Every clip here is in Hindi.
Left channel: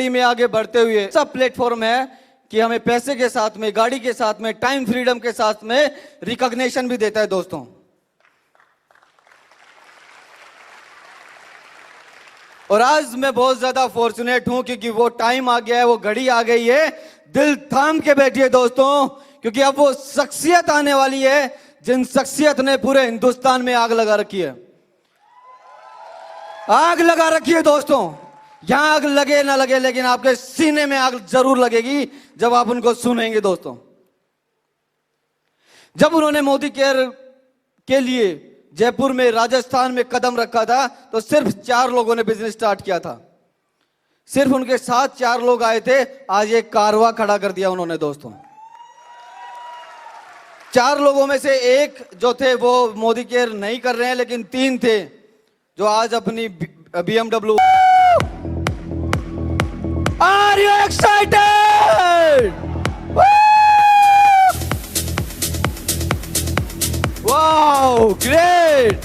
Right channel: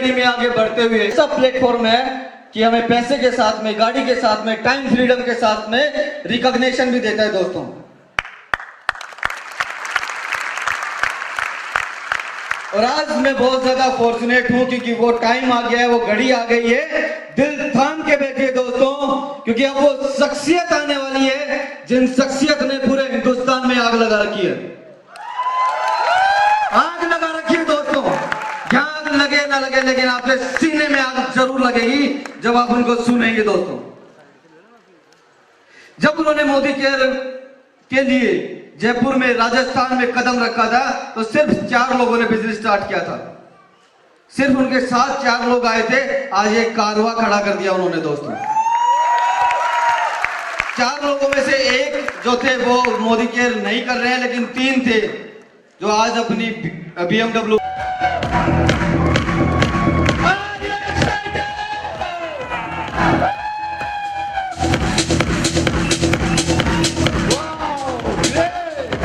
कड़ी में आगे बढ़ते हुए सब प्लेटफॉर्म है कि हमें पैसे के साथ में, गाड़ी के साथ में, टाइम फ्रीडम के साथ में रिकॉग्निशन भी देता है दोस्तों। और आज मैं बहुत ज्यादा फॉर्चुनेट हूं क्योंकि वो टाइम आ गया है, वो घड़ी आ गई है। दिल थाम के बैठिए दोस्तों, क्योंकि अब वो शख्सियत आने वाली है जिन शख्सियत ने पूरे हिंदुस्तान में आग लगा रखी है। आग लगा रखी है दोस्तों, यहाँ आग लगे ना लगे लेकिन आपके सीने में आग जरूर लगेगी जब आप उनको सुनेंगे दोस्तों। जब उन्होंने मोदी केयर के लिए जयपुर में, राजस्थान में कदम रखा था तो सिर्फ 4 लोगों ने बिजनेस स्टार्ट किया था। सिर्फ उनके साथ 4 लोग आए थे, आज एक कारवां खड़ा कर दिया उन्होंने दोस्तों। 4 लोगों में से एक जो थे वो मोदी केयर नहीं कर रहे हैं, लेकिन 3 थे जो आज अपनी BMW। Are you excited? Wow, great!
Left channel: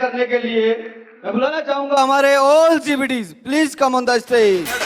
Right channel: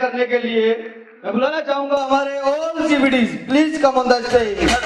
करने के लिए मैं बुलाना चाहूंगा हमारे all CVDs, please come on the stage.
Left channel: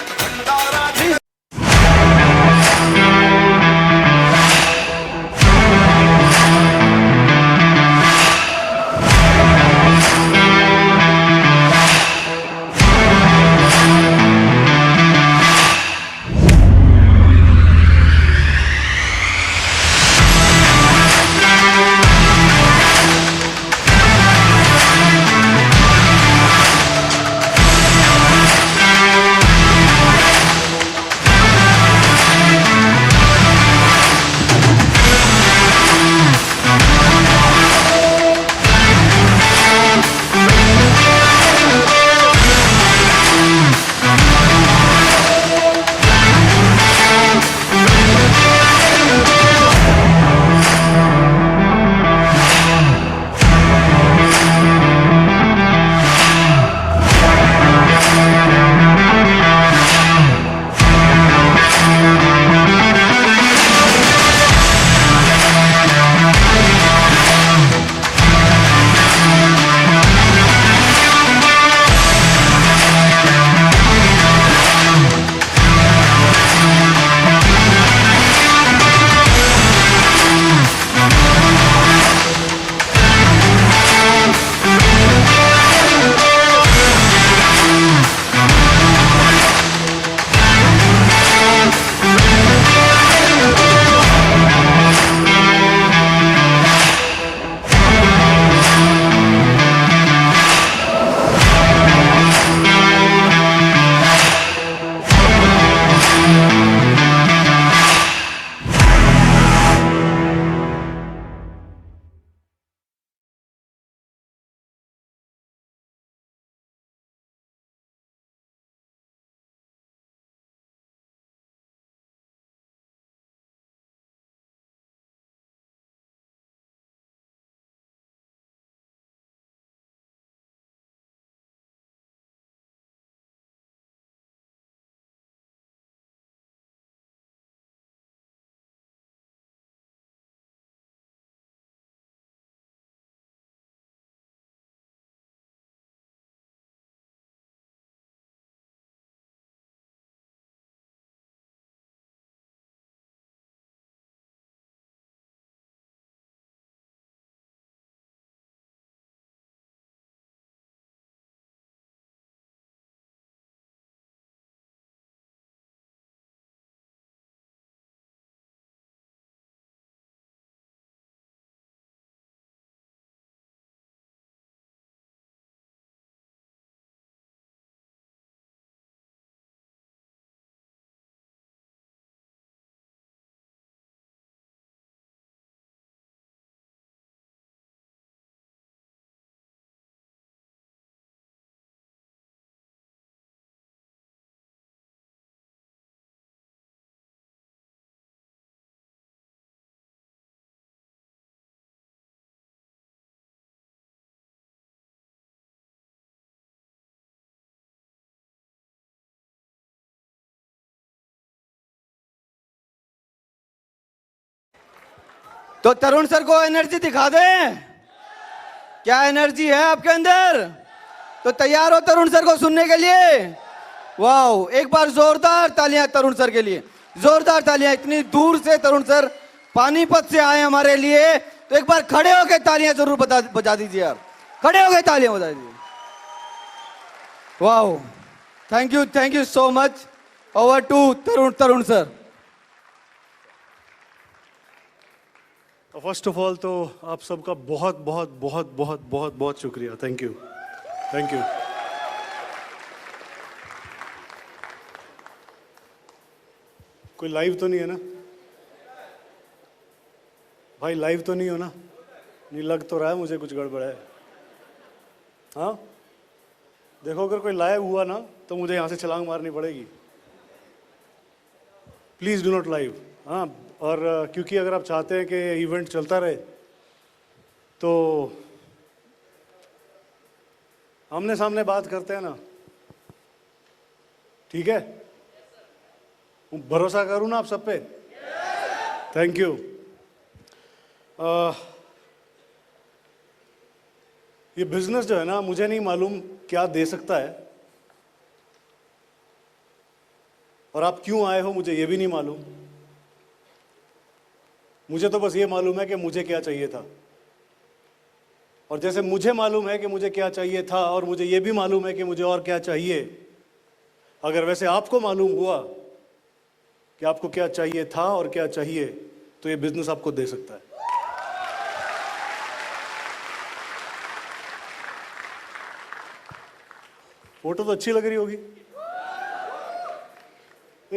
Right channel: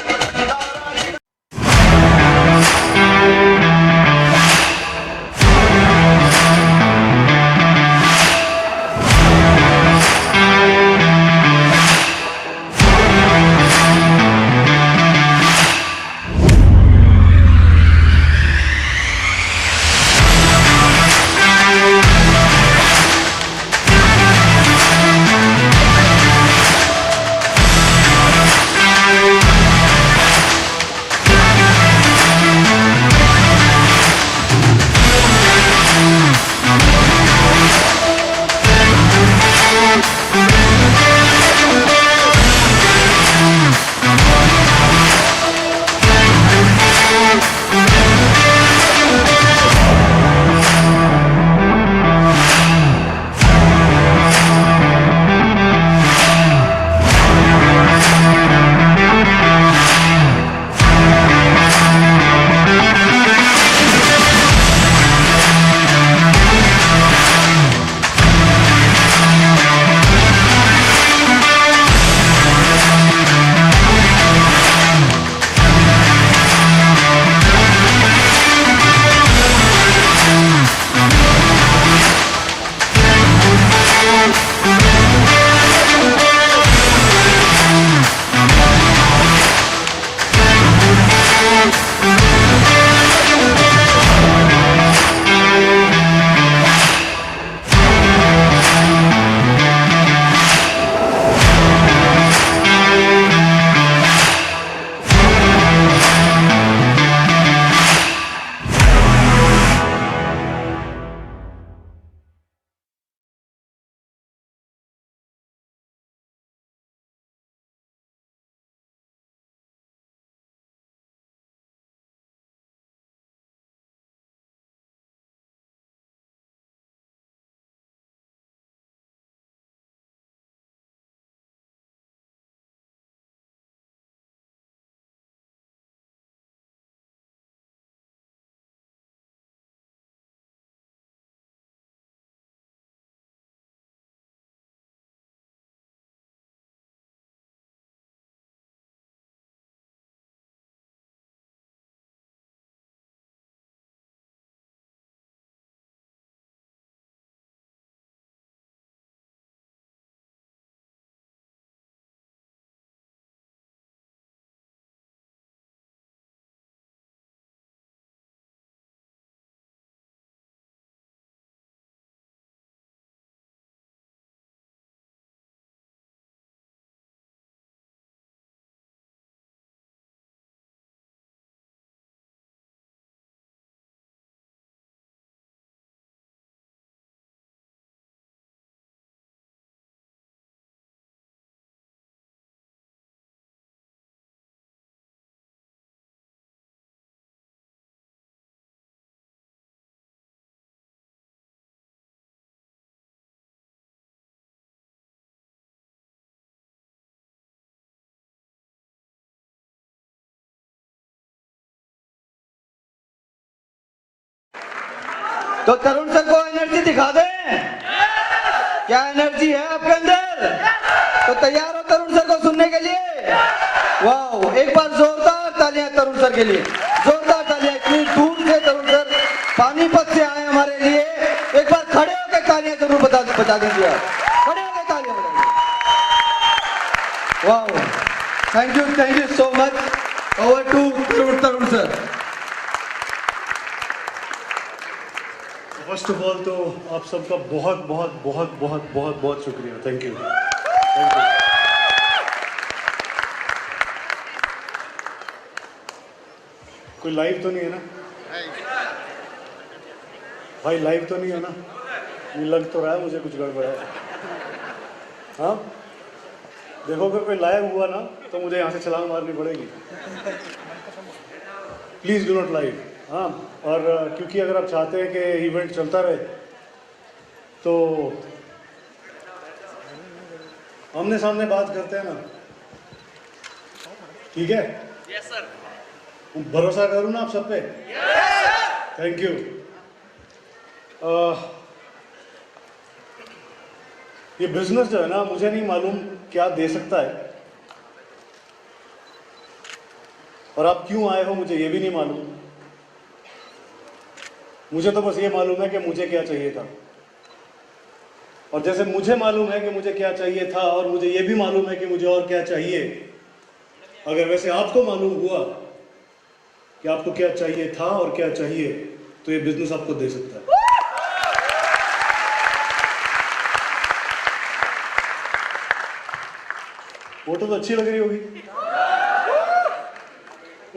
तो तरुण सर को एनर्जी दिखा दें, क्या एनर्जी है आपके अंदर? तो तैयार हो तरुण सर को सुनने के लिए? वाह, एक बार जोरदार तालियां तरुण सर के लिए, जोरदार तालियां। इतनी दूर से तरुण सर पानीपत से आए हमारे लिए, एक बार खड़े होकर तालियां जरूर बता दीजिए, खड़े होकर तालियां बता दीजिए। वाह, thank you so much. Over to Tarun sir. First of all तो आप सबका बहुत बहुत बहुत बहुत बहुत बहुत शुक्रिया। Thank you. कोई लाइव तो नहीं है ना भाई? लाइव तो नहीं हो ना? ये लग तो रहा है मुझे कुछ गड़बड़ है। हाँ, देखो अगर कोई लाइव हुआ ना तो मुझे यहाँ से छलांग मारनी पड़ेगी। Please do not live. हाँ, और क्योंकि अगर आप चाहते हैं कि इवेंट चलता रहे तो आमने सामने बात करते हैं ना, ठीक है? Yes sir. भरोसा करूँ ना आप सब पे? Thank you. ये बिजनेस जो है ना, मुझे नहीं मालूम क्या दे सकता है, और आप क्यों आए हो मुझे ये भी नहीं मालूम। मुझे तो बस ये मालूम है कि मुझे क्या चाहिए था, और जैसे मुझे मालूम है कि मुझे क्या चाहिए था और मुझे ये भी मालूम है कि मुझे और क्या चाहिए, अगर वैसे आपको मालूम हुआ कि आपको क्या चाहिए था और क्या चाहिए, तो ये बिजनेस आपको दे सकता है। फोटो तो अच्छी लग रही होगी।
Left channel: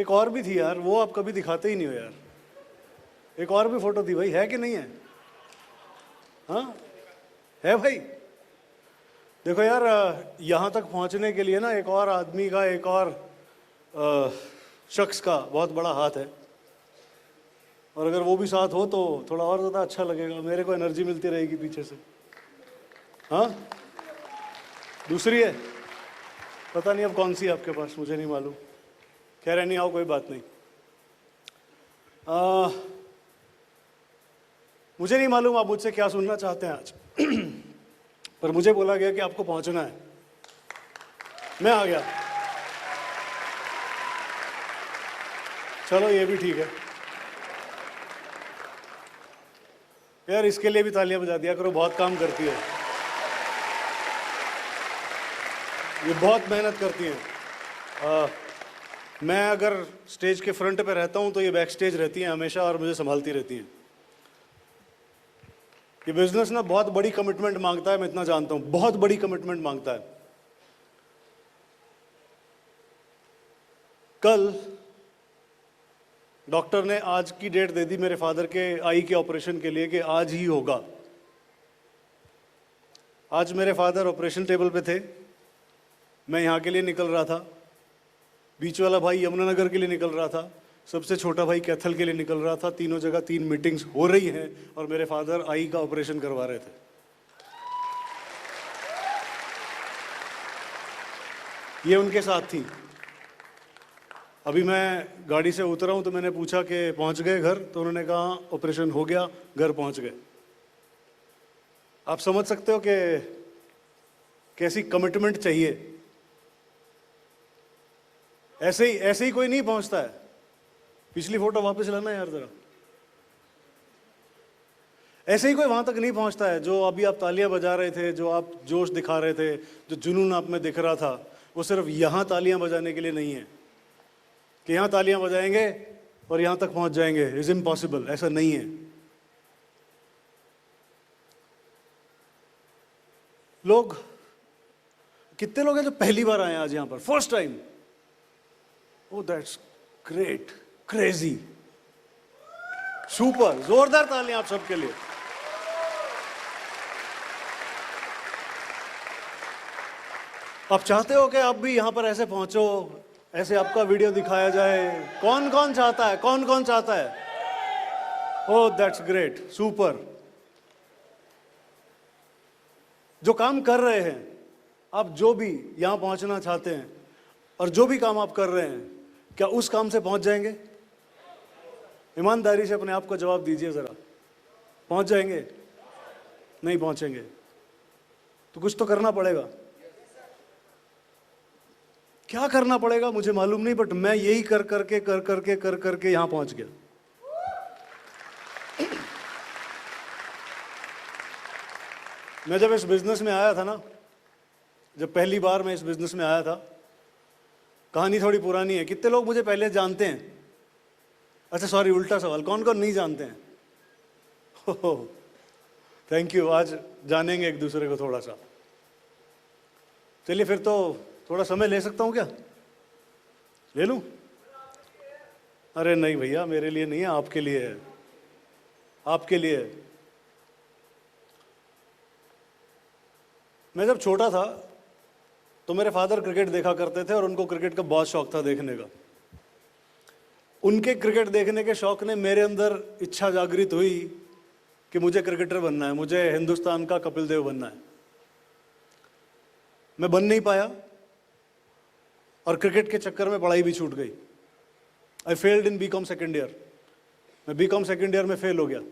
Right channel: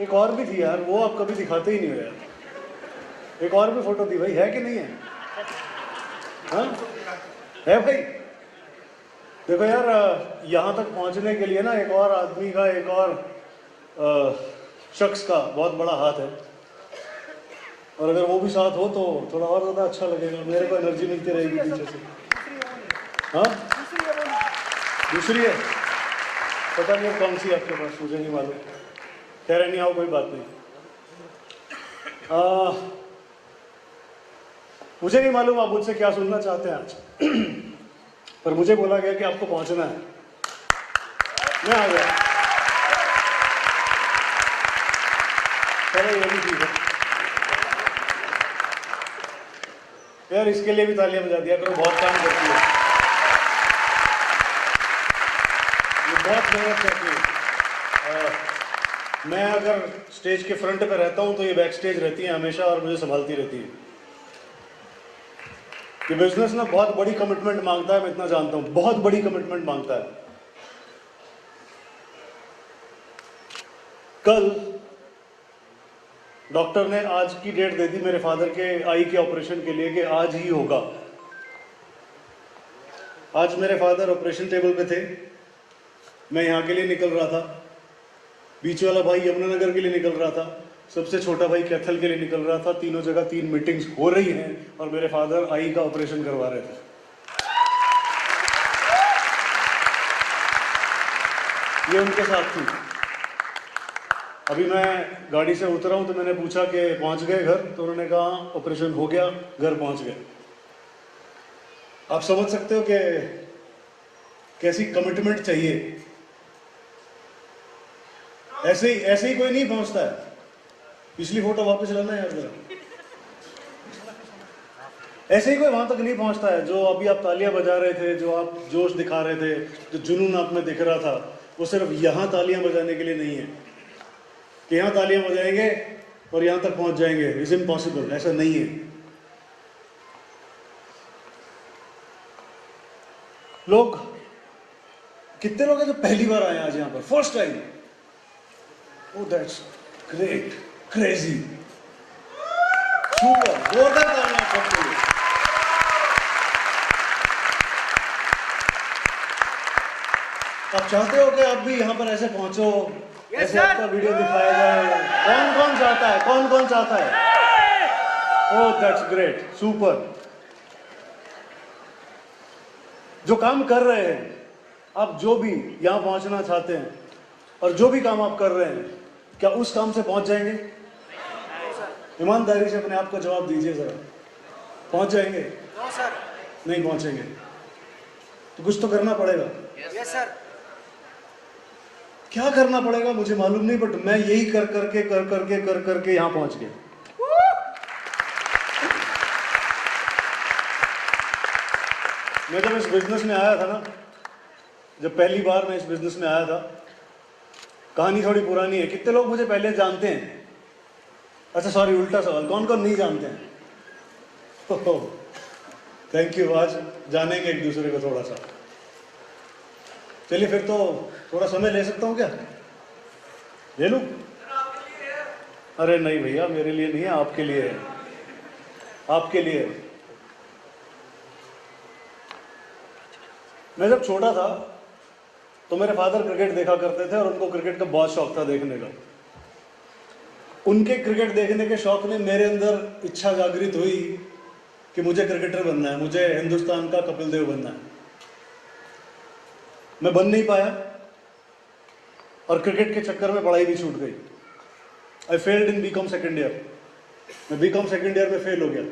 एक और भी थी यार, वो आप कभी दिखाते ही नहीं हो यार। एक और भी फोटो थी भाई, है कि नहीं है? हाँ है भाई। देखो यार, यहाँ तक पहुँचने के लिए ना एक और आदमी का, एक और शख्स का बहुत बड़ा हाथ है, और अगर वो भी साथ हो तो थोड़ा और ज़्यादा अच्छा लगेगा, मेरे को एनर्जी मिलती रहेगी पीछे से। हाँ, दूसरी है, पता नहीं कौन सी आपके पास, मुझे नहीं मालूम। खैर नहीं आओ, कोई बात नहीं। मुझे नहीं मालूम आप मुझसे क्या सुनना चाहते हैं आज, पर मुझे बोला गया कि आपको पहुंचना है, मैं आ गया। चलो ये भी ठीक है यार, इसके लिए भी तालियां बजा दिया करो, बहुत काम करती है ये, बहुत मेहनत करती है। मैं अगर स्टेज के फ्रंट पे रहता हूँ तो ये बैक स्टेज रहती है हमेशा, और मुझे संभालती रहती है। ये बिजनेस ना बहुत बड़ी कमिटमेंट मांगता है, मैं इतना जानता हूँ, बहुत बड़ी कमिटमेंट मांगता है। कल डॉक्टर ने आज की डेट दे दी मेरे फादर के आई के ऑपरेशन के लिए कि आज ही होगा। आज मेरे फादर ऑपरेशन टेबल पे थे, मैं यहाँ के लिए निकल रहा था, बीच वाला भाई यमुनानगर के लिए निकल रहा था, सबसे छोटा भाई कैथल के लिए निकल रहा था। तीनों जगह 3 मीटिंग्स हो रही हैं और मेरे फादर आई का ऑपरेशन करवा रहे थे। ये उनके साथ थी। अभी मैं गाड़ी से उतरा हूं तो मैंने पूछा कि पहुंच गए घर, तो उन्होंने कहा ऑपरेशन हो गया, घर पहुंच गए। आप समझ सकते हो कि कैसी कमिटमेंट चाहिए। ऐसे ही कोई नहीं पहुंचता है। पिछली फोटो वापस लाना है यार। ऐसे ही कोई वहां तक नहीं पहुंचता है। जो अभी आप तालियां बजा रहे थे, जो आप जोश दिखा रहे थे, जो जुनून आप में दिख रहा था, वो सिर्फ यहां तालियां बजाने के लिए नहीं है कि यहां तालियां बजाएंगे और यहां तक पहुंच जाएंगे। इज इम्पॉसिबल, ऐसा नहीं है। लोग कितने लोग हैं जो पहली बार आए आज यहां पर, first time? Oh, that's great, crazy, super, जोरदार तालियां आप सबके लिए। आप चाहते हो कि आप भी यहाँ पर ऐसे पहुंचो, ऐसे आपका वीडियो दिखाया जाए? कौन कौन चाहता है? कौन कौन चाहता है? Oh, that's great, super। जो काम कर रहे हैं आप, जो भी यहाँ पहुंचना चाहते हैं और जो भी काम आप कर रहे हैं, क्या उस काम से पहुंच जाएंगे? ईमानदारी से अपने आप को जवाब दीजिए जरा। पहुंच जाएंगे? No sir. नहीं पहुंचेंगे तो कुछ तो करना पड़ेगा। Yes sir. क्या करना पड़ेगा मुझे मालूम नहीं, बट मैं यही कर करके यहां पहुंच गया। मैं जब इस बिजनेस में आया था ना, जब पहली बार मैं इस बिजनेस में आया था, कहानी थोड़ी पुरानी है। कितने लोग मुझे पहले जानते हैं? अच्छा सॉरी, उल्टा सवाल, कौन कौन नहीं जानते हैं? थैंक यू, आज जानेंगे एक दूसरे को थोड़ा सा। चलिए फिर तो थोड़ा समय ले सकता हूँ क्या? ले लूं? अरे नहीं भैया, मेरे लिए नहीं है, आपके लिए है, आपके लिए है। मैं जब छोटा था तो मेरे फादर क्रिकेट देखा करते थे और उनको क्रिकेट का बहुत शौक था देखने का। उनके क्रिकेट देखने के शौक ने मेरे अंदर इच्छा जागृत हुई कि मुझे क्रिकेटर बनना है, मुझे हिंदुस्तान का कपिल देव बनना है। मैं बन नहीं पाया और क्रिकेट के चक्कर में पढ़ाई भी छूट गई। I failed in BCom second year. मैं बीकॉम सेकेंड ईयर में फेल हो गया।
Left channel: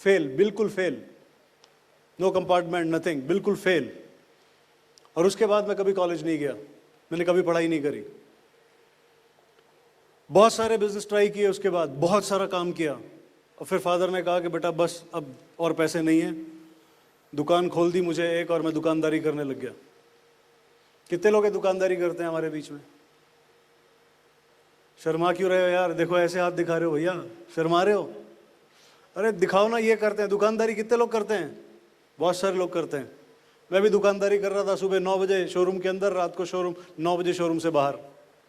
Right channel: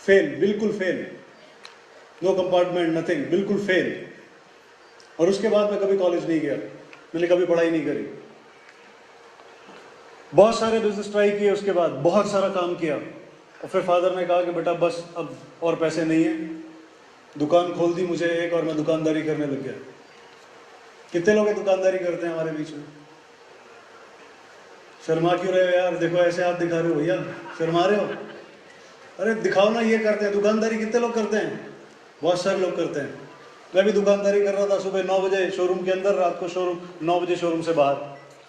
फेल, बिल्कुल फेल, नो कंपार्टमेंट, नथिंग, बिल्कुल फेल। और उसके बाद मैं कभी कॉलेज नहीं गया, मैंने कभी पढ़ाई नहीं करी। बहुत सारे बिजनेस ट्राई किए, उसके बाद बहुत सारा काम किया और फिर फादर ने कहा कि बेटा बस अब और पैसे नहीं है। दुकान खोल दी मुझे एक और मैं दुकानदारी करने लग गया। कितने लोग दुकानदारी करते हैं हमारे बीच में? शर्मा क्यों रहे हो यार? देखो ऐसे हाथ दिखा रहे हो भैया, शर्मा रहे हो? अरे दिखाओ ना, ये करते हैं दुकानदारी। कितने लोग करते हैं? बहुत सारे लोग करते हैं। मैं भी दुकानदारी कर रहा था, सुबह 9 बजे शोरूम के अंदर, रात को शोरूम 9 बजे शोरूम से बाहर।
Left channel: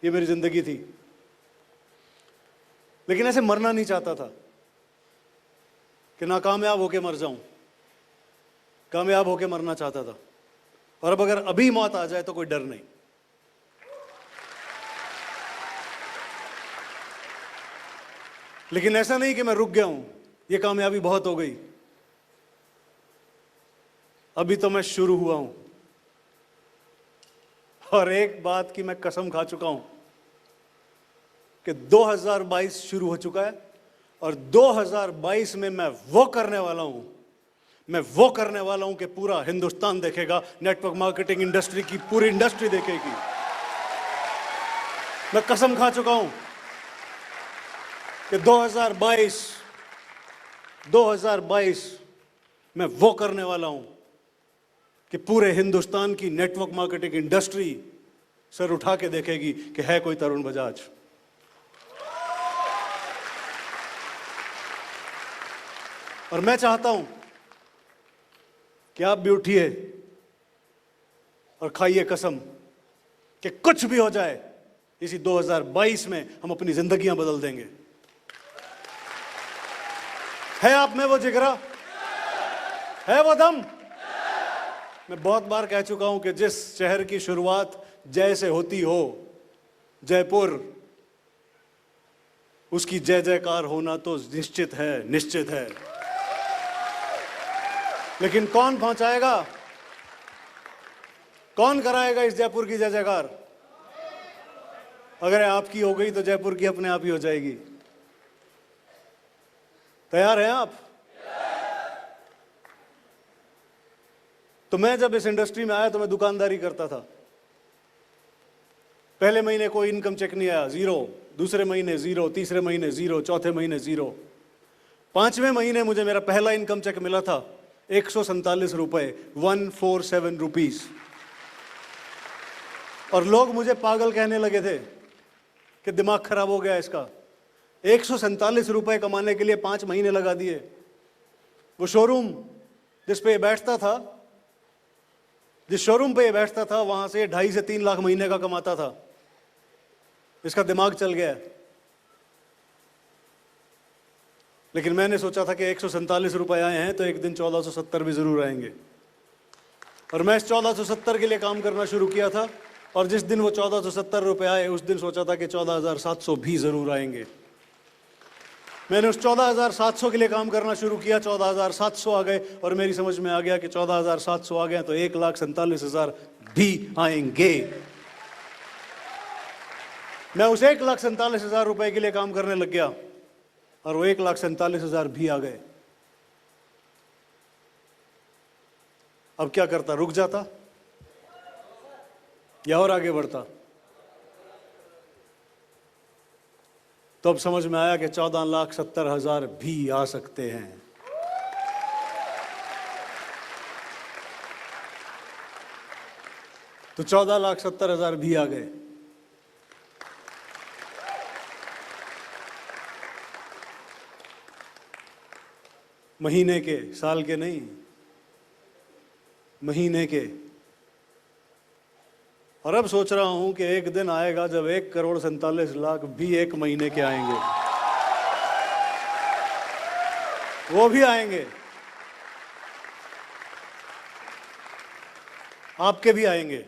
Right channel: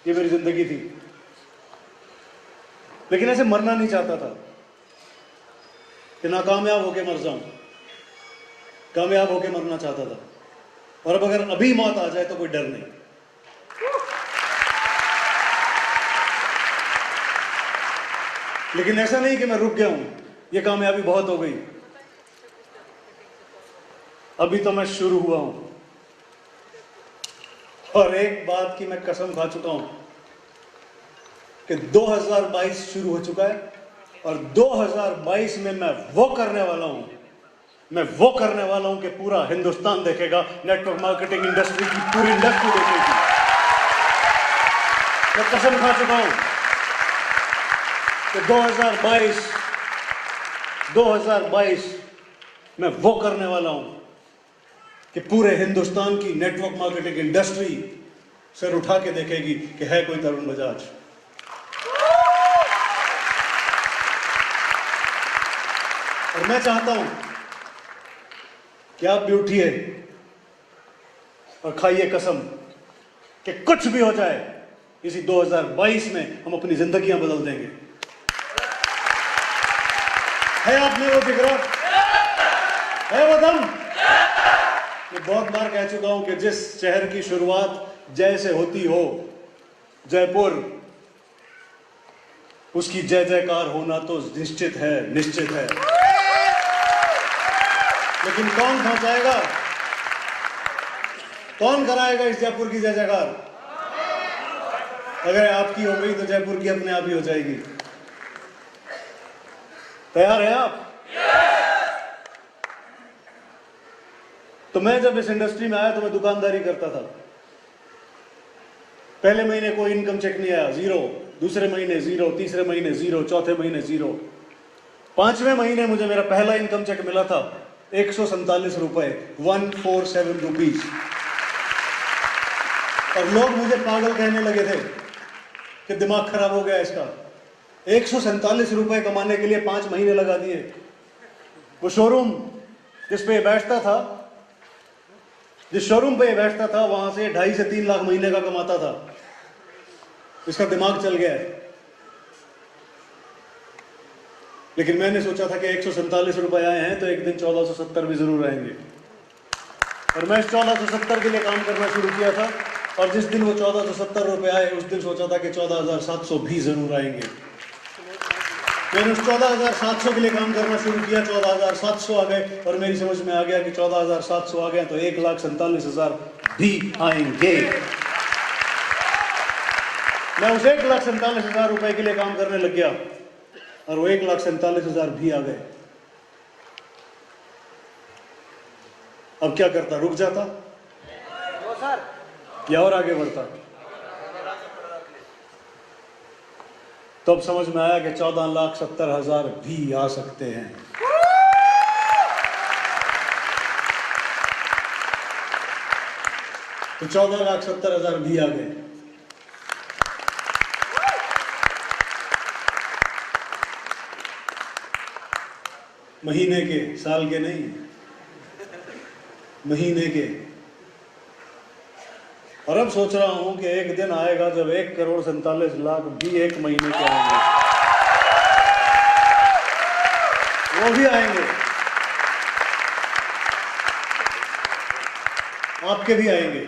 ये मेरी जिंदगी थी। लेकिन ऐसे मरना नहीं चाहता था कि नाकामयाब होके मर जाऊं, कामयाब होके मरना चाहता था। और अब अगर अभी मौत आ जाए तो कोई डर नहीं। लेकिन ऐसा नहीं कि मैं रुक गया हूं, ये कामयाबी बहुत हो गई, अभी तो मैं शुरू हुआ हूं। और एक बात की मैं कसम खा चुका हूं कि 2022 शुरू हो चुका है और 2022 में मैं वो करने वाला हूं, मैं वो करने वाला हूं कि पूरा हिंदुस्तान देखेगा, नेटवर्क मार्केटिंग इंडस्ट्री की पूरी इंडस्ट्री देखेगी। मैं कसम खा चुका हूं कि 2022 मैं वो करने वाला हूं कि पूरे हिंदुस्तान की नेटवर्क मार्केटिंग इंडस्ट्री सिर उठा के देखेगी कि है कोई तरुण बजाज। और मैं चाहता हूं कि आप भी उठिए और खाइए कसम कि कुछ भी हो जाए, इसी 2022 में हम अपनी जिंदगियां बदल देंगे। है आप में वो जिगरा? है वो दम? मैं बहुत बार कह चुका हूं कि जिस शहर की शुरुआत जय से होती हो, जयपुर, उसकी जय जयकार होना तो निश्चित है, निश्चित है। लेकिन कौन पहुंचाएगा, कौन कराएगा इस जयपुर की जय जयकार? अगर आपकी हो गई तो जयपुर की अपने आप ही हो जाएगी। तैयार है आप? तो मैं जब इस इंडस्ट्री में आया तो मैं दुकानदारी करता था। पहले महीने कोई इनकम चेक नहीं आया, जीरो। दूसरे महीने जीरो, तीसरे महीने जीरो, चौथे महीने जीरो। 5वें महीने मुझे मेरा पहला इनकम चेक मिला था 147 रुपए, 147 रुपीज। और लोग मुझे पागल कहने लगे थे कि दिमाग खराब हो गया इसका। 147 रुपए कमाने के लिए 5 महीने लगा दिए। वो शोरूम जिस पे बैठता था, जिस शोरूम पे बैठता था, वहां से 2.5 से 3 लाख महीने का कमाता था। इसका दिमाग चल गया है। लेकिन मैंने सोचा था कि 147 रुपए आए हैं तो एक दिन 1470 भी जरूर आएंगे। और मैं 1470 के लिए काम करना शुरू किया था और जिस दिन वो 1470 रुपए आए उस दिन सोचा था कि 14,700 भी जरूर आएंगे। मैंने उस 14,700 के लिए काम करना शुरू किया, 14,700 आ गए और मेरी समझ में आ गया कि 14,700 आ गया तो 1,47,000 भी आएंगे। मैं उस 1,47,000 रुपए के लिए काम करने लग गया और वो 1,47,000 भी आ गए। अब क्या करता? रुक जाता या और आगे बढ़ता? तो अब समझ में आया कि 14,70,000 भी आ सकते हैं। तो 14,70,000 भी आ गए। महीने के, साल के नहीं, महीने के। और अब सोच रहा हूं कि एक दिन आएगा जब 1,47,00,000 भी एक महीने के आएंगे। वो भी आएंगे, आपके भी आएंगे।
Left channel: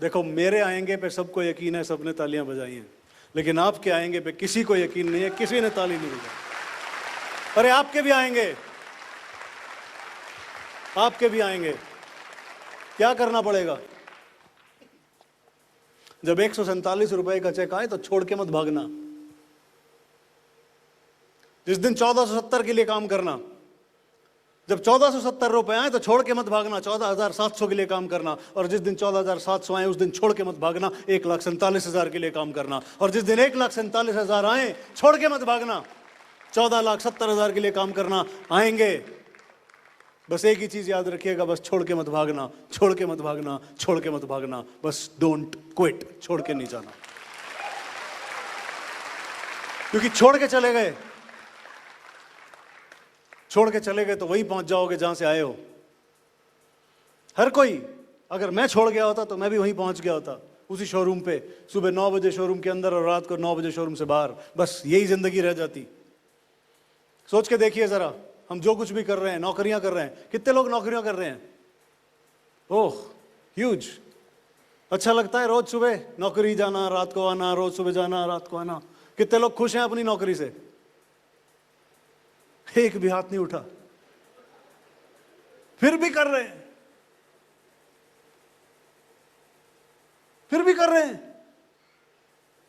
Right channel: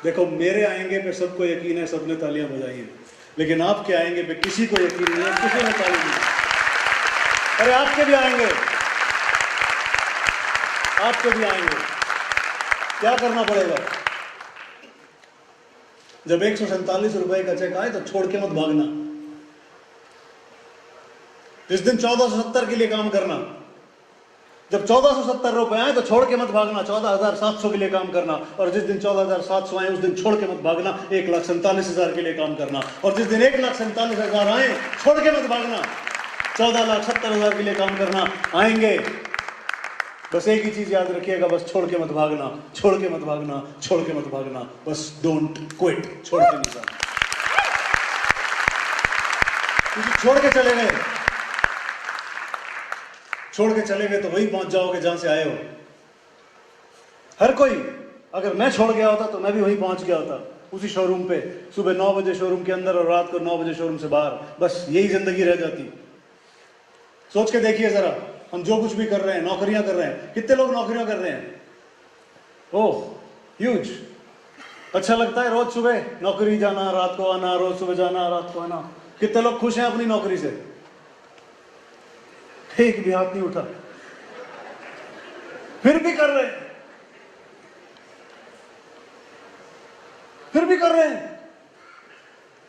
देखो, मेरे आएंगे पे सबको यकीन है, सबने तालियां बजाई हैं, लेकिन आपके आएंगे पे किसी को यकीन नहीं है, किसी ने ताली नहीं। अरे आपके भी आएंगे, आपके भी आएंगे। क्या करना पड़ेगा? जब 147 रुपए का चेक आए तो छोड़ के मत भागना। जिस दिन 1470 के लिए काम करना, जब 1470 रुपए आए तो छोड़ के मत भागना, 14,700 के लिए काम करना। और जिस दिन 14,700 आए उस दिन छोड़ के मत भागना, 1,47,000 के लिए काम करना। और जिस दिन 1,47,000 आए छोड़ के मत भागना, 14,70,000 के लिए काम करना। आएंगे, बस एक ही चीज याद रखिएगा, बस छोड़ के मत भागना, छोड़ के मत भागना, छोड़ के मत भागना। बस डोंट क्विट, छोड़ के नहीं जाना। क्योंकि छोड़ के चले गए, छोड़ के चले गए तो वही पहुंच जाओगे जहां से आए हो। हर कोई, अगर मैं छोड़ गया होता तो मैं भी वहीं पहुंच गया होता, उसी शोरूम पे, सुबह 9 बजे शोरूम के अंदर और रात को 9 बजे शोरूम से बाहर। बस यही जिंदगी रह जाती। सोच के देखिए जरा, हम जो कुछ भी कर रहे हैं, नौकरियां कर रहे हैं, कितने लोग नौकरियां कर रहे हैं? ओह ह्यूज। अच्छा लगता है रोज सुबह नौकरी जाना, रात को आना, रोज सुबह जाना, रात को आना। कितने लोग खुश हैं अपनी नौकरी से? एक भी हाथ नहीं उठा। फिर भी कर रहे हैं, फिर भी कर रहे हैं।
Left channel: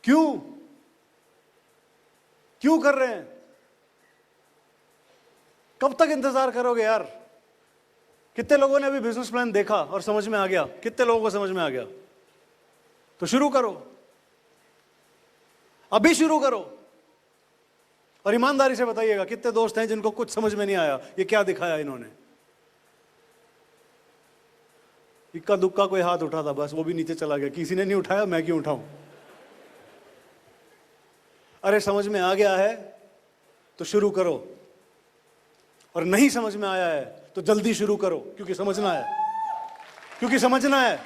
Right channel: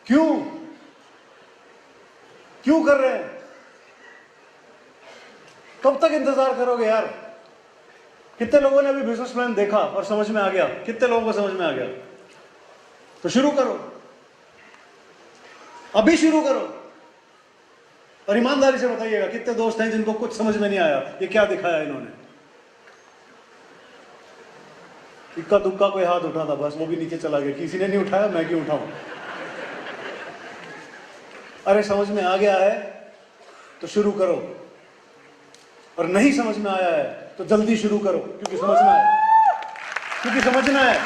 क्यों? क्यों कर रहे हैं? कब तक इंतजार करोगे यार? कितने लोगों ने अभी बिजनेस प्लान देखा और समझ में आ गया? कितने लोगों को समझ में आ गया? तो शुरू करो, अभी शुरू करो। और ईमानदारी से बताइएगा, कितने दोस्त हैं जिनको कुछ समझ में नहीं आया ये क्या दिखाया इन्होंने? इक्का दुक्का कोई हाथ उठा था, बस वो भी नीचे चला गया। किसी ने नहीं उठाया, मैं क्यों उठाऊं? अरे समझ में आ गया है तो शुरू करो, और नहीं समझ में आया है तो जल्दी शुरू करो, क्योंकि समझना है। क्योंकि समझना है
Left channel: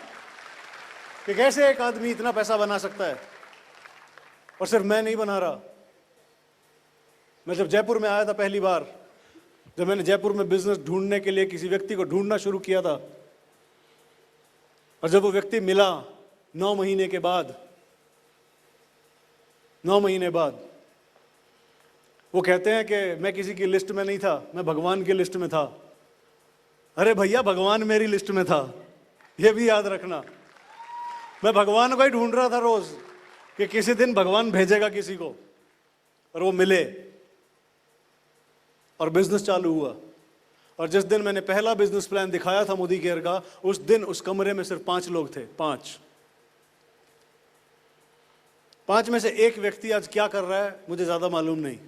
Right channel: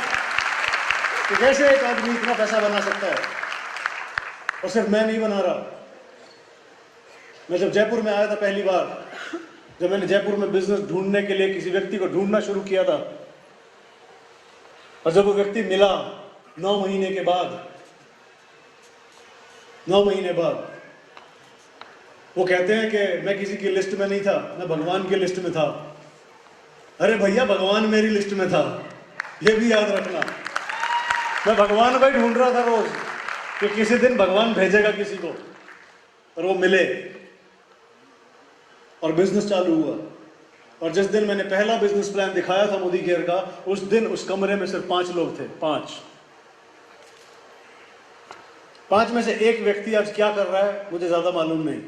कि कैसे एक आदमी इतना पैसा बना सकता है। और सिर्फ मैं नहीं बना रहा। मैं जब जयपुर में आया था पहली बार, जब मैंने जयपुर में बिजनेस ढूंढने के लिए किसी व्यक्ति को ढूंढना शुरू किया था, और जब वो व्यक्ति मिला 9 महीने के बाद, 9 महीने बाद, वो कहते हैं कि मैं किसी की लिस्ट में नहीं था, मैं भगवान की लिस्ट में था। अरे भैया, भगवान मेरी लिस्ट में था, ये भी याद रखना। मैं भगवान को ढूंढ रहा था रोज कि किसी दिन भगवान भेजेगा किसी को, और वो मिले और बिजनेस चालू हुआ। और जिस दिन मैंने पहला बिजनेस प्लान दिखाया था मोदी केयर का, उस दिन उस कमरे में सिर्फ 5 लोग थे। 5 में से एक व्यक्ति आज क्या कर रहा है मुझे ज्यादा मालूम नहीं,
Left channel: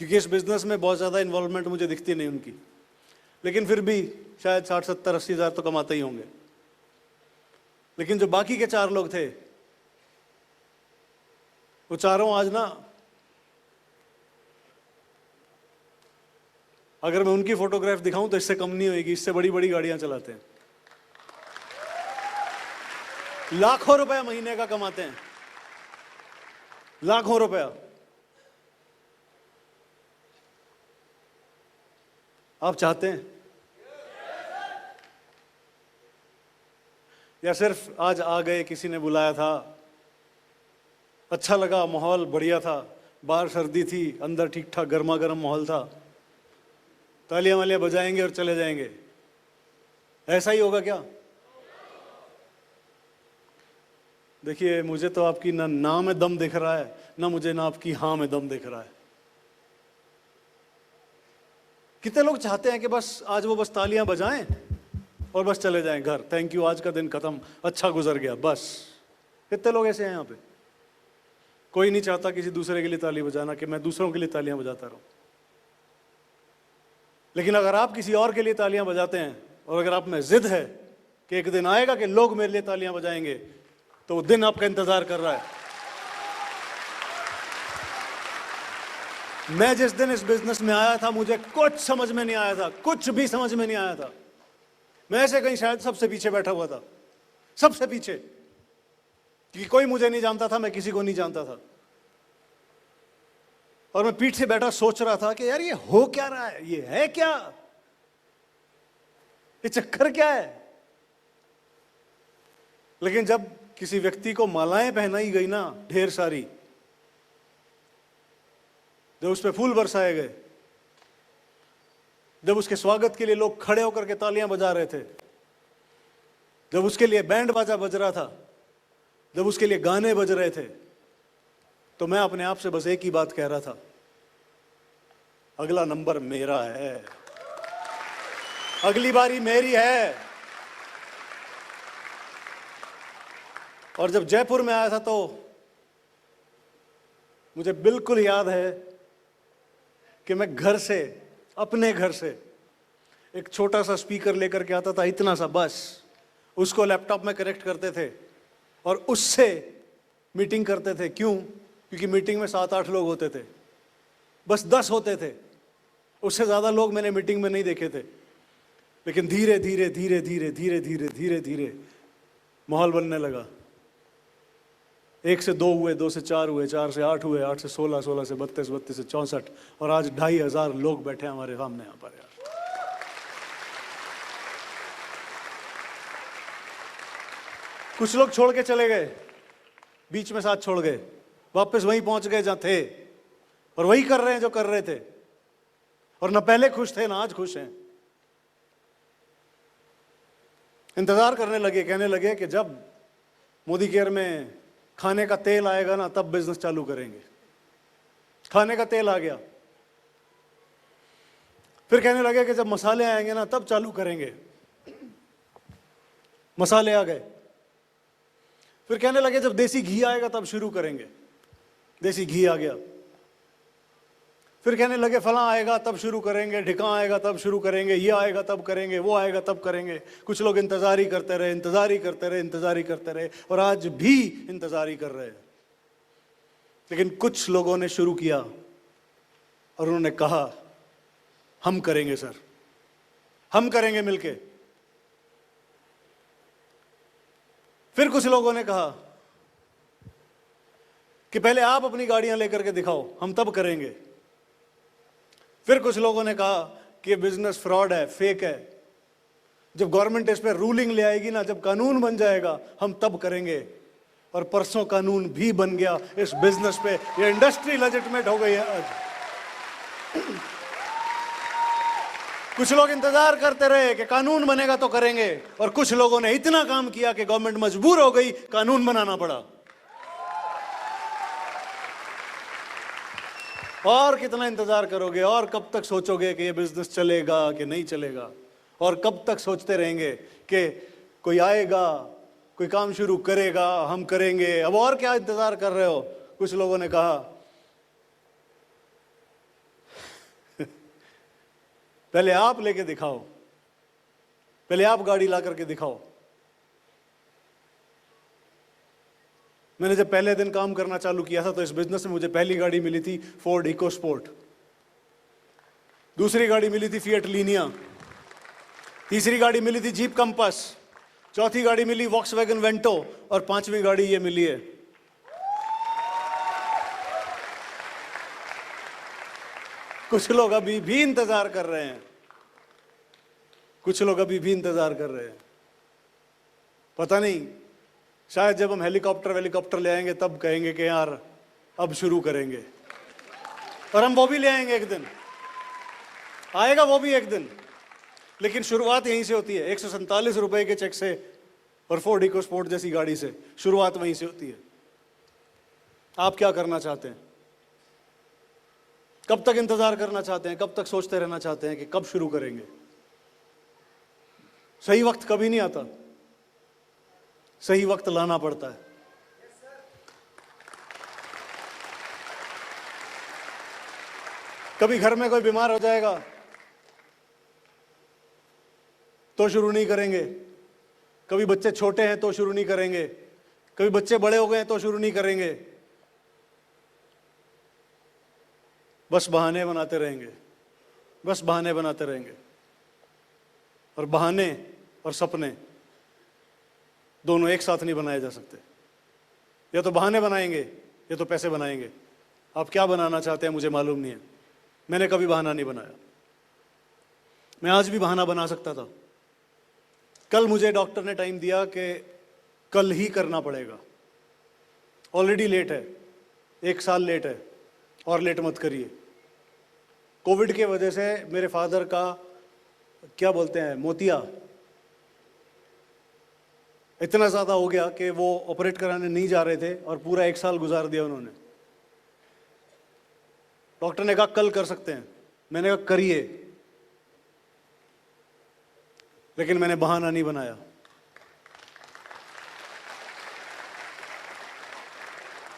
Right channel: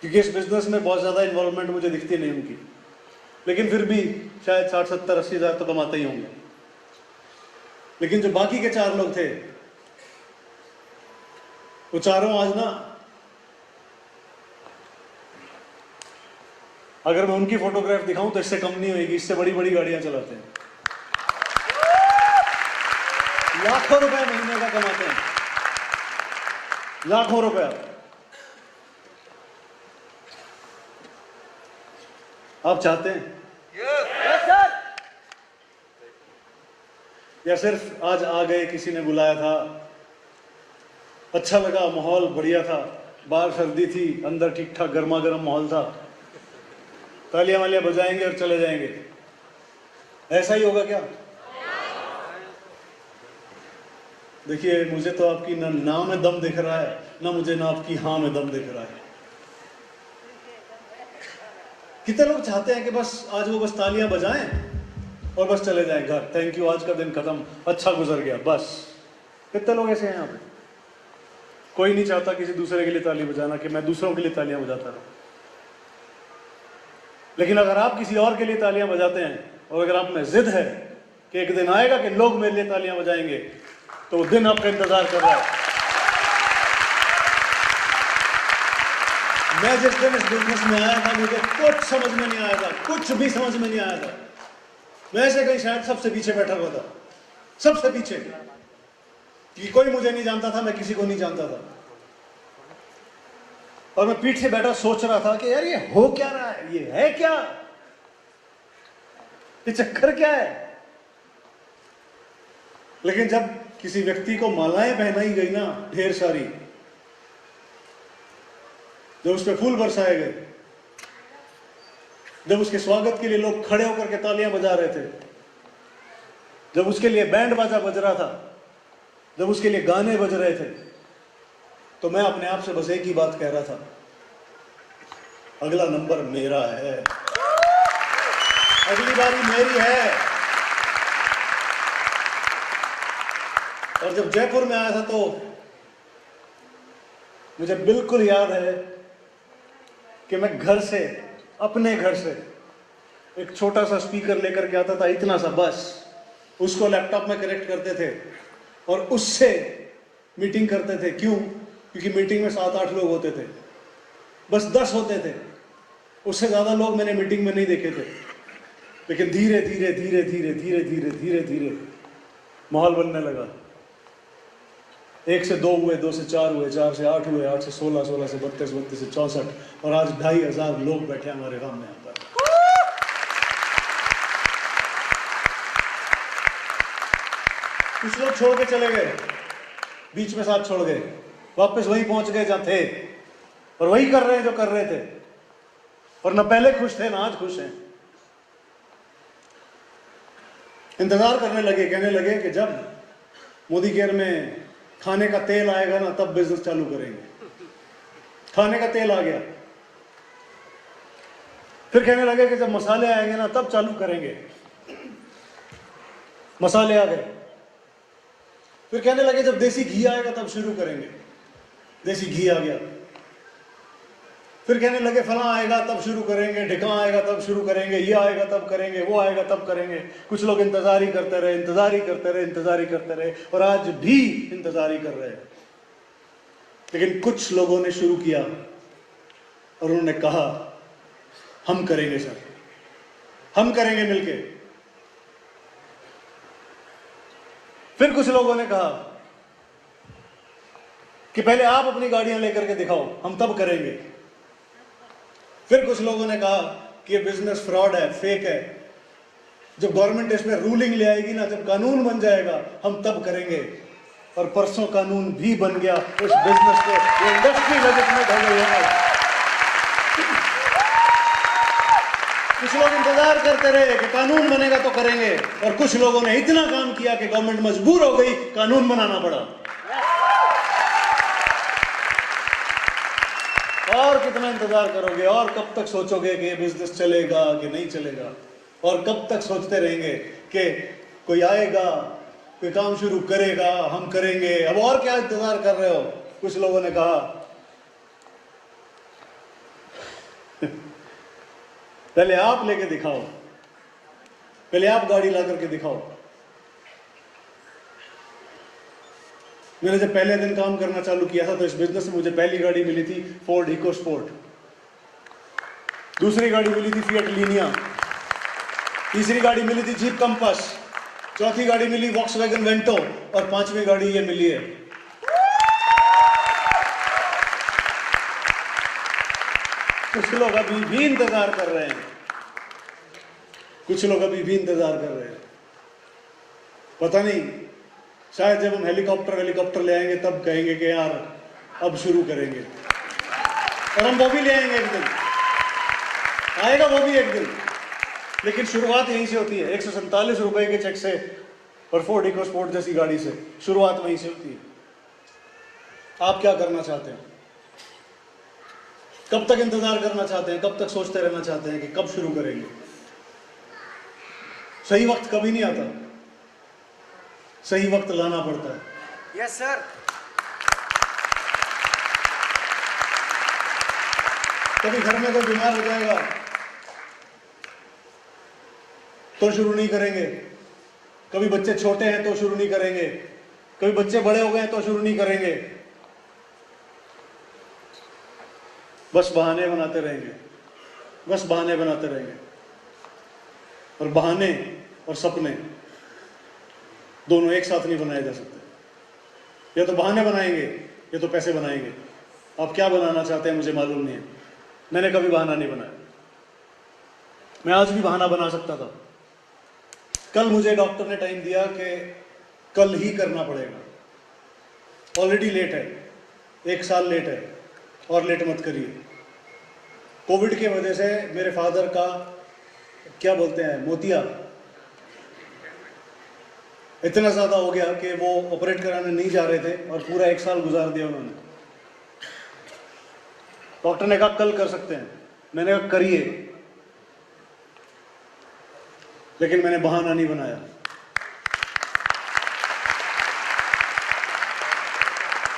क्योंकि इस बिजनेस में बहुत ज्यादा इन्वॉल्वमेंट मुझे दिखती नहीं उनकी। लेकिन फिर भी शायद 60, 70, 80 हजार तो कमाते ही होंगे। लेकिन जो बाकी के 4 लोग थे, वो चारों आज ना, अगर मैं उनकी फोटोग्राफ दिखाऊं तो इससे कम नहीं होगी, इससे बड़ी बड़ी गाड़ियां चलाते हैं, लाखों रुपए महीने का कमाते हैं, लाखों रुपया। आप चाहते हैं? या सिर्फ आज आ गए, किसी ने बुलाया था, अच्छा लगा, माहौल बढ़िया था, बाहर सर्दी थी, अंदर ठीक ठाक गर्मा गर्म माहौल था, तालियां वालियां बजाएंगे और चले जाएंगे? ऐसा ही होगा क्या? देखिए, मुझे तो आपकी ना में दम दिख रहा है, ना मुझे ना आपकी हाँ में दम दिख रहा है। कितने लोग चाहते हैं कि बस आज वो बस तालियां बजाएं और बस चले जाएं घर, थैंक यू, आज का दिन खत्म, अच्छा गुजर गया, बस। कितने लोग ऐसे हैं यहाँ पे? कोई नहीं चाहता किसी दूसरे के लिए तालियां बजाना कि मैं दूसरों के लिए तालियां बजाता हूं। लेकिन अगर आप किसी और के लिए तालियां बजाते हैं और अगर आप में जिद है कि एक दिन आएगा कि लोग मेरे लिए तालियां बजाएंगे, तो वो दिन आपका इंतजार कर रहा है। मैं जिस दिन इस बिजनेस में आया था, मुझे कुछ समझ में नहीं आया था, कुछ भी समझ में नहीं आया था। मैं ऐसे कहीं शायद सबसे पीछे बैठा हुआ था, सबसे पीछे, कि कोई मुझे नहीं जानता था, मैं किसी को नहीं जानता था। और मैं पीठ से बैठा सोच रहा था कि यार ये हो क्या रहा है, ये है क्या, ये चक्कर क्या है। लेकिन जब किसी व्यक्ति को मालाएं पहनाई गई ना, ढेर सारी, जब उस पर फूल बरसाए गए, जब उसके स्वागत के लिए लोग खड़े होकर के तालियां बजा रहे थे, जब उसके लिए बैंड बाजा बज रहा था, जब उसके लिए गाने बज रहे थे, तो मैं अपने आप से बस एक ही बात कह रहा था, अगला नंबर मेरा है, अगली बारी मेरी है। और जब जयपुर में आया था तो मुझे बिल्कुल याद है कि मैं घर से, अपने घर से एक छोटा सा स्पीकर लेकर के आता था, इतना सा बस, उसको लैपटॉप में कनेक्ट करते थे और उससे मीटिंग करते थे। क्यों? क्योंकि मीटिंग में 7-8 लोग होते थे, बस 10 होते थे, उससे ज्यादा लोग मैंने मीटिंग में नहीं देखे थे। लेकिन धीरे धीरे धीरे धीरे धीरे धीरे धीरे धीरे माहौल बनने लगा। 1 से 2 हुए, 2 से 4 हुए, 4 से 8 हुए, 8 से 16, 16 से 32, 32 से 64, और आज 2500 लोग बैठे हमारे सामने यहाँ पर। कुछ लोग छोड़ के चले गए, बीच में साथ छोड़ गए, वापस वहीं पहुंच गए जहां थे, और वही कर रहे हैं जो कर रहे थे, और ना पहले खुश थे ना आज खुश हैं। इंतजार करने लगे, कहने लगे कि जब मोदी केयर में खाने का तेल आएगा ना, तब बिजनेस चालू करेंगे। खाने का तेल आ गया, फिर कहने लगे कि जब मसाले आएंगे ना, तब चालू करेंगे। मसाले आ गए, फिर कहने लगे जब देसी घी आएगा तब शुरू करेंगे। देसी घी आ गया, फिर कहने लगे फला आएगा तब शुरू करेंगे, ढिका आएगा तब शुरू करेंगे, ये आएगा तब करेंगे, वो आएगा तब करेंगे। कुछ लोग इंतजार ही करते रहे, इंतजार ही करते रहे, इंतजार ही करते रहे, और आज भी इंतजार ही कर रहे हैं। लेकिन कुछ लोगों ने शुरू किया और उन्होंने कहा हम करेंगे सर, हम करेंगे मिलके। फिर कुछ लोगों ने कहा कि पहले आप अपनी गाड़ियां लेकर के दिखाओ, हम तब करेंगे। फिर कुछ लोगों ने कहा कि ये बिजनेस फ्रॉड है, फेक है, जब गवर्नमेंट इस पे रूलिंग ले आएगी ना, जब कानून बन जाएगा, हम तब करेंगे। और परसों कानून भी बन गया इस बिजनेस पे, ये इंडस्ट्री मैनेजमेंट हो गई है। कुछ लोग इंतजार करते रहे कि कानून बनेगा तो करेंगे, और कुछ लोगों ने इतना काम किया कि गवर्नमेंट मजबूर हो गई, कानून बनाना पड़ा। और कितना इंतजार करोगे, और कब तक सोचोगे कि ये बिजनेस चलेगा कि नहीं चलेगा, और कब तक सोचते रहेंगे कि कोई आएगा, कोई काम शुरू करेगा, हम करेंगे। अब और क्या इंतजार कर रहे हो? कुछ लोगों ने कहा पहले आप लेके दिखाओ, पहले आप गाड़ी ला करके दिखाओ। मैंने जब पहले दिन काम करना चालू किया था तो इस बिजनेस में मुझे पहली गाड़ी मिली थी फोर्ड इकोस्पोर्ट, दूसरी गाड़ी मिली थी फिएट लीनिया, तीसरी गाड़ी मिली थी जीप कंपास, चौथी गाड़ी मिली वॉक्सवैगन वेंटो, और 5वीं गाड़ी ये मिली है। कुछ लोग अभी भी इंतजार कर रहे हैं, कुछ लोग अभी भी इंतजार कर रहे हैं। पता नहीं, शायद जब हम हेलीकॉप्टर ले आएंगे तब कहेंगे कि यार अब शुरू करेंगे, और हम वो भी ले आएंगे एक दिन, आएगा वो भी एक दिन। लेकिन शुरुआत यहीं से होती है। 147 रुपए के चेक से और फोर्ड इकोस्पोर्ट जैसी गाड़ी से शुरुआत वहीं से होती है। आप क्या करना चाहते हैं? कब तक इंतजार करना चाहते हैं? कब तक सोचते रहना चाहते हैं कि कब शुरू करेंगे? सही वक्त कभी नहीं आता, सही वक्त लाना पड़ता है। Yes sir. कभी घर में कोई बीमार हो जाएगा तो शुरू नहीं करेंगे, कभी बच्चे छोटे हैं तो शुरू नहीं करेंगे, कभी बच्चे बड़े हो गए तो शुरू नहीं करेंगे। बस बहाने बनाते रहेंगे, बस बहाने बनाते रहेंगे। और बहाने और सपने दोनों एक साथ नहीं बनाए जा सकते। या तो बहाने बनाएंगे या तो पैसे बनाएंगे। आप क्या बनाना चाहते हैं मुझे मालूम नहीं है। मैंने कभी बहाना नहीं बनाया। मैं आज भी बहाना बना सकता था। कल मुझे डॉक्टर ने टाइम दिया कि कल ही करना पड़ेगा। ऑलरेडी लेट है, 1 साल लेट है, और लेट मत करिए। कोविड के वजह से मेरे फादर का क्या बोलते हैं, मोतिया इतना ज्यादा हो गया कि वो ऑपरेट कराने नहीं जा रहे थे और पूरा 1 साल गुजार दिया उन्होंने। डॉक्टर ने कहा कल कर सकते हैं, मैंने कहा करिए, लेकिन मैंने बहाना नहीं बनाया।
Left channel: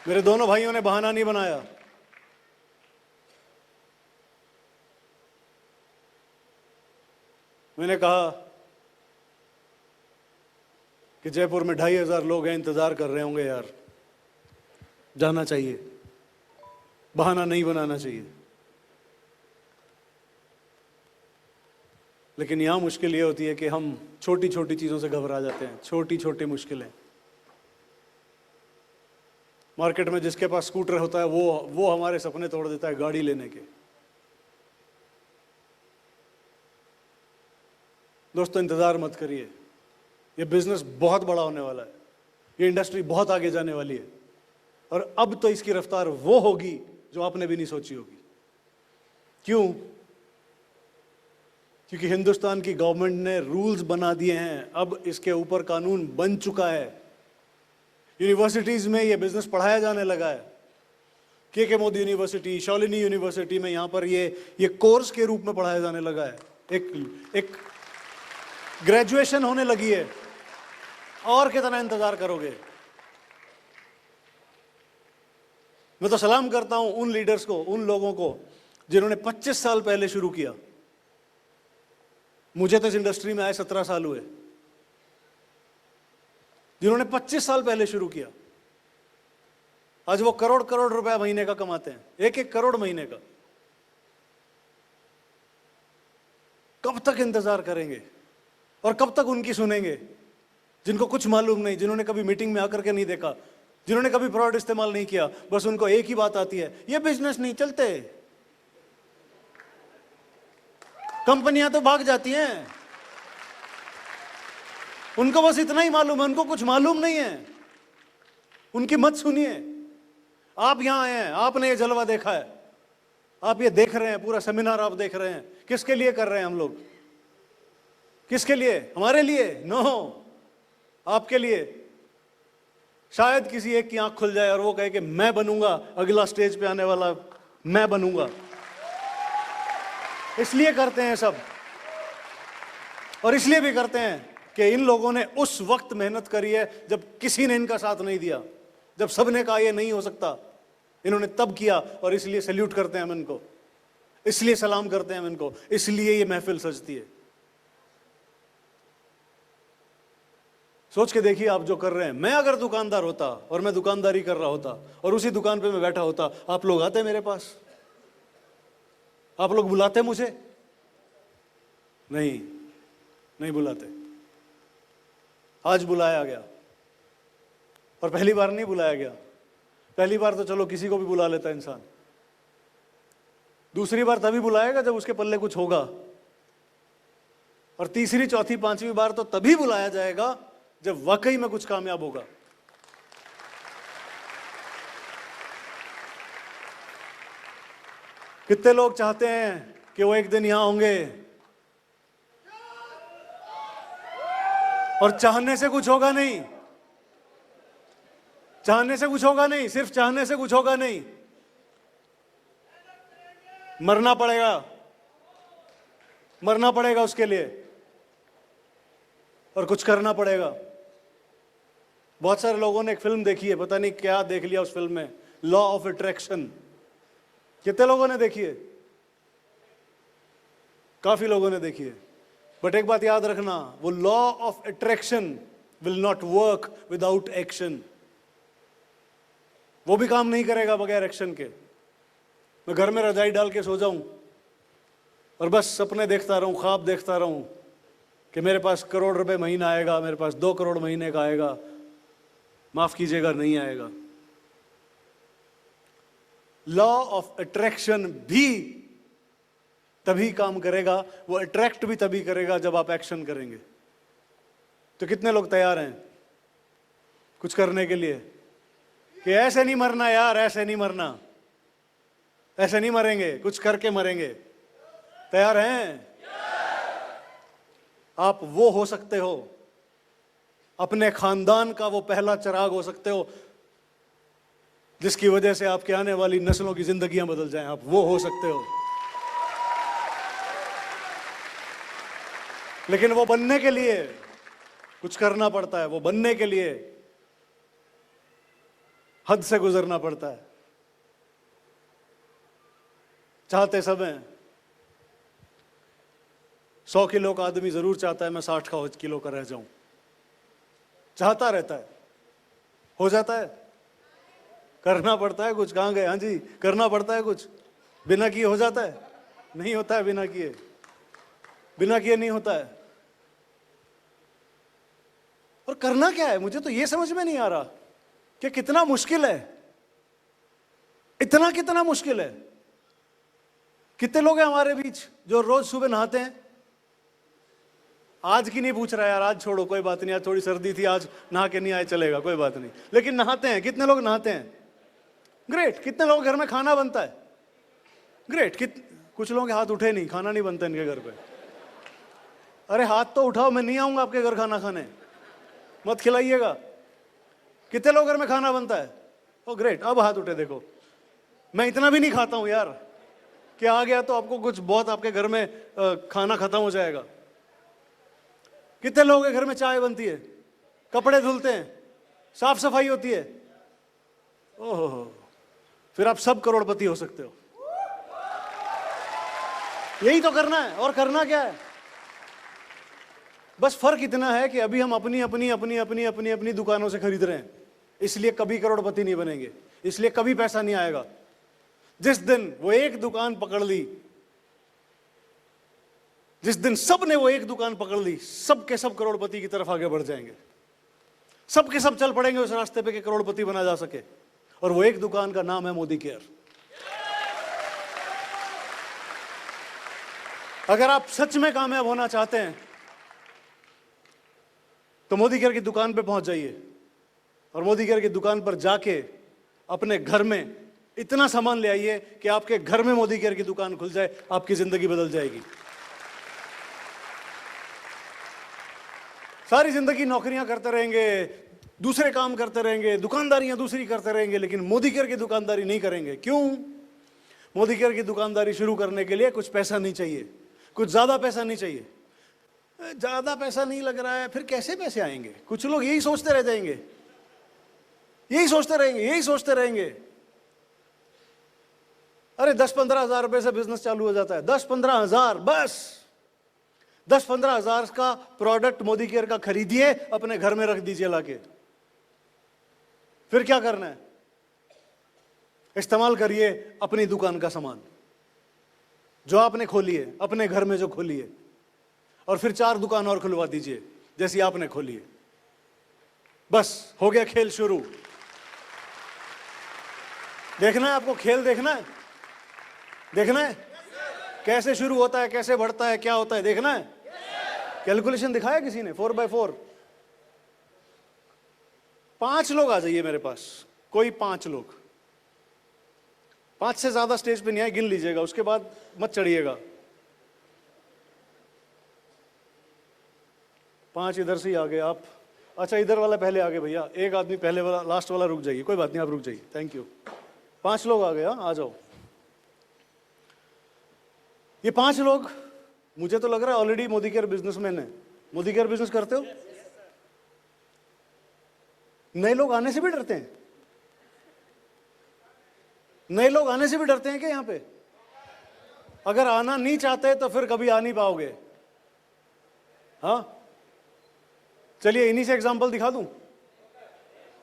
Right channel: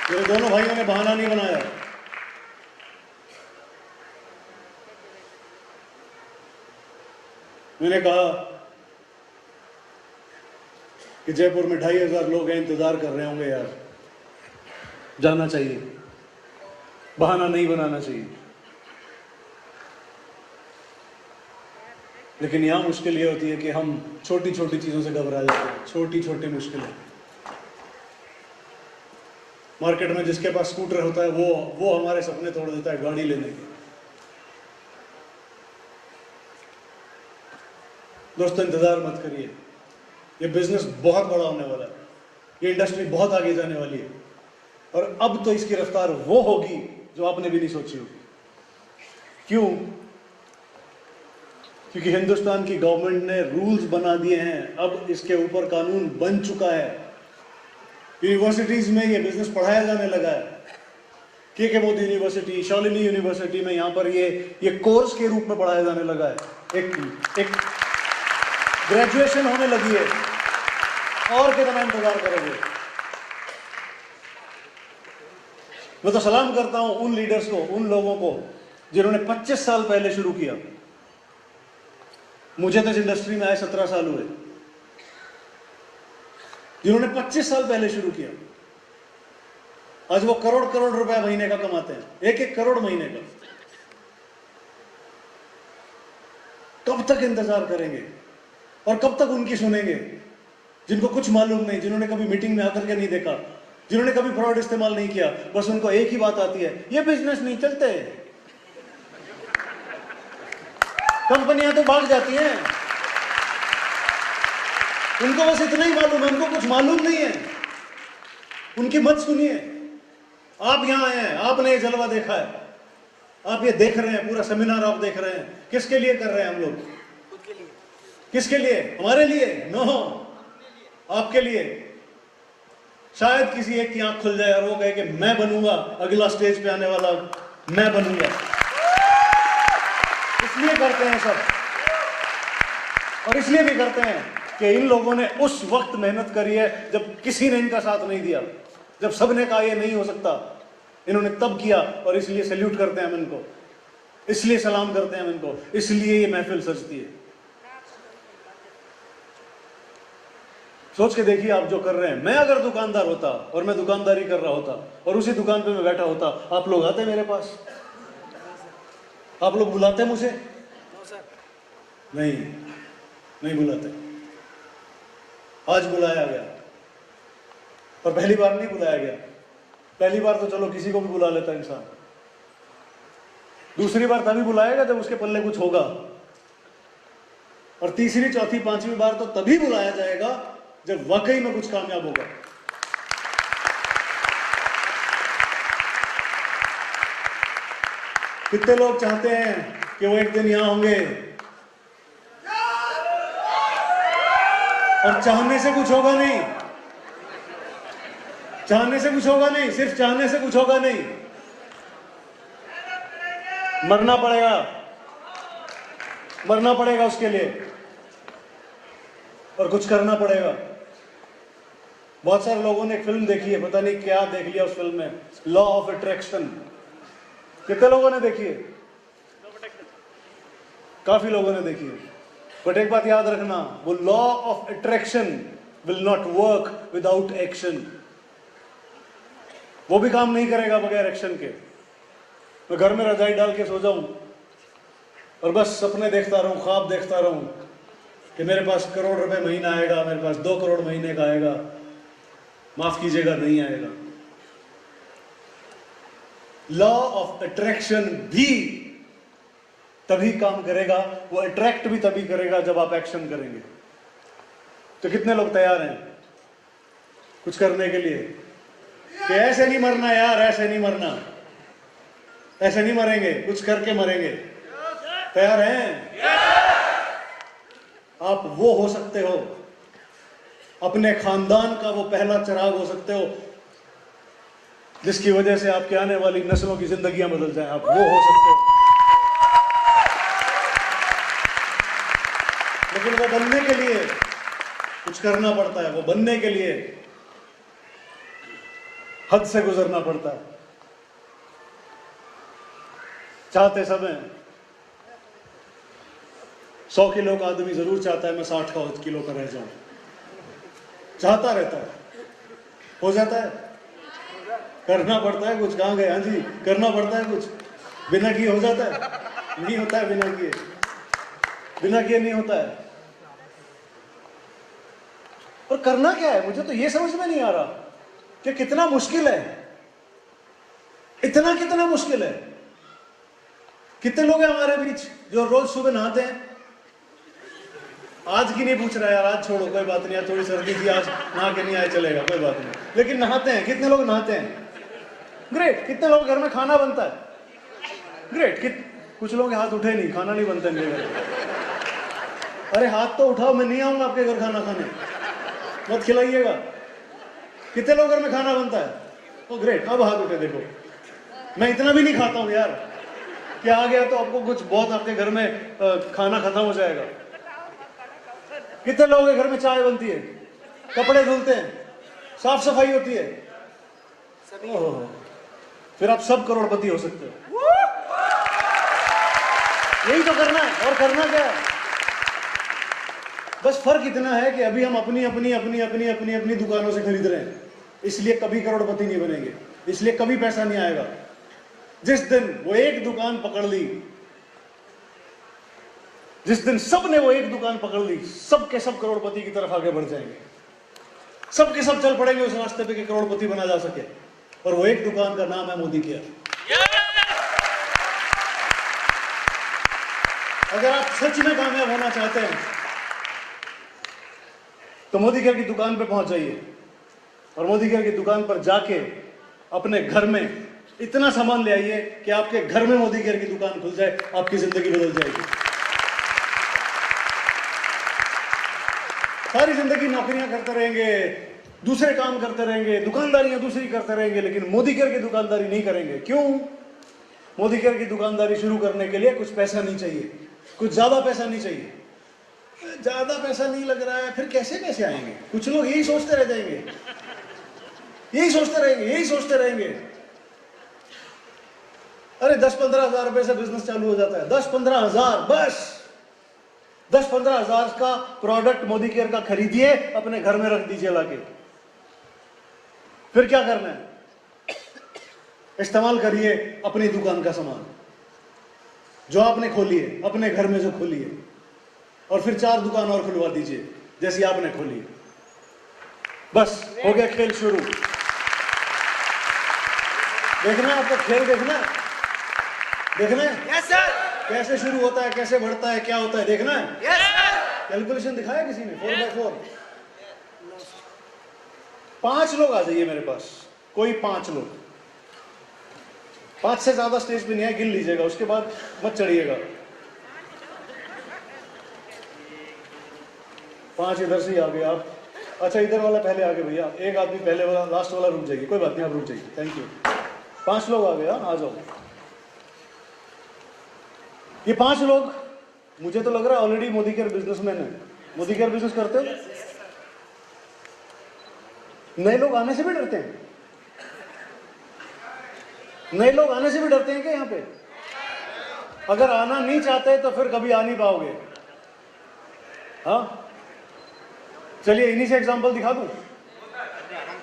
मेरे दोनों भाइयों ने बहाना नहीं बनाया। मैंने कहा कि जयपुर में 2500 लोग हैं, इंतजार कर रहे होंगे यार, जाना चाहिए, बहाना नहीं बनाना चाहिए। लेकिन यहां मुश्किल ये होती है कि हम छोटी छोटी चीजों से घबरा जाते हैं। छोटी छोटी मुश्किलें। मार्केट में जिसके पास स्कूटर होता है वो हमारे सपने तोड़ देता है गाड़ी लेने के। दोस्तों, इंतजार मत करिए, ये बिजनेस बहुत बड़ा होने वाला है, ये इंडस्ट्री बहुत आगे जाने वाली है, और अब तो इसकी रफ्तार वो होगी जो आपने भी नहीं सोची होगी। क्यों? क्योंकि हिंदुस्तान की गवर्नमेंट ने रूल्स बना दिए हैं, अब इसके ऊपर कानून बन चुका है। यूनिवर्सिटीज में ये बिजनेस पढ़ाया जाने लगा है। के मोदी यूनिवर्सिटी, शालिनी यूनिवर्सिटी में यहाँ पर ये कोर्स के रूप में पढ़ाया जाने लगा है। एक ग्रेजुएशन होने लगी है। और कितना इंतजार करोगे? मैं तो सलाम करता हूं उन लीडर्स को, उन लोगों को जिन्होंने 25 साल पहले शुरू किया। मुझे तो इस इंडस्ट्री में आए 17 साल हुए। जिन्होंने 25 साल पहले शुरू किया, आज वो करोड़ करोड़ रुपया महीने का कमाते हैं, 1-1 करोड़ महीने का। कब तक इंतजार करेंगे और कब तक उनकी सुनेंगे, जिनको कुछ मालूम नहीं, जिन्होंने कभी मीटिंग में आकर के नहीं देखा, जिन्होंने कभी फ्रॉड इस्तेमाल नहीं किया। बस उनको एक ही बात आती है, ये बिजनेस नहीं चलते, कंपनियां तो भाग जाती हैं। उनको बस इतना ही मालूम है, उनको कुछ मालूम नहीं है। उनकी मत सुनिए। आप यहां आए हैं, आपने ये जलवा देखा है, आप ये देख रहे हैं, पूरा सेमिनार आप देख रहे हैं। किसके लिए कर रहे हैं हम लोग? किसके लिए? हमारे लिए? नो, आपके लिए। शायद किसी एक की आंख खुल जाए और वो कहे कि मैं बनूंगा अगला स्टेज पे आने वाला, मैं बनूंगा। इसलिए करते हैं सब, और इसलिए भी करते हैं कि इन लोगों ने उस वक्त मेहनत करी है जब किसी ने इनका साथ नहीं दिया, जब सबने कहा ये नहीं हो सकता, इन्होंने तब किया। और इसलिए सैल्यूट करते हैं हम इनको, इसलिए सलाम करते हैं हम इनको, इसलिए ये महफिल सजती है। सोच के देखिए आप जो कर रहे हैं। मैं अगर दुकानदार होता और मैं दुकानदारी कर रहा होता और उसी दुकान पे मैं बैठा होता, आप लोग आते मेरे पास? आप लोग बुलाते मुझे? नहीं बुलाते। आज बुलाया गया, और पहली बार नहीं बुलाया गया। पहली बार तो चलो किसी को भी बुला लेता इंसान, दूसरी बार तभी बुलाएगा जब उसके पल्ले कुछ होगा, और तीसरी, चौथी, 5वीं बार तो तभी बुलाया जाएगा जब वाकई में कुछ कामयाब होगा। कितने लोग चाहते हैं कि वो एक दिन यहां होंगे? और चाहने से कुछ होगा नहीं, चाहने से कुछ होगा नहीं, सिर्फ चाहने से कुछ होगा नहीं, मरना पड़ेगा, मरना पड़ेगा उसके लिए, और कुछ करना पड़ेगा। बहुत सारे लोगों ने एक फिल्म देखी है, पता नहीं क्या देख लिया उस फिल्म में, लॉ ऑफ अट्रैक्शन। कितने लोगों ने देखी है? काफी लोगों ने देखी है। बट एक बात याद रखना, वो law of attraction will not work without action. वो भी काम नहीं करेगा बगैर एक्शन के। मैं घर में रजाई डाल के सो जाऊं और बस सपने देखता रहूं, ख्वाब देखता रहूं कि मेरे पास करोड़ रुपए महीना आएगा, मेरे पास 2 करोड़ महीने का आएगा, माफ कीजिएगा नहीं आएगा। लॉ ऑफ अट्रैक्शन भी तभी काम करेगा, वो अट्रैक्ट भी तभी करेगा जब आप एक्शन करेंगे। तो कितने लोग तैयार हैं कुछ करने के लिए कि ऐसे नहीं मरना यार, ऐसे नहीं मरना, ऐसे नहीं मरेंगे, कुछ करके मरेंगे? तैयार हैं? आप वो हो सकते हो, अपने खानदान का वो पहला चिराग हो सकते हो जिसकी वजह से आपकी आने वाली नस्लों की जिंदगियां बदल जाए। आप वो हो सकते हो। लेकिन वो बनने के लिए कुछ करना पड़ता है, वो बनने के लिए हद से गुजरना पड़ता है। चाहते सब हैं, 100 किलो का आदमी जरूर चाहता है मैं 60 किलो का रह जाऊं, चाहता रहता है, हो जाता है, करना पड़ता है कुछ। कहां गए? हाँ जी, करना पड़ता है कुछ, बिना किए हो जाता है? नहीं होता है, बिना किए, बिना किए नहीं होता है। और करना क्या है, मुझे तो ये समझ में नहीं आ रहा कि कितना मुश्किल है, इतना कितना मुश्किल है। कितने लोग हैं हमारे बीच जो रोज सुबह नहाते हैं? आज की नहीं पूछ रहा यार, आज छोड़ो, कोई बात नहीं, आज थोड़ी सर्दी थी, आज नहा के नहीं आए चलेगा, कोई बात नहीं, लेकिन नहाते हैं। कितने लोग नहाते हैं? ग्रेट। कितने लोग घर में खाना बनता है? ग्रेट। कुछ लोग हाथ उठे नहीं, खाना नहीं बनता इनके घर। अरे हाथ तो उठाओ, मैं नहीं आऊंगा आपके घर खाना खाने, मत खिलाइएगा। कितने लोग घर में खाना बनता है? ओ ग्रेट, अब हाथ उठे देखो। मैं इतना भी नहीं खाता हूं यार कि आ गया तो आपको कुछ बहुत आपके घर में खाना खत्म हो जाएगा। कितने लोगों के घर में चाय बनती है, कपड़े धुलते हैं, साफ सफाई होती है? फिर आप सब करोड़पति हो सकते हो। यही तो करना है, और करना क्या है? बस फर्क इतना है कि अभी हम अपनी अपनी अपनी अपनी अपनी अपनी दुकानों से खरीद रहे हैं, इसलिए कभी करोड़पति नहीं बनेंगे, इसलिए कभी पैसा नहीं आएगा। जिस दिन वो एक दुकान पकड़ ली, जिस दिन सब ने वो एक दुकान पकड़ ली, सब के सब करोड़पति की तरफ आगे बढ़ जाएंगे, सब के सब चल पड़ेंगे उस रास्ते पे कि करोड़पति बना जा सके। और वो एक दुकान का नाम है मोदी केयर। अगर आप सच में कामयाब होना चाहते हैं तो मोदी केयर की दुकान पे पहुंच जाइए, और मोदी केयर की दुकान पर जाके अपने घर में इतना सामान ले आइए कि आपके घर में मोदी केयर की दुकान खुल जाए, आपकी जिंदगी बदल जाएगी। सारी जिंदगी नौकरियां करते रहेंगे, दूसरे काम करते रहेंगे, दुकानदारियां दूसरी करते रहेंगे, लेकिन मोदी केयर की दुकानदारी नहीं करेंगे। क्यों? मोदी केयर की दुकानदारी शुरू करने के लिए कुछ पैसा नहीं चाहिए, कुछ ज्यादा पैसा नहीं चाहिए। ज्यादा पैसा नहीं लग रहा है, फिर कैसे पैसे आएंगे? कुछ लोग यही सोचते रह जाएंगे, यही सोचते रहेंगे, यही सोचते रहेंगे। अरे 10-15 हजार रुपए से बिजनेस चालू हो जाता है, 10-15 हजार, बस 10-15 हजार का प्रोडक्ट मोदी केयर का खरीदिए, अपने घर में रख दीजिए लाके। फिर क्या करना है? इस्तेमाल करिए अपनी दुकान का सामान जो आपने खोली है, अपने घर में जो खोली है, और फिर 4 दुकान और खुलवा दीजिए जैसी आपने खोली है। बस हो गया खेल शुरू। देखना है आपको, खेल देखना है, देखना है यस सर, कैसे शुरू होता है, कैसे बढ़ता है, क्या होता है, देखना है। Yes sir. कैलकुलेशन दिखाया किसी ने? 4x4। 5 लोग आ जाइए मेरे पास, कोई 5 लोग, 5 से ज्यादा स्टेज पे नहीं है, गिन लीजिएगा, उसके बाद मत चढ़िएगा। 5 इधर से ही आ गए आप। अच्छा इधर वाला पहले आगे भैया, एक आदमी पहले वाला, लास्ट वाला रुक जाइए, कोई बात नहीं आप रुक जाइए, थैंक यू। 5 लोग आ गए, आ जाओ। ये 5 लोग मुझे तो लग रहा है ऑलरेडी मोदी केयर बिजनेसमैन है। मोदी केयर बिजनेस करते हो? नए लोग आने से भी डरते हैं? नए लोग आने से भी डरते हैं क्या यहाँ पे? अगर आना नहीं चाहते तो फिर कभी आ नहीं पाओगे। हाँ चलिए इन्हीं से एग्जांपल दिखा दूं।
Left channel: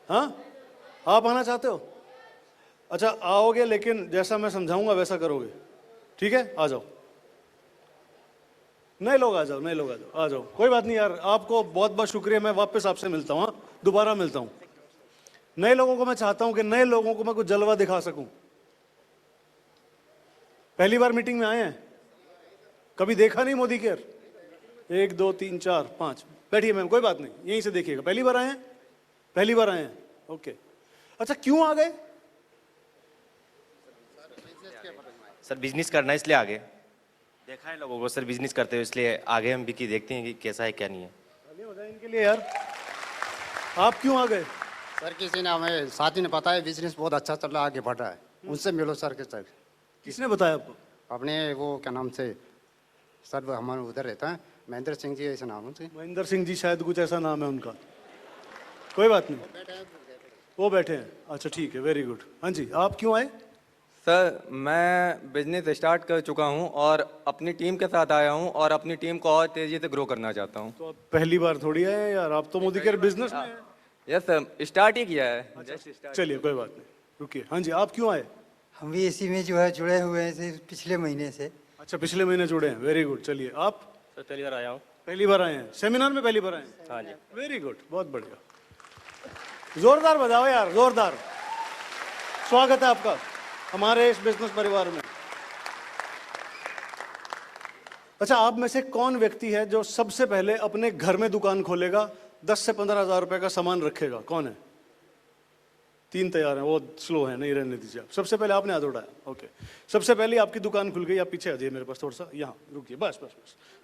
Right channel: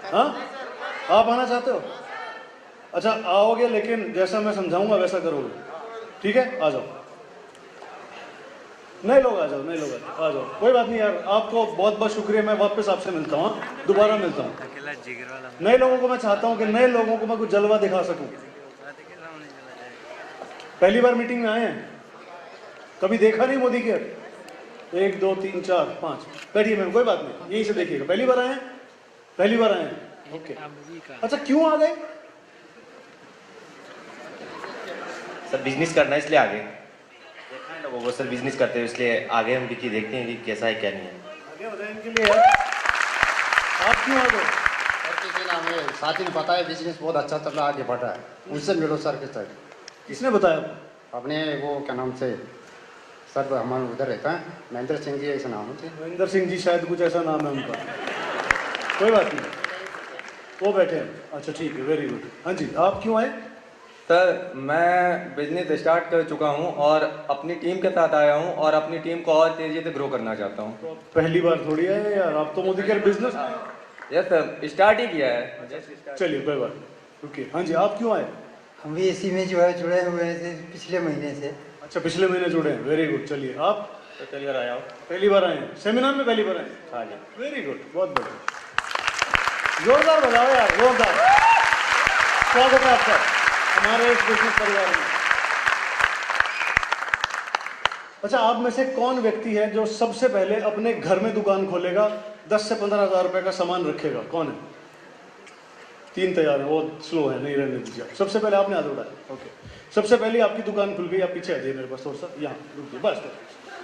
हाँ आप आना चाहते हो? अच्छा आओगे, लेकिन जैसा मैं समझाऊंगा वैसा करोगे, ठीक है? आ जाओ नए लोग, आ जाओ नए लोग, आ जाओ, कोई बात नहीं यार, आपको बहुत बहुत शुक्रिया, मैं वापस आपसे मिलता हूँ, दोबारा मिलता हूँ। नए लोगों को मैं चाहता हूँ कि नए लोगों को मैं कुछ जलवा दिखा सकूं। पहली बार मीटिंग में आए हैं, कभी देखा नहीं मोदी केयर? 1 2 3 4 5 बैठिए मैम, कोई बात नहीं, यहीं से देखिएगा। पहली बार आए हैं? पहली बार आए हैं, ओके। अच्छा क्यों आ गए? सर बिजनेस करना है इसलिए आगे देखा है ना, वो सर बिजनेस करते हैं इसलिए आगे हम भी देखते हैं कि कैसा है क्या नहीं है। आगे बताएं इनके लिए यार, आप क्यों आ गए? सर किसी ने हमें साथी ने बताया बिजनेस बहुत अच्छा चल रहा है, आगे बढ़ रहा है, उनसे मिलो सर के साथ। किसने बताया? अपने वो क्या नाम से सर हमारे उधर रहता है, महेंद्र सिंह जी ऐसा नाम है। महेंद्र सिंह जी शायद कुछ ऐसा नाम है उनका, कोई बात नहीं, वो बैठे हैं। अच्छा ठीक है, वेरी गुड। हाँ जी आप क्यों आए? सर मैं बिजनेस स्टार्ट कर चुका हूं और अपनी टीम के साथ आया हूं और अपनी टीम को और तेजी से ग्रो करना चाहता हूं। तो पहली बार थोड़ी है यार, आप तो Modi care business. Yes sir start ही किया है। चलिए कोई बात नहीं, रुकिए। हाँ जी आप क्यों आए? हम भी इसी में जो है जुड़े हुए हैं पिछले महीने से। अच्छा पिछले महीने जुड़े हैं, वेरी गुड। चलिए आप? पहली बार आया हूँ। पहली बार आए हैं सेमिनार में? पहली बार आए हैं, हाँ जी। वेरी गुड, बहुत बढ़िया, जोरदार बताओ यार, जोरदार स्वागत है आपका हमारे बिजनेस परिवार में। अच्छा आप में से कौन व्यक्ति है जो सबसे पहले अपने घर में दुकान खोलेगा, 10 से 15 हज़ार रुपए का सामान रखेगा? कौन है? 3 तैयार है, वो स्लो है, नहीं रहने दीजिए। सबसे पहले आपने हाथ उठाया, ओके। सबसे पहले आपकी दुकान खुल गई, आप पीछे आ जाइए मेरे पास थोड़ा सा, यहाँ रुकिए बस।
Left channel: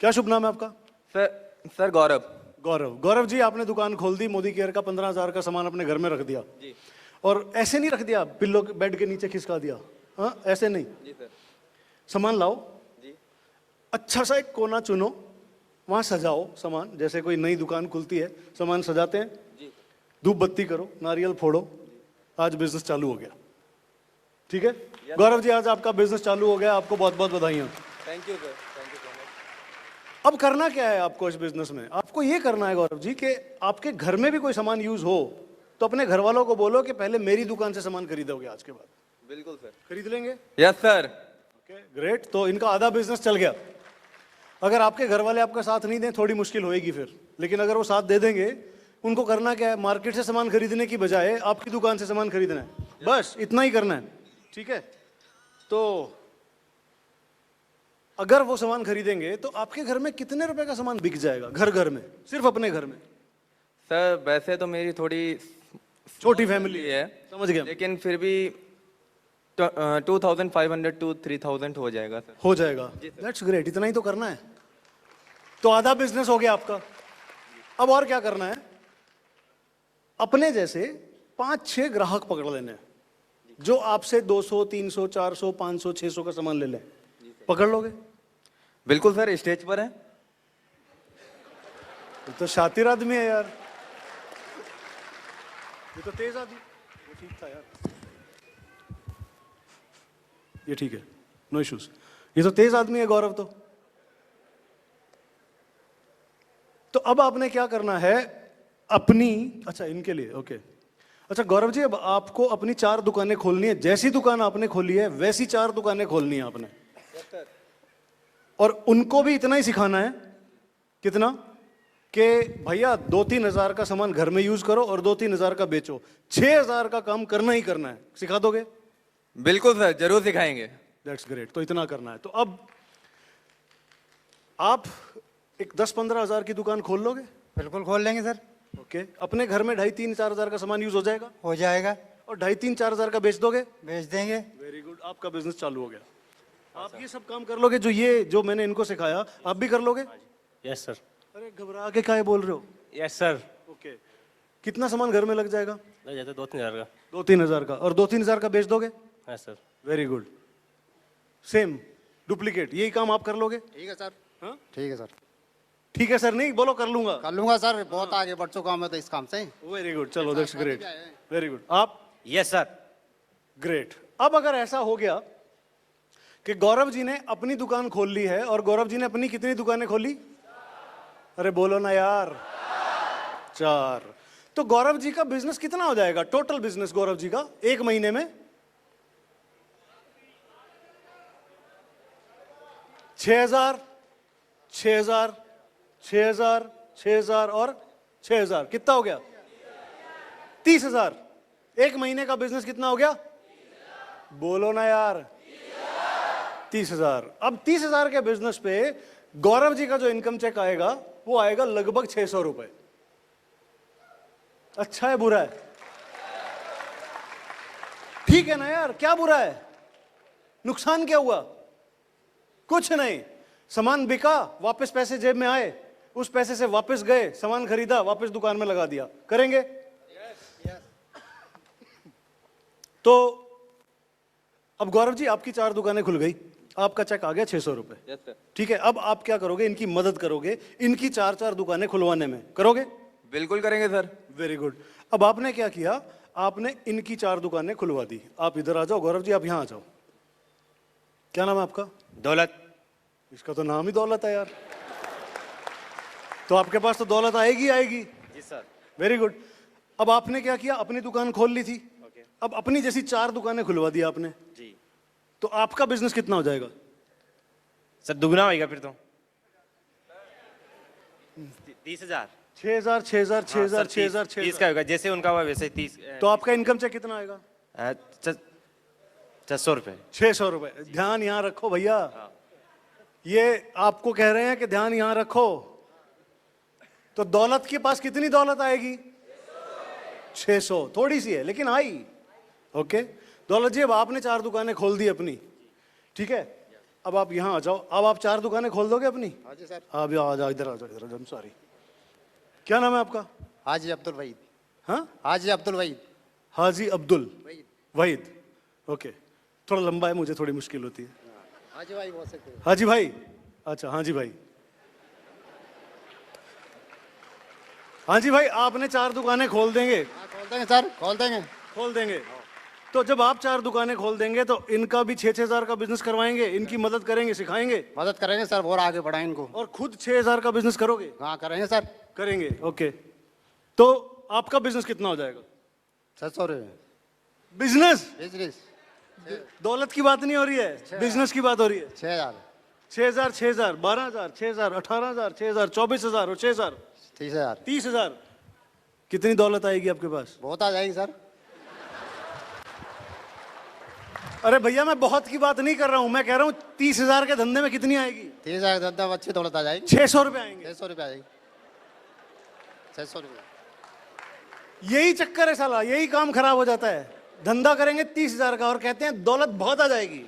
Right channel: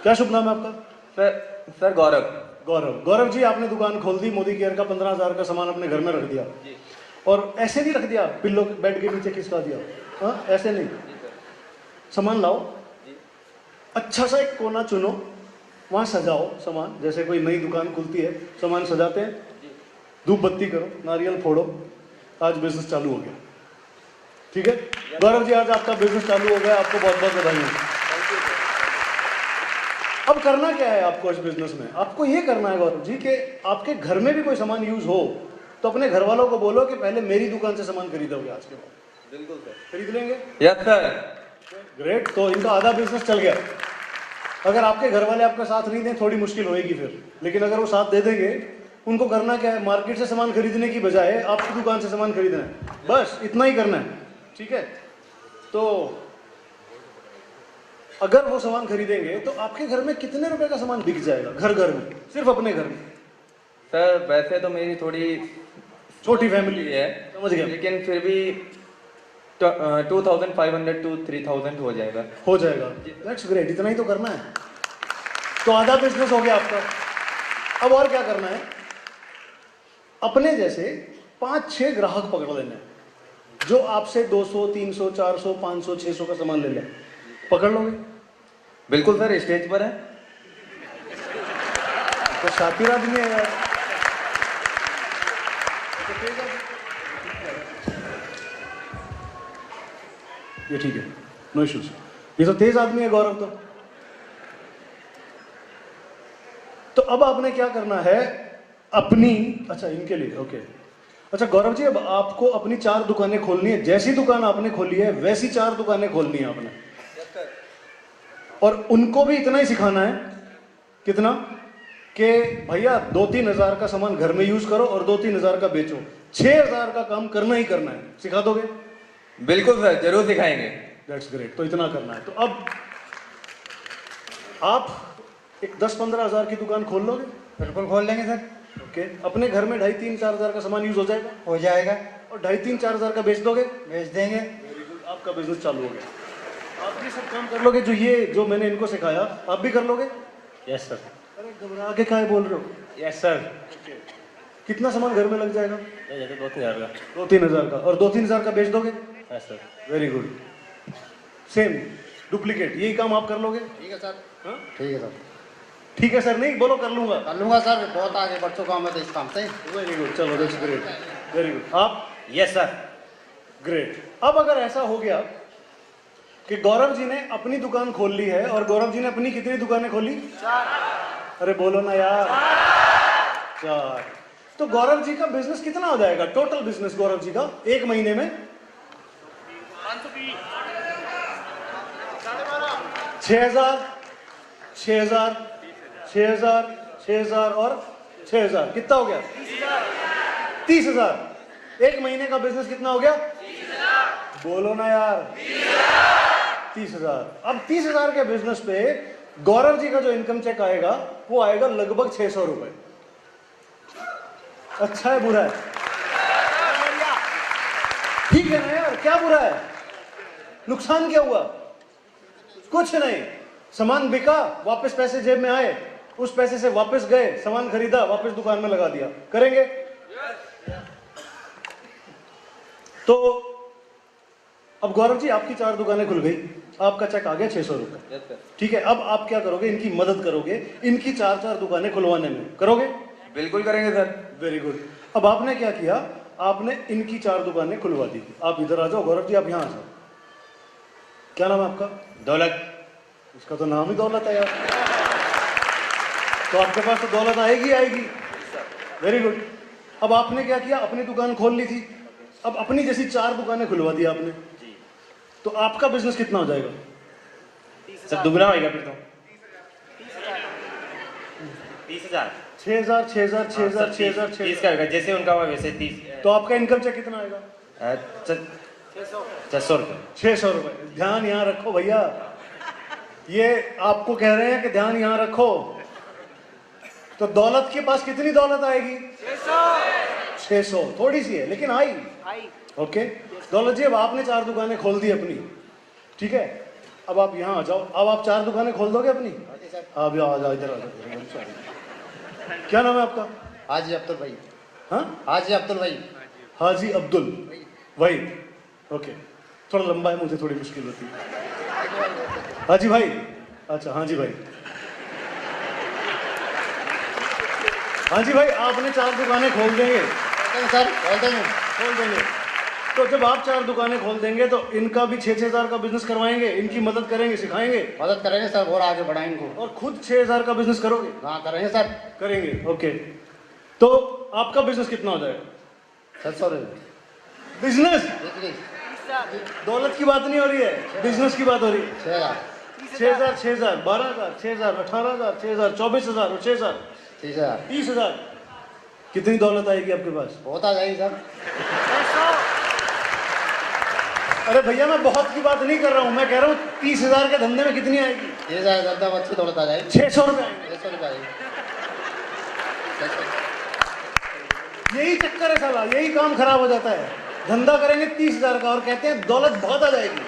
क्या शुभ नाम है आपका? सर गौरव। गौरव। गौरव जी आपने दुकान खोल दी, मोदी केयर का 15 हज़ार का सामान अपने घर में रख दिया, और ऐसे नहीं रख दिया पिल्लो बेड के नीचे खिसका दिया, हाँ ऐसे नहीं, सामान लाओ, अच्छा सा एक कोना चुनो, वहां सजाओ सामान, जैसे कोई नई दुकान खुलती है सामान सजाते हैं, धूप बत्ती करो, नारियल फोड़ो, आज बिजनेस चालू हो गया, ठीक है? गौरव जी आज आपका बिजनेस चालू हो गया, आपको बहुत बहुत बधाई। अब करना क्या है आपको इस बिजनेस में? आपको ये करना है गौरव जी कि आपके घर में भी कोई सामान यूज हो तो अपने घर वालों को बोलो कि पहले मेरी दुकान से सामान खरीदोगे आज के बाद। बिल्कुल सर, खरीद लेंगे? Yes sir. ग्रेट, तो इनका आधा बिजनेस चल गया। अगर आपके घर वाले आपका साथ नहीं दें थोड़ी मुश्किल होएगी फिर, लेकिन अगर वो साथ दे देंगे, उनको करना क्या है, मार्केट से सामान खरीदने की बजाय आपकी दुकान से सामान खरीदना है, बस इतना ही करना है, ठीक है? तो अगर वो सामान खरीदेंगे तो आपके घर में कितने रुपए का सामान बिक जाएगा, घर में, सिर्फ अपने घर में? सर वैसे तो मेरी थोड़ी छोटी फैमिली है, समझ गया, लेकिन फिर भी 2500 to 3000 हो जाएगा। हो जाएगा, दैट्स ग्रेट, इतना ही तो करना है, तो आधा बिजनेस हो गया आपका। अब और क्या करना है, अपने जैसे 5-6 ग्राहक पकड़ लेने हैं जो आपसे 200 300 400 500 600 का सामान ले लिया, पकड़ लोगे? बिल्कुल सर, स्टेज पर है। तो शातिर आदमी है यार। ये ठीक है, नो इश्यूज, ये तो तेज आदमी है गौरव। तो अब आपने क्या करना है अपनी, अच्छा इनके लिए, ओके। अच्छा गौरव जी अब आपको अपनी 4 दुकानें खोलनी है, जैसी दुकान आपने खोली है वैसी 4 दुकानें खोलनी है आपने, और उनको भी इतना ही सिखाना है, कितना कि भैया 2-3 हज़ार का सामान घर में यूज करो और 2-3 हज़ार का बेचो, 6,000 का काम करना ही करना है। सिखा दोगे? बिल्कुल सर, जरूर सिखाएंगे। दैट्स ग्रेट, तो इतना करना है। तो अब आप एक 10-15 हज़ार की दुकान खोल लोगे? बिल्कुल खोल लेंगे सर। ओके, अपने घर में 2.5-3-4 हज़ार का सामान यूज हो जाएगा? हो जाएगा। और 2.5-3-4 हज़ार का बेच दोगे? बेच देंगे। वेरी गुड, आपका बिजनेस चालू हो गया। आप भी सब काम कर लोगे, जो मैंने इनको सिखाया आप भी कर लोगे? Yes sir. अरे तो आगे क्या बोल रहे हो? Yes sir. कितना सामान घर में लग जाएगा? ये तो 2000 का। 2-3 हजार का, और 2-3 हजार का बेच दोगे? Yes sir. Very good. Same duplicate यही काम आप कर लोगे? ठीक है सर। हाँ? ठीक है सर। ठीक है सर, नहीं बोलो कर लूंगा। कर लूंगा सर, बहुत आगे बढ़ चुका हूँ मैं तो इस काम से। वेरी गुड, चलो दैट्स ग्रेट, वेरी गुड। आप? Yes sir. ग्रेट। अब अगर ऐसा हो गया कि गौरव जी ने अपनी दुकान खोल ली है, और गौरव जी ने अपनी कितनी दुकानें खोली? 4। अरे बोलो ना यार, 4। तो गौरव जी का बिजनेस कितना हो जाएगा? टोटल बिजनेस गौरव जी का 1 महीने में 6,000, 6,000, 6,000, 6,000 और 6,000, कितना हो गया? 30,000। 1 महीने का बिजनेस कितना हो गया? बोलो ना यार, 30,000। अब 30,000 के बिजनेस पे गौरव जी का जो इनकम चेक आएगा वो आएगा लगभग 600 रुपए। अच्छा है बुरा है? ठीक है ना यार, क्या बुरा है? नुकसान क्या हुआ? कुछ नहीं, सामान बिका, वापस पैसे जेब में आए, उस पैसे से वापस गए, सामान खरीदा, वापस दुकान में लगा दिया। करेंगे? तो अब गौरव जी आपकी 4 दुकानें खुल गई, आपका चेक आ गया 600 रुपए। ठीक है, अब आप क्या करोगे? इनकी मदद करोगे, इनकी 4 दुकानें खुलवाने में। करोगे? बिल्कुल करेंगे सर। Very good. अब आपने क्या किया? आपने इनकी 4 दुकानें खुलवा दी। आप इधर आ जाओ गौरव जी, आप यहां आ जाओ। क्या नाम है आपका? दौलत। इसका तो नाम ही दौलत है यार। तो आपके पास तो दौलत आएगी आएगी। Very good. अब आपने क्या किया? अपनी दुकान खोल ली थी, अब अपनी जैसी 4 दुकानें खुलवा दी आपने। तो आपका बिजनेस कितना हो जाएगा? सर दुगना होएगा फिर तो। 30,000। 6,000, 6,000, 6,000, 6,000, 30 6,000। का होगा, जैसे उनका हुआ वैसे 30। तो आपका इनकम चेक कितना आएगा? 600 रुपये। 600 रुपए। ध्यान यहाँ रखो भैया, ये आपको कह रहे हैं कि ध्यान यहाँ रखो। तो दौलत के पास कितनी दौलत आएगी? 600। थोड़ी सी है लेकिन आई। ओके दौलत जी, अब आपने 4 दुकानें खोल दी अपनी, ठीक है? अब आप यहाँ आ जाओ। अब आप 4 दुकानें खोल दोगे अपनी? आप आ जाओ, इधर आ जाओ। क्या नाम है आपका? हाजी अब्दुल भाई। हाँ, हाजी अब्दुल भाई। हाजी अब्दुल वहीद। ओके, थोड़ा लंबा है, मुझे थोड़ी मुश्किल होती है। हाजी भाई। अच्छा हाजी भाई। हाजी भाई, आपने 4 दुकानें खोल देंगे? सर खोल देंगे। खोल देंगे। तो जब आप 4 दुकानें खोल देंगे तो इनका भी 6,000 का बिजनेस करवाएंगे, इनकी मदद करेंगे, सिखाएंगे, मदद करेंगे सर, और आगे बढ़ाएं इनको। और खुद 6,000 का बिजनेस करोगे? हाँ करेंगे सर। करेंगे। ओके, तो आपका बिजनेस कितना हो जाएगा? 700 रुपये। Business, business. दौलत की बात नहीं हो रही है, बिजनेस की बात हो रही है। 6,000। 6,000, 6,000, 12,000, 6,000, 18,000, 6,000, 24,000 और 6,000, 30,000। 30,000। कितनी दौलत आएगी आपके पास? बहुत आ जाएंगे सर। अरे भैया, मैं बहुत की बात नहीं कर रहा हूँ, मैं कह रहा हूँ 30,000 के धंधे में कितनी आएगी? 30,000 ज्यादा अच्छी दौलत आ जाएगी। 600 रुपए आएंगे। 600 रुपये आएगी। 600। यही चक्कर है साला, यही काम खराब हो जाता है। धंधा करेंगे 30,000 का और कहते हैं दौलत बहुत आ जाएगी,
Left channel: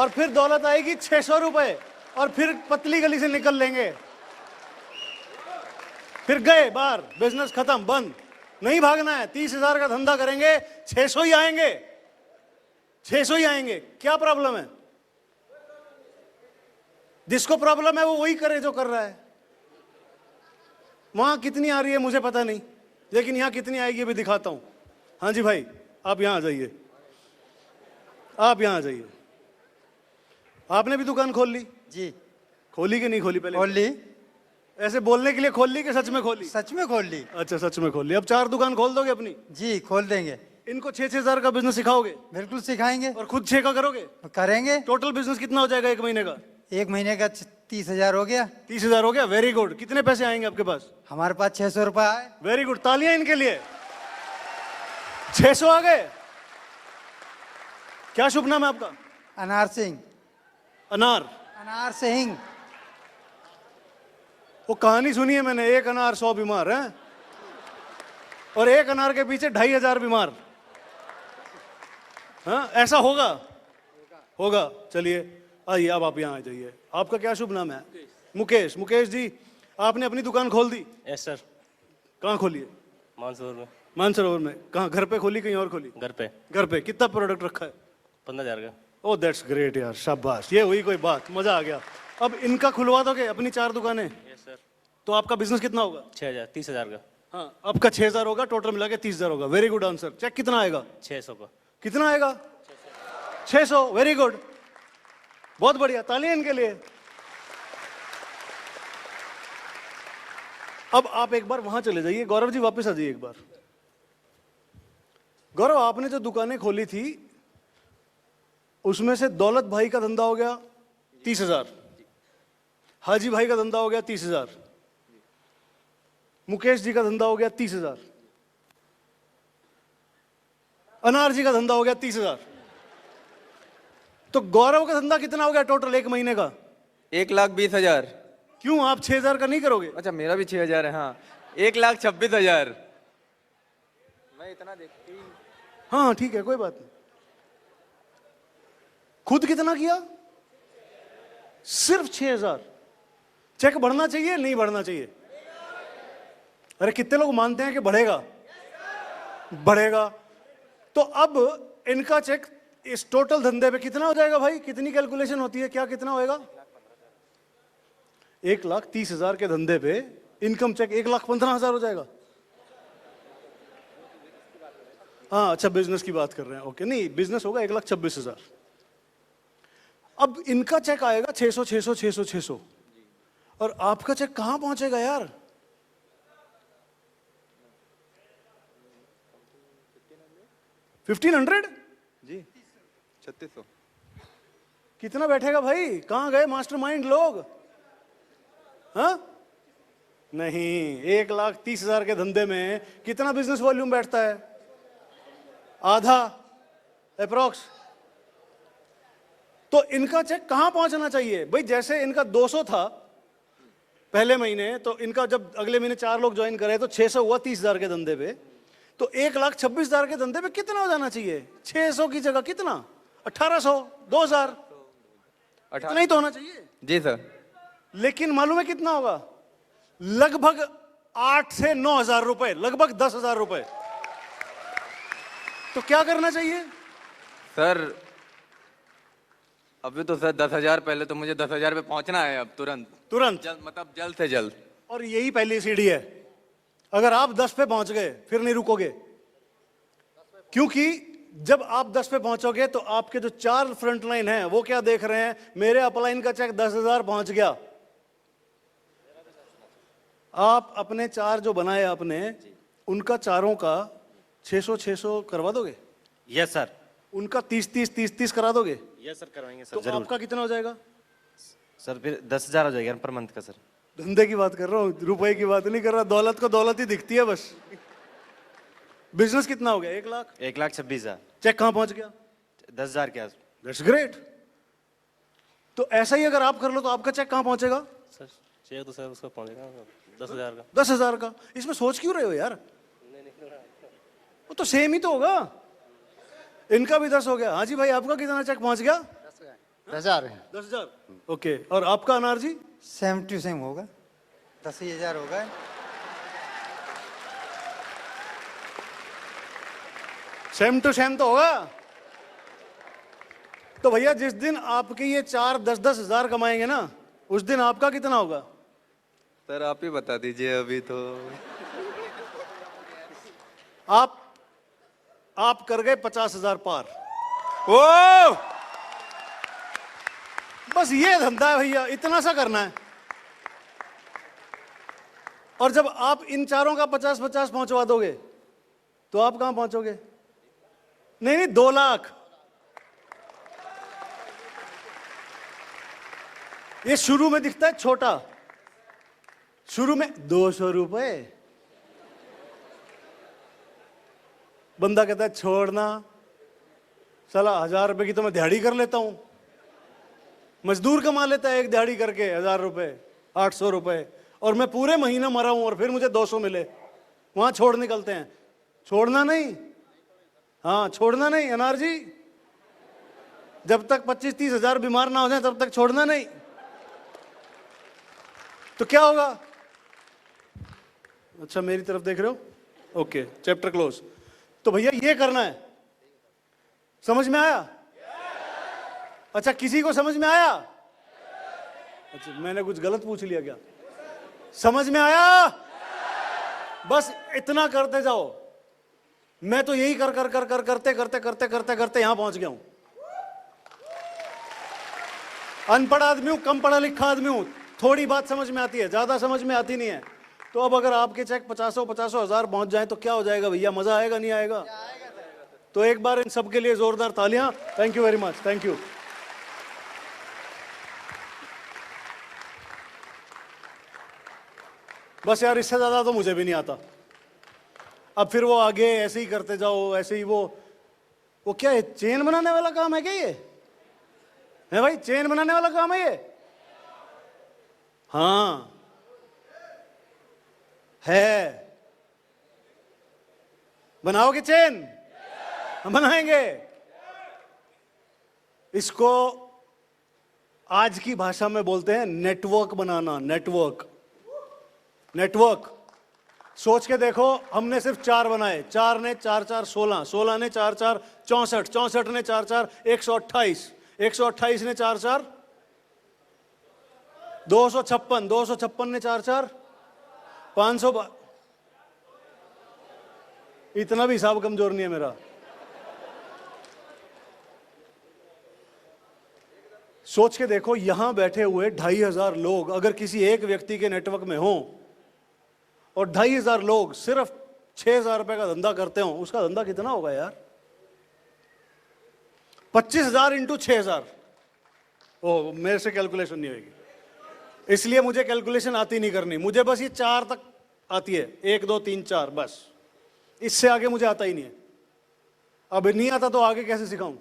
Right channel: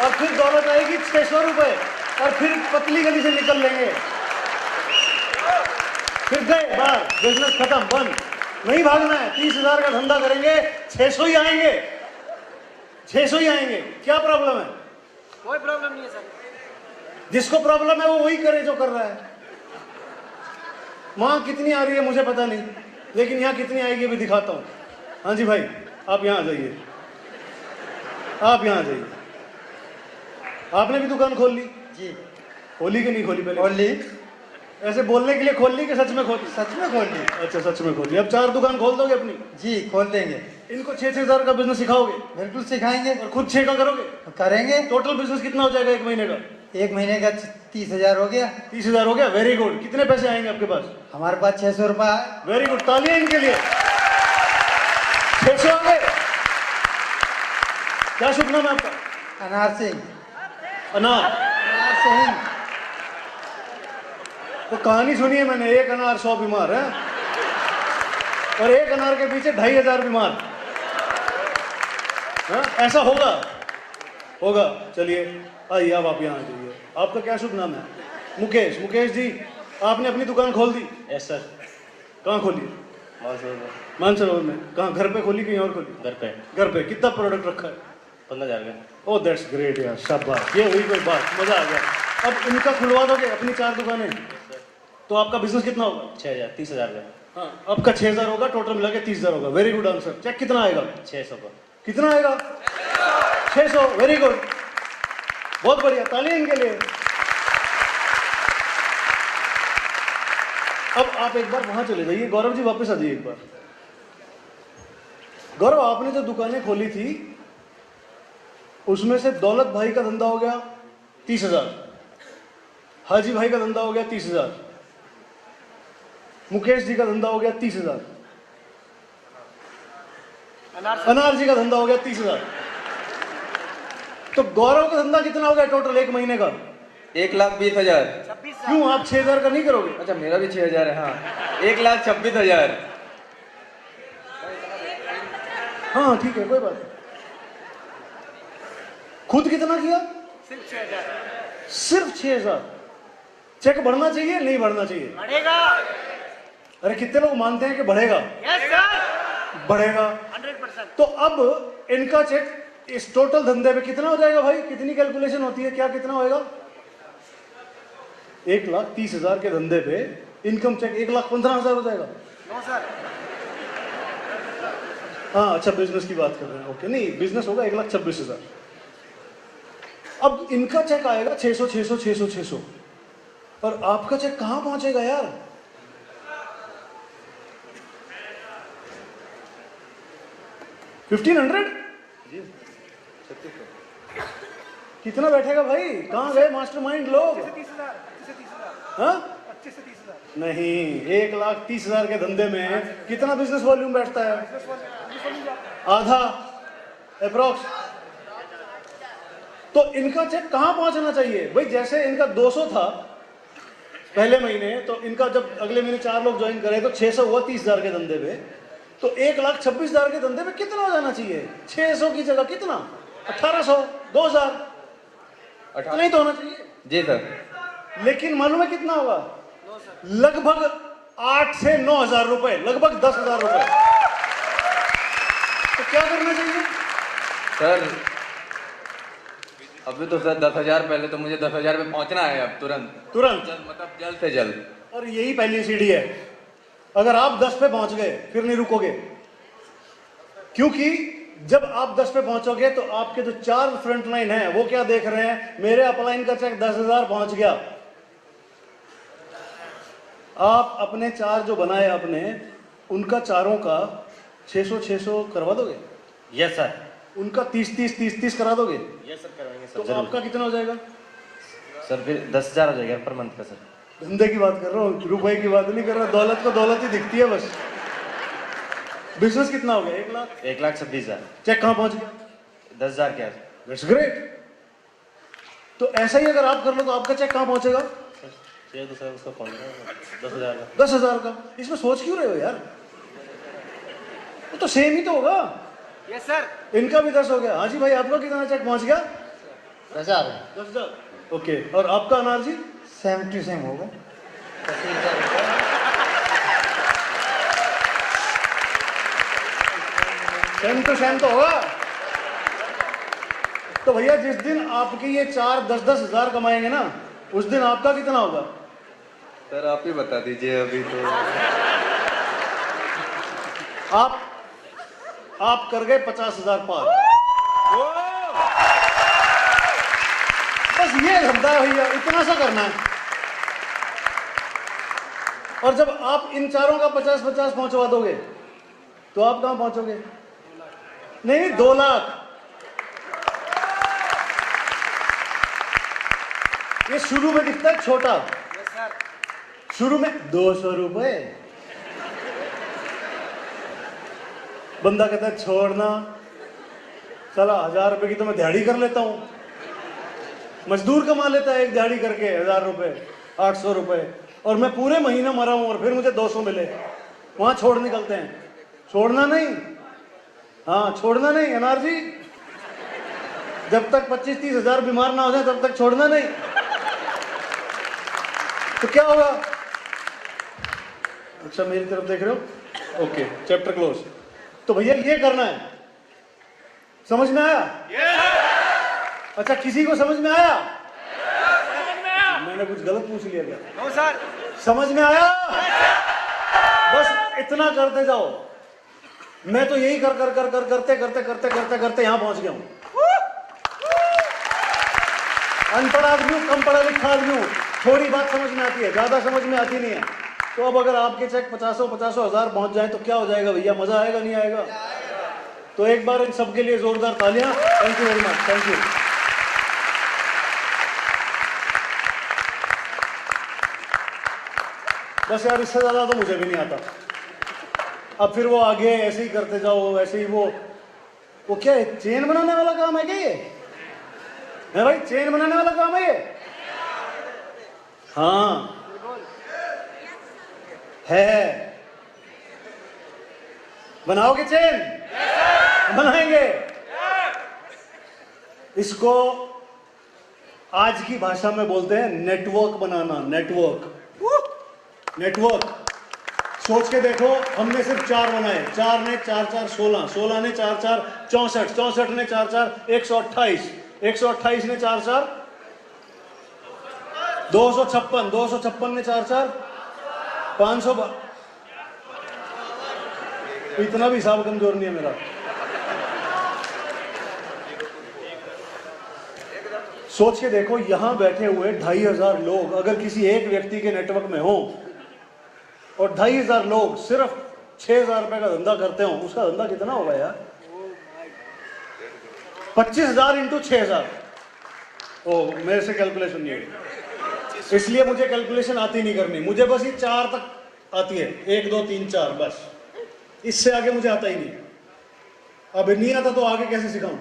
और फिर दौलत आएगी 600 रुपए, और फिर पतली गली से निकल लेंगे, फिर गए बाहर, बिजनेस खत्म, बंद। नहीं भागना है, 30,000 का धंधा करेंगे, 600 ही आएंगे, 600 ही आएंगे। क्या प्रॉब्लम है? कोई प्रॉब्लम नहीं है सर। जिसको प्रॉब्लम है वो वही करे जो कर रहा है। वहां कितनी आ रही है मुझे पता नहीं, लेकिन यहाँ कितनी आएगी भी दिखाता हूँ। हाँ जी भाई, आप यहाँ आ जाइए, आप यहाँ आ जाइए। आपने भी दुकान खोल ली? जी खोली कि नहीं खोली? पहले खोल ली। ऐसे बोलने के लिए खोल ली कि सच में खोली? सच में खोल ली। अच्छा, सच में खोल ली। अब 4 दुकान खोल दोगे अपनी? जी खोल देंगे। इनको 6,000 का बिजनेस सिखाओगे बिल्कुल सिखाएंगे। और खुद 6 का करोगे? करेंगे। टोटल बिजनेस कितना हो जाएगा 1 महीने का? 1 महीने का 30,000 हो गया। 30,000 हो गया। Very good. कितने पैसे आएंगे आपके पास? हमारे पास 600 रुपये आए। वेरी गुड, तालियां इनके लिए। 600 आ गए। क्या शुभ नाम है आपका? अनार सिंह। अनार। अनार सिंह। वो कहानी सुनी है मैंने, 1 अनार 100 बीमार है, और 1 अनार के पीछे 2,500 बीमार। हाँ, ऐसा होगा, होगा। चलिए आइए, अब आप यहाँ आ जाइए। आपका क्या शुभ नाम है? मुकेश, मुकेश जी आपने अपनी दुकान खोल दी? Yes sir. कहाँ खोली? मानसरोवर में। कहाँ, घर पे खोली कहीं और खोली? घर पे। घर पे। कितना प्रोडक्ट रखा है? 15,000 का। ओह दैट्स ग्रेट यार, शाबाश, ये हुई कोई बात, मजा आ गया। अब इनका खुलवा दोगे अपनी 4 दुकानें, तो आपका बिजनेस कितना होगा? 6,000, 30,000 का। हाँ, आपका 6,000 होगा, टोटल मिला के 30,000 होगा। Very good answer. चेक कितना आएगा? 600 का। कितना आएगा? 600। वेरी गुड, बहुत बढ़िया, तालियां इनके लिए। अब आप एक बार वहां चले जाइए, गौरव जी वापस आ जाइए एक बार। गौरव, आपने जो दुकानें खोली थी उसमें से दौलत भाई का धंधा हो गया 30,000, हाजी भाई का धंधा हो गया 30,000, मुकेश जी का धंधा हो गया 30,000, अनार जी का धंधा हो गया 30,000। तो गौरव का धंधा कितना हो गया टोटल एक महीने का? 1,20,000। क्यों, आप 6,000 का नहीं करोगे? अच्छा, मेरा भी 6,000 है। हाँ, 1,26,000। हाँ ठीक है, कोई बात नहीं। खुद कितना किया? सिर्फ 6,000। चेक बढ़ना चाहिए नहीं बढ़ना चाहिए? बढ़ेगा। अरे कितने लोग मानते हैं कि बढ़ेगा? Yes sir. बढ़ेगा। 100%। तो अब इनका चेक इस टोटल धंधे में कितना हो जाएगा भाई? कितनी कैलकुलेशन होती है, क्या कितना होएगा? 1,30,000 के धंधे पे इनकम चेक 1,15,000 हो जाएगा। No sir. हाँ अच्छा, बिजनेस की बात कर रहे हैं, ओके। नहीं, बिजनेस होगा 1,26,000। अब इनका चेक आएगा 600 600 600 600, और आपका चेक कहां पहुंचेगा यार? $1,500? कितना बैठेगा भाई? कहां गए मास्टरमाइंड लोग? 30,000। हाँ 25 से 30,000। नहीं, 1,30,000 के धंधे में कितना बिजनेस वॉल्यूम बैठता है? आधा अप्रोक्स। तो इनका चेक कहां पहुंचना चाहिए भाई? जैसे इनका 200 था पहले महीने, तो इनका जब अगले महीने 4 लोग ज्वाइन करें तो 600 हुआ 30,000 के धंधे पे। तो 1,26,000 के धंधे में कितना हो जाना चाहिए? 600 की जगह कितना? 1,800, 2,000, इतना ही तो होना चाहिए। जी सर। लेकिन मालूम है कितना होगा? लगभग 8 से 9,000 रुपए, लगभग 10,000 रुपए। तो क्या करना चाहिए सर, अभी तो सर 10,000, पहले तो मुझे 10,000 पे पहुंचना है अब तुरंत। तुरंत? मतलब जल्द से जल्द। और यही पहली सीढ़ी है। अगर आप 10 पे पहुंच गए फिर नहीं रुकोगे, क्योंकि जब आप 10 पे पहुंचोगे तो आपके जो 4 फ्रंट लाइन है वो क्या देख रहे हैं? मेरे अपलाइन का चेक 10,000 पहुंच गया। आप अपने 4 जो बनाए आपने, उनका चारों का 600 600 करवा दोगे? Yes sir. उनका 30 करा दोगे? यस सर, कराएंगे तो सर। आपका कितना हो जाएगा? सर फिर 10,000 हो जाएगा पर मंथ का सर। धंधे की बात कर रहा हूँ, रुपए की बात नहीं कर रहा। दौलत को दौलत ही दिखती है बस। बिजनेस कितना हो गया? 1,00,000। 1,26,000। चेक कहाँ पहुंच गया? 10,000 क्या? That's great. तो ऐसा ही अगर आप कर लो तो आपका चेक कहाँ पहुंचेगा? सर तो सर उसका कॉल 10,000 का। 10,000 का। इसमें सोच क्यों रहे हो यार? वो तो सेम ही तो होगा। Yes sir. इनका भी 10 हो गया। हाँ जी भाई, आपका कितना चेक पहुंच गया? 10,000 है। 10,000। ओके, और आपका अनार जी? सेम टू सेम होगा 80,000 रुपये। सेम टू सेम तो होगा। तो भैया जिस दिन आपकी ये 4 10-10 हजार कमाएंगे ना, उस दिन आपका कितना होगा? सर आप ही बता दीजिए अभी तो। आप कर गए 50,000 पार। बस ये धंधा है भैया, इतना सा करना है। और जब आप इन चारों का 50-50 पहुंचवा दोगे तो आप कहां पहुंचोगे? नहीं 2 लाख। ये शुरू में दिखता है छोटा, यस सर। शुरू में 200 रुपए। बंदा कहता है छोड़ना चला, 1,000 रुपए की तो मैं दिहाड़ी कर लेता हूं। मजदूर कमा लेता है एक दिहाड़ी करके 1,000 रुपए, 800 रुपए, और मैं पूरे महीना मरा हूं और फिर मुझे 200 मिले। वहां छोड़ निकलते हैं। छोड़ना नहीं, हाँ छोड़ना नहीं अनार जी। जब तक 25-30 हजार बीमार ना हो जाए तब तक छोड़ना नहीं। तो क्या होगा? अच्छा मेरी तरफ देख रहे हो? Okay, chapter close. तो भैया ये करना है, समझ में आया? अच्छा किसी को समझ में आया? मैंने कुछ गलत पूछ लिया क्या? No sir. समझ में आया? बस इतना करते जाओ। मैं तो यही करते यहां पहुंच गया हूं। अनपढ़ आदमी हूं, कम पढ़ा लिखा आदमी हूं, थोड़ी बात समझ में आती है, ज्यादा समझ में आती नहीं है। तो अब अगर आपके चेक 50 हजार पहुंच जाए तो क्या हो जाएगा भैया? मजा आएगा नहीं आएगा? तो एक बार इन सबके लिए जोरदार तालियां। Thank you very much, thank you. बस यार इससे ज्यादा तो मुझे भी नहीं आता। अब फिर वो आगे ऐसे ही करते जाओ, ऐसे ही वो क्या है, चेन बनाने वाला काम है क्या ये? है भाई, चेन बनाने वाला काम है ये? हाँ है। बनाओगे चेन? बनाएंगे। इसको आज की भाषा में बोलते हैं नेटवर्क बनाना। नेटवर्क सोच के देखो, हमने सिर्फ 4 बनाए। 4 ने 4 4 16, 16 ने 4 4 64, 64 ने 4 4 128, 128 ने 4 4 256, 256 ने 4 4 500। इतना भी हिसाब कमजोर नहीं है मेरा। सोच के देखो, यहां बैठे हुए 2500 लोग अगर किसी एक व्यक्ति के नेटवर्क में हो और 2500 लोग सिर्फ 6000 रुपए का धंधा करते हो, उसका धंधा कितना होगा यार? 25,000 इंटू 6000। ओ मेरे से कैलकुलेशन नहीं है, इसलिए मुझे कैलकुलेशन आती नहीं करनी। मुझे बस ये 4 तक आती है, 1 2 3 4, बस। इससे आगे मुझे आता ही नहीं। अब नहीं आता तो आगे कैसे सिखाऊं?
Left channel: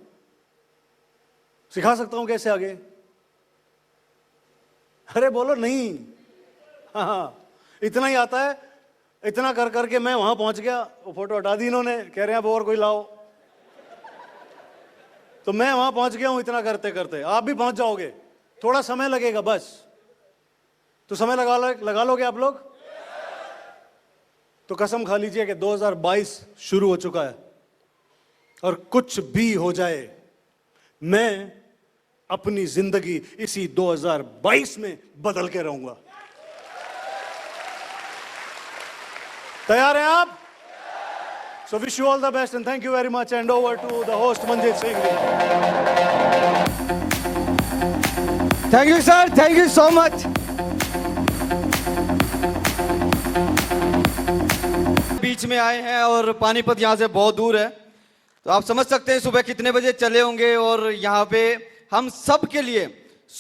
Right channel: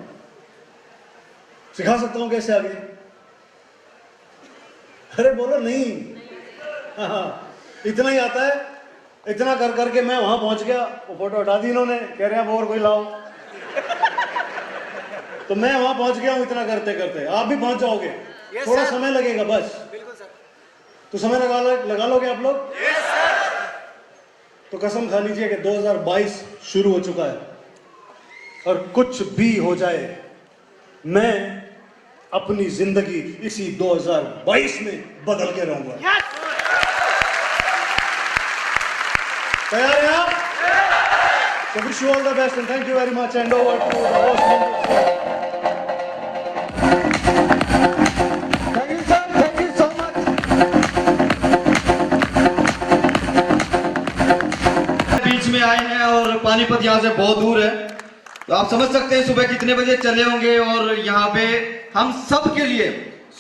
सिखा सकता हूं कैसे आगे? अरे बोलो नहीं। हाँ, इतना ही आता है। इतना कर करके मैं वहां पहुंच गया। फोटो हटा दी इन्होंने, कह रहे हैं अब और कोई लाओ। तो मैं वहां पहुंच गया हूं इतना करते करते। आप भी पहुंच जाओगे, थोड़ा समय लगेगा बस। बिल्कुल सर। तो समय लगा लोगे आप लोग? तो कसम खा लीजिए कि 2022 शुरू हो चुका है और कुछ भी हो जाए, मैं अपनी जिंदगी इसी 2022 में बदल के रहूंगा। तैयार हैं आप? So wish you all the best and thank you very much and over to the host Manjit Singh. Thank you sir, thank you so much. बीच में आए हैं और पानीपत यहाँ से बहुत दूर है, तो आप समझ सकते हैं सुबह कितने बजे चले होंगे। और यहाँ पे हम सब के लिए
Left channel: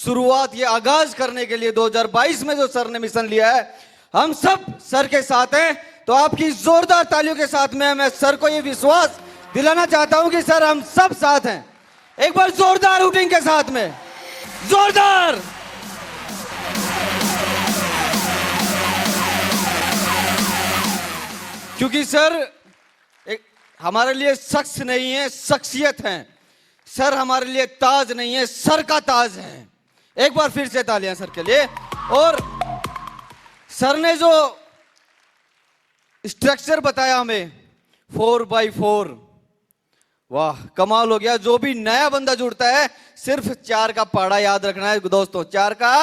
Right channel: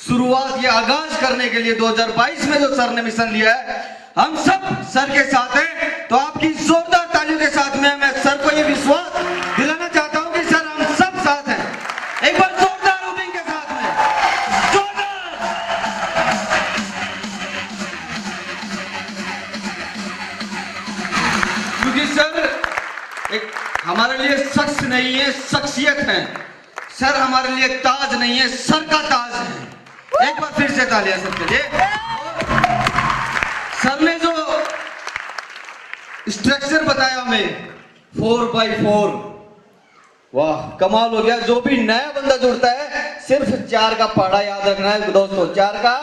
शुरुआत, ये आगाज करने के लिए 2022 में जो सर ने मिशन लिया है, हम सब सर के साथ हैं। तो आपकी जोरदार तालियों के साथ में मैं सर को ये विश्वास दिलाना चाहता हूं कि सर हम सब साथ हैं। एक बार जोरदार हुटिंग के साथ में, जोरदार। क्योंकि सर एक हमारे लिए शख्स नहीं है, शख्सियत है। सर हमारे लिए ताज नहीं है, सर का ताज है। एक बार फिर से तालियां सबके लिए। और सर ने जो स्ट्रक्चर बताया हमें 4x4, वाह कमाल हो गया। जो भी नया बंदा जुड़ता है सिर्फ 4 का पहाड़ा याद रखना है दोस्तों, 4 का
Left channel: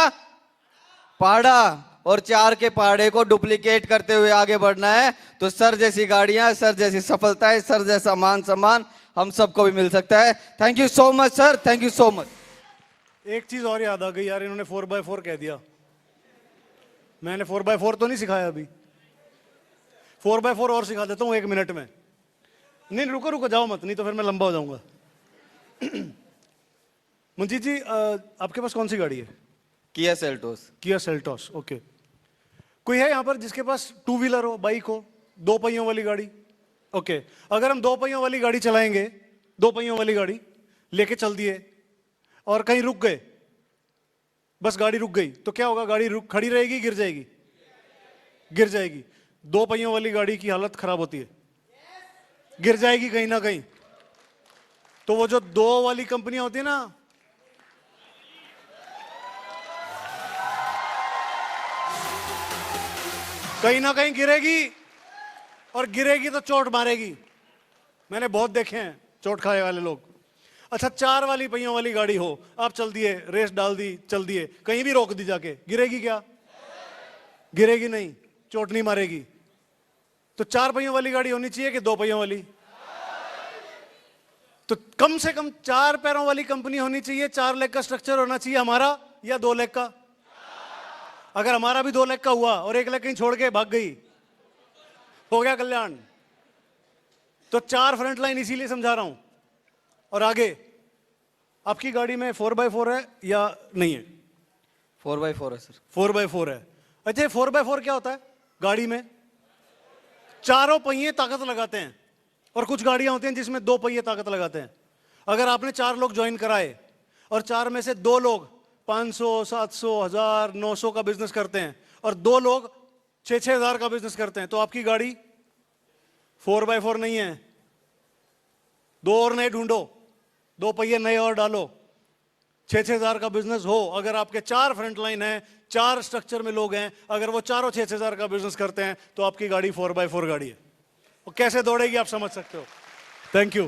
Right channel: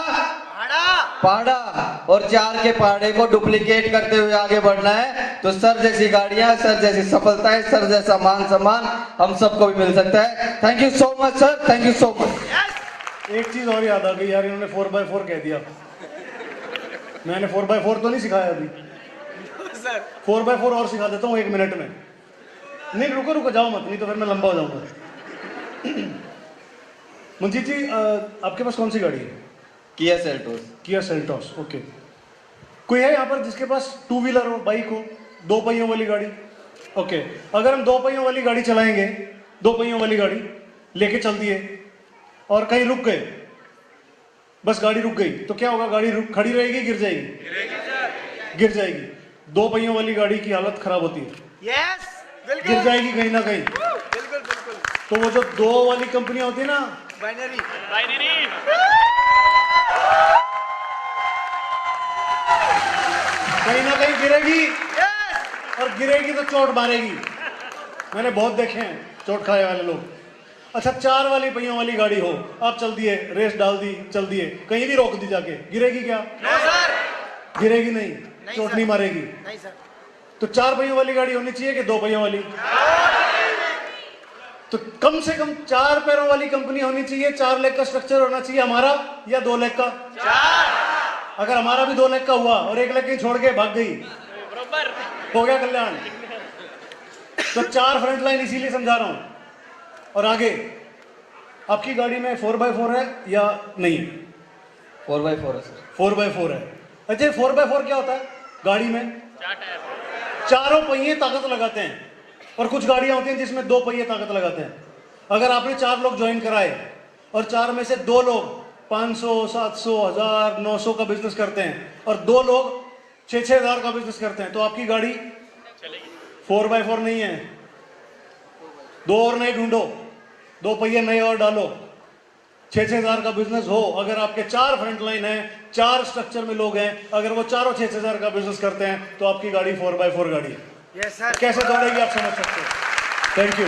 पहाड़ा, और 4 के पहाड़े को डुप्लीकेट करते हुए आगे बढ़ना है। तो सर जैसी गाड़ियां, सर जैसी सफलताएं, सर जैसा मान सम्मान हम सबको भी मिल सकता है। Thank you so much sir, thank you so much. एक चीज और याद आ गई यार, इन्होंने 4x4 कह दिया। मैंने 4x4 तो नहीं सिखाया अभी। 4x4 और सिखा देता हूँ 1 मिनट में। नहीं रुको जाओ मत, नहीं तो फिर मैं लंबा हो जाऊंगा। मंजीत जी आपके पास कौन सी गाड़ी है? Kia Seltos. Kia Seltos, okay. कोई है यहाँ पर जिसके पास 2 व्हीलर हो, बाइक हो, 2 पहियों वाली गाड़ी? ओके, अगर हम 2 पहियों वाली गाड़ी चलाएंगे, 2 पहियों वाली गाड़ी लेके चलती है और कहीं रुक गए, बस गाड़ी रुक गई, तो क्या होगा? गाड़ी खड़ी रहेगी, गिर जाएगी? गिर जाएगी। 2 पहियों वाली गाड़ी की हालत खराब होती है, यस बिल्कुल, गिर जाएगी कहीं ना कहीं। बिल्कुल बिल्कुल। तो वो जो 2 वाली कंपनियां होती है ना, बाइनरी कहीं ना कहीं गिरेगी, और गिरेगी तो चोट मारेगी। मैंने बहुत देखे हैं चोट खाने वाले लोग। अच्छा, 4 वाली पहियों वाली गाड़ी हो, आप चल दिए, रेस डाल दी, चल दिए, कहीं भी रोक दी जाके, गिरेगी क्या? गिरेगी नहीं, चोट नहीं मारेगी। नहीं सर। तो 4 पहियों वाली गाड़ी होनी चाहिए कि 2 पहियों वाली? तो कम से कम 4 पैरों वाली कंपनी होनी चाहिए। 4 लेग का स्ट्रक्चर होना चाहिए हमारा, या 2 लेग का? अगर हमारा भी 2 लेग का हुआ और 1 लेग कहीं छोड़ के भाग गई, हो गया कल्याण। तो 4 फ्रंट लाइन इसीलिए समझा रहा हूं। और आगे, आपकी गाड़ी में 4x4 है या नहीं है? 4x4 है सर। 4x4 है। अच्छा, 4x4 क्या होता है? गाड़ी में 4 पहिए ताकत लगाते हैं, और कुछ गाड़ियां होती हैं जिसमें 2 पहिए ताकत लगाते हैं। अगर आपने 4 लोग ज्वाइन कराए और 4 में से 2 लोग 500, 700, 1000, 900 का बिजनेस करते हैं और 2 लोग 6-6 हजार का बिजनेस करते हैं, तो आपकी गाड़ी 4x4 नहीं है। 2 और नए ढूंढो, 2 पहिए नए और डालो, 6-6 हजार का बिजनेस हो। अगर आपके 4 फ्रंट लाइन है, 4 स्ट्रक्चर में लोग हैं, अगर वो चारों 6-6 हजार का बिजनेस करते हैं, तो आपकी गाड़ी 4x4 गाड़ी है। Yes sir. कैसे दौड़ेगी आप समझ सकते हो। Thank you.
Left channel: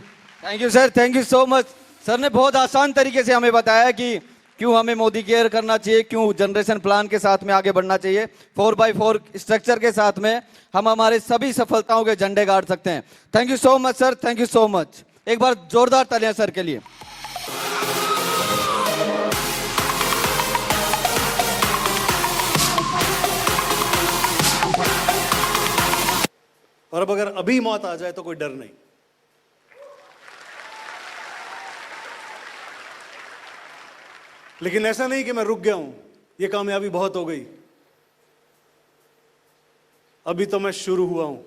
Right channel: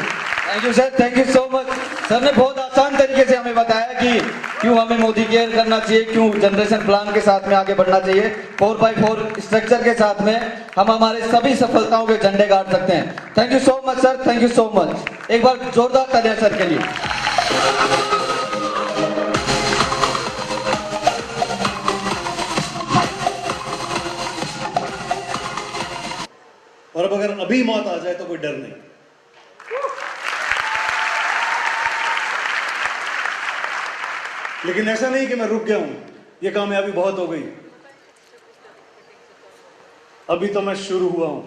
Thank you sir, thank you so much. Sir ने बहुत आसान तरीके से हमें बताया कि क्यों हमें मोदी केयर करना चाहिए, क्यों जनरेशन प्लान के साथ में आगे बढ़ना चाहिए। 4x4 स्ट्रक्चर के साथ में हम हमारे सभी सफलताओं के झंडे गाड़ सकते हैं। Thank you so much sir, thank you so much. एक बार जोरदार तालियां सर के लिए। और अब अगर अभी मौत आ जाए तो कोई डर नहीं। लेकिन ऐसा नहीं कि मैं रुक गया हूं, ये कामयाबी बहुत हो गई, अभी तो मैं शुरू हुआ हूं।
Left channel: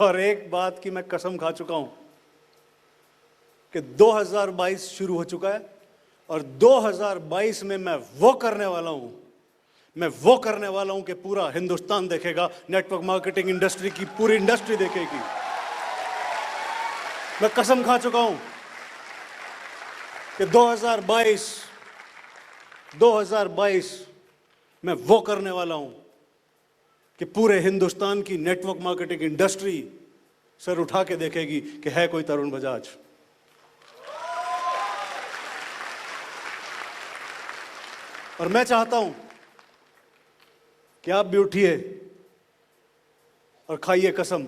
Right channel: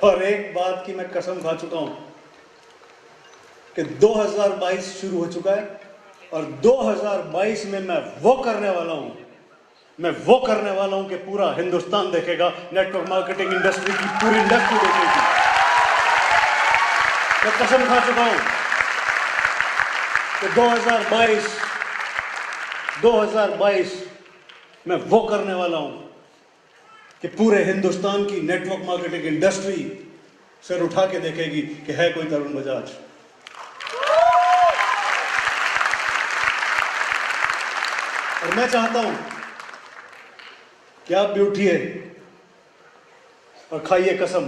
और एक बात की मैं कसम खा चुका हूं कि 2022 शुरू हो चुका है, और 2022 में मैं वो करने वाला हूं, कि पूरा हिंदुस्तान देखेगा, नेटवर्क मार्केटिंग इंडस्ट्री की पूरी इंडस्ट्री देखेगी। मैं कसम खा चुका हूं कि 2022 मैं वो करने वाला हूं कि पूरे हिंदुस्तान की नेटवर्क मार्केटिंग इंडस्ट्री सिर उठा के देखेगी कि है कोई तरुण बजाज। और मैं चाहता हूं कि आप भी उठिए और खाइए कसम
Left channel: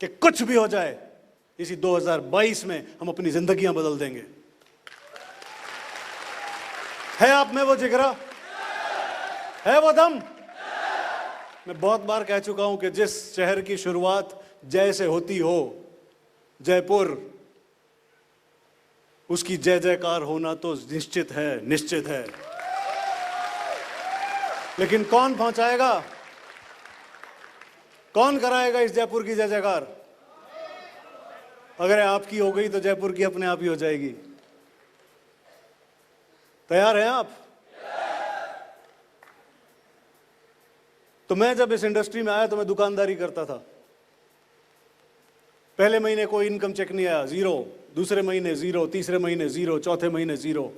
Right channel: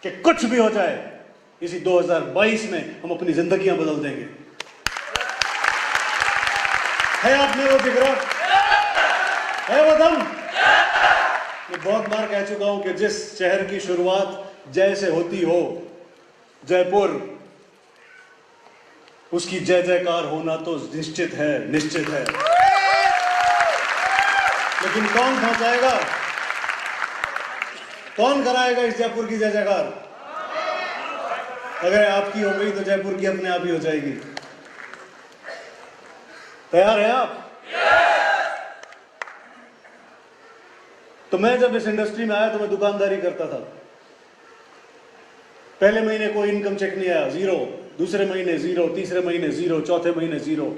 कि कुछ भी हो जाए, इसी 2022 में हम अपनी जिंदगियां बदल देंगे। है आप में वो जिगरा, है वो दम? मैं बहुत बार कह चुका हूं कि जिस शहर की शुरुआत जैसे होती हो, जयपुर, उसकी जय जयकार होना तो निश्चित है, निश्चित है। लेकिन कौन पहुंचाएगा, कौन कराएगा इस जयपुर की जय जयकार? अगर आपकी हो गई तो जयपुर की अपने आप ही हो जाएगी। तैयार है आप? तो मैं जब इस इंडस्ट्री में आया तो मैं दुकानदारी करता था। पहले महीने कोई इनकम चेक नहीं आया, 0, दूसरे महीने 0, तीसरे महीने 0, चौथे महीने 0,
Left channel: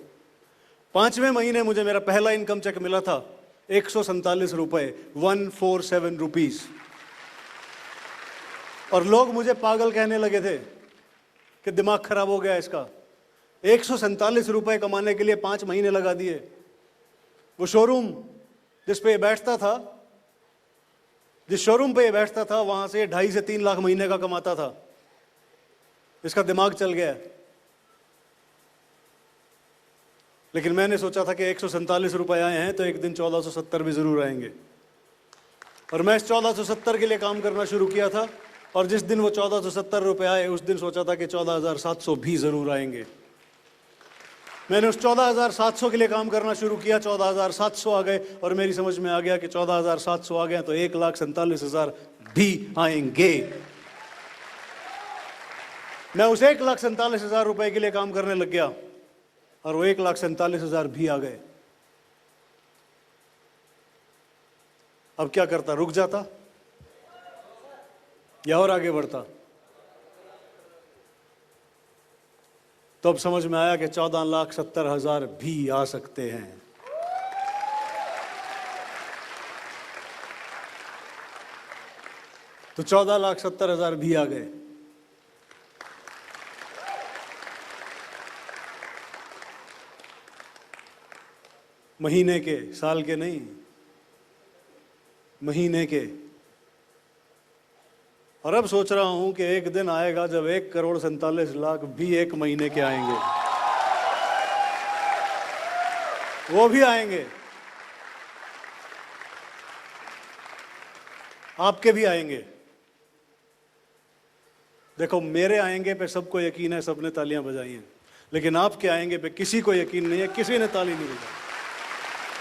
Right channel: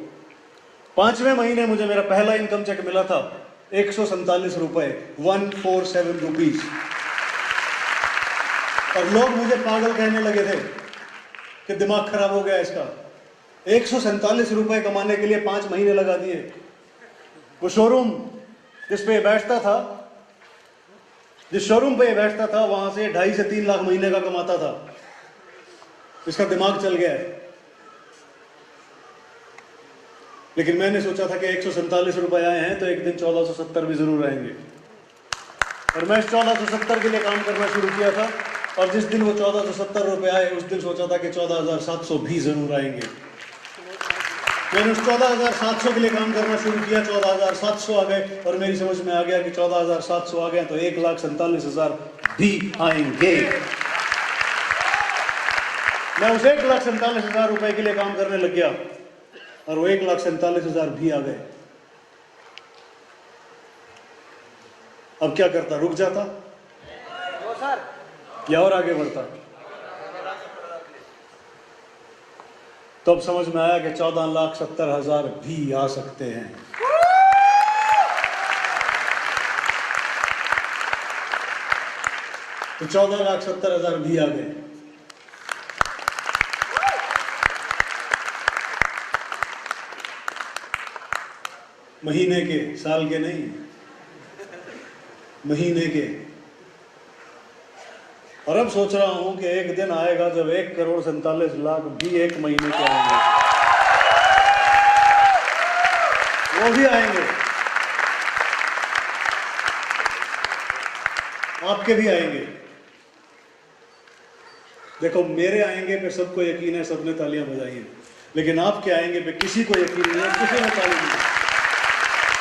5वें महीने मुझे मेरा पहला इनकम चेक मिला था 147 रुपए, 147 रुपीज। और लोग मुझे पागल कहने लगे थे कि दिमाग खराब हो गया इसका, 147 रुपए कमाने के लिए 5 महीने लगा दिए। वो शोरूम जिस पे बैठता था, जिस शोरूम पे बैठता था, वहां से 2.5 से 3 लाख महीने का कमाता था। इसका दिमाग चल गया है। लेकिन मैंने सोचा था कि 147 रुपए आए हैं तो एक दिन 1470 भी जरूर आएंगे। और मैं 1470 के लिए काम करना शुरू किया था, और जिस दिन वो 1470 रुपए आए उस दिन सोचा था कि 14,700 भी जरूर आएंगे। मैंने उस 14,700 के लिए काम करना शुरू किया, 14,700 आ गए, और मेरी समझ में आ गया कि 14,700 आ गए तो 1,47,000 भी आएंगे। मैं उस 1,47,000 रुपए के लिए काम करने लग गया, और वो 1,47,000 भी आ गए। अब क्या करता, रुक जाता या और आगे बढ़ता? तो अब समझ में आया कि 14,70,000 भी आ सकते हैं। तो 14,70,000 भी आ गए। महीने के, साल के नहीं, महीने के। और अब सोच रहा हूं कि एक दिन आएगा जब 1,47,00,000 भी एक महीने के आएंगे, वो भी आएंगे, आपके भी आएंगे। देखो मेरे आएंगे पे सबको यकीन है, सबने तालियां बजाई हैं, लेकिन आपके आएंगे पे किसी को यकीन नहीं है, किसी ने ताली नहीं।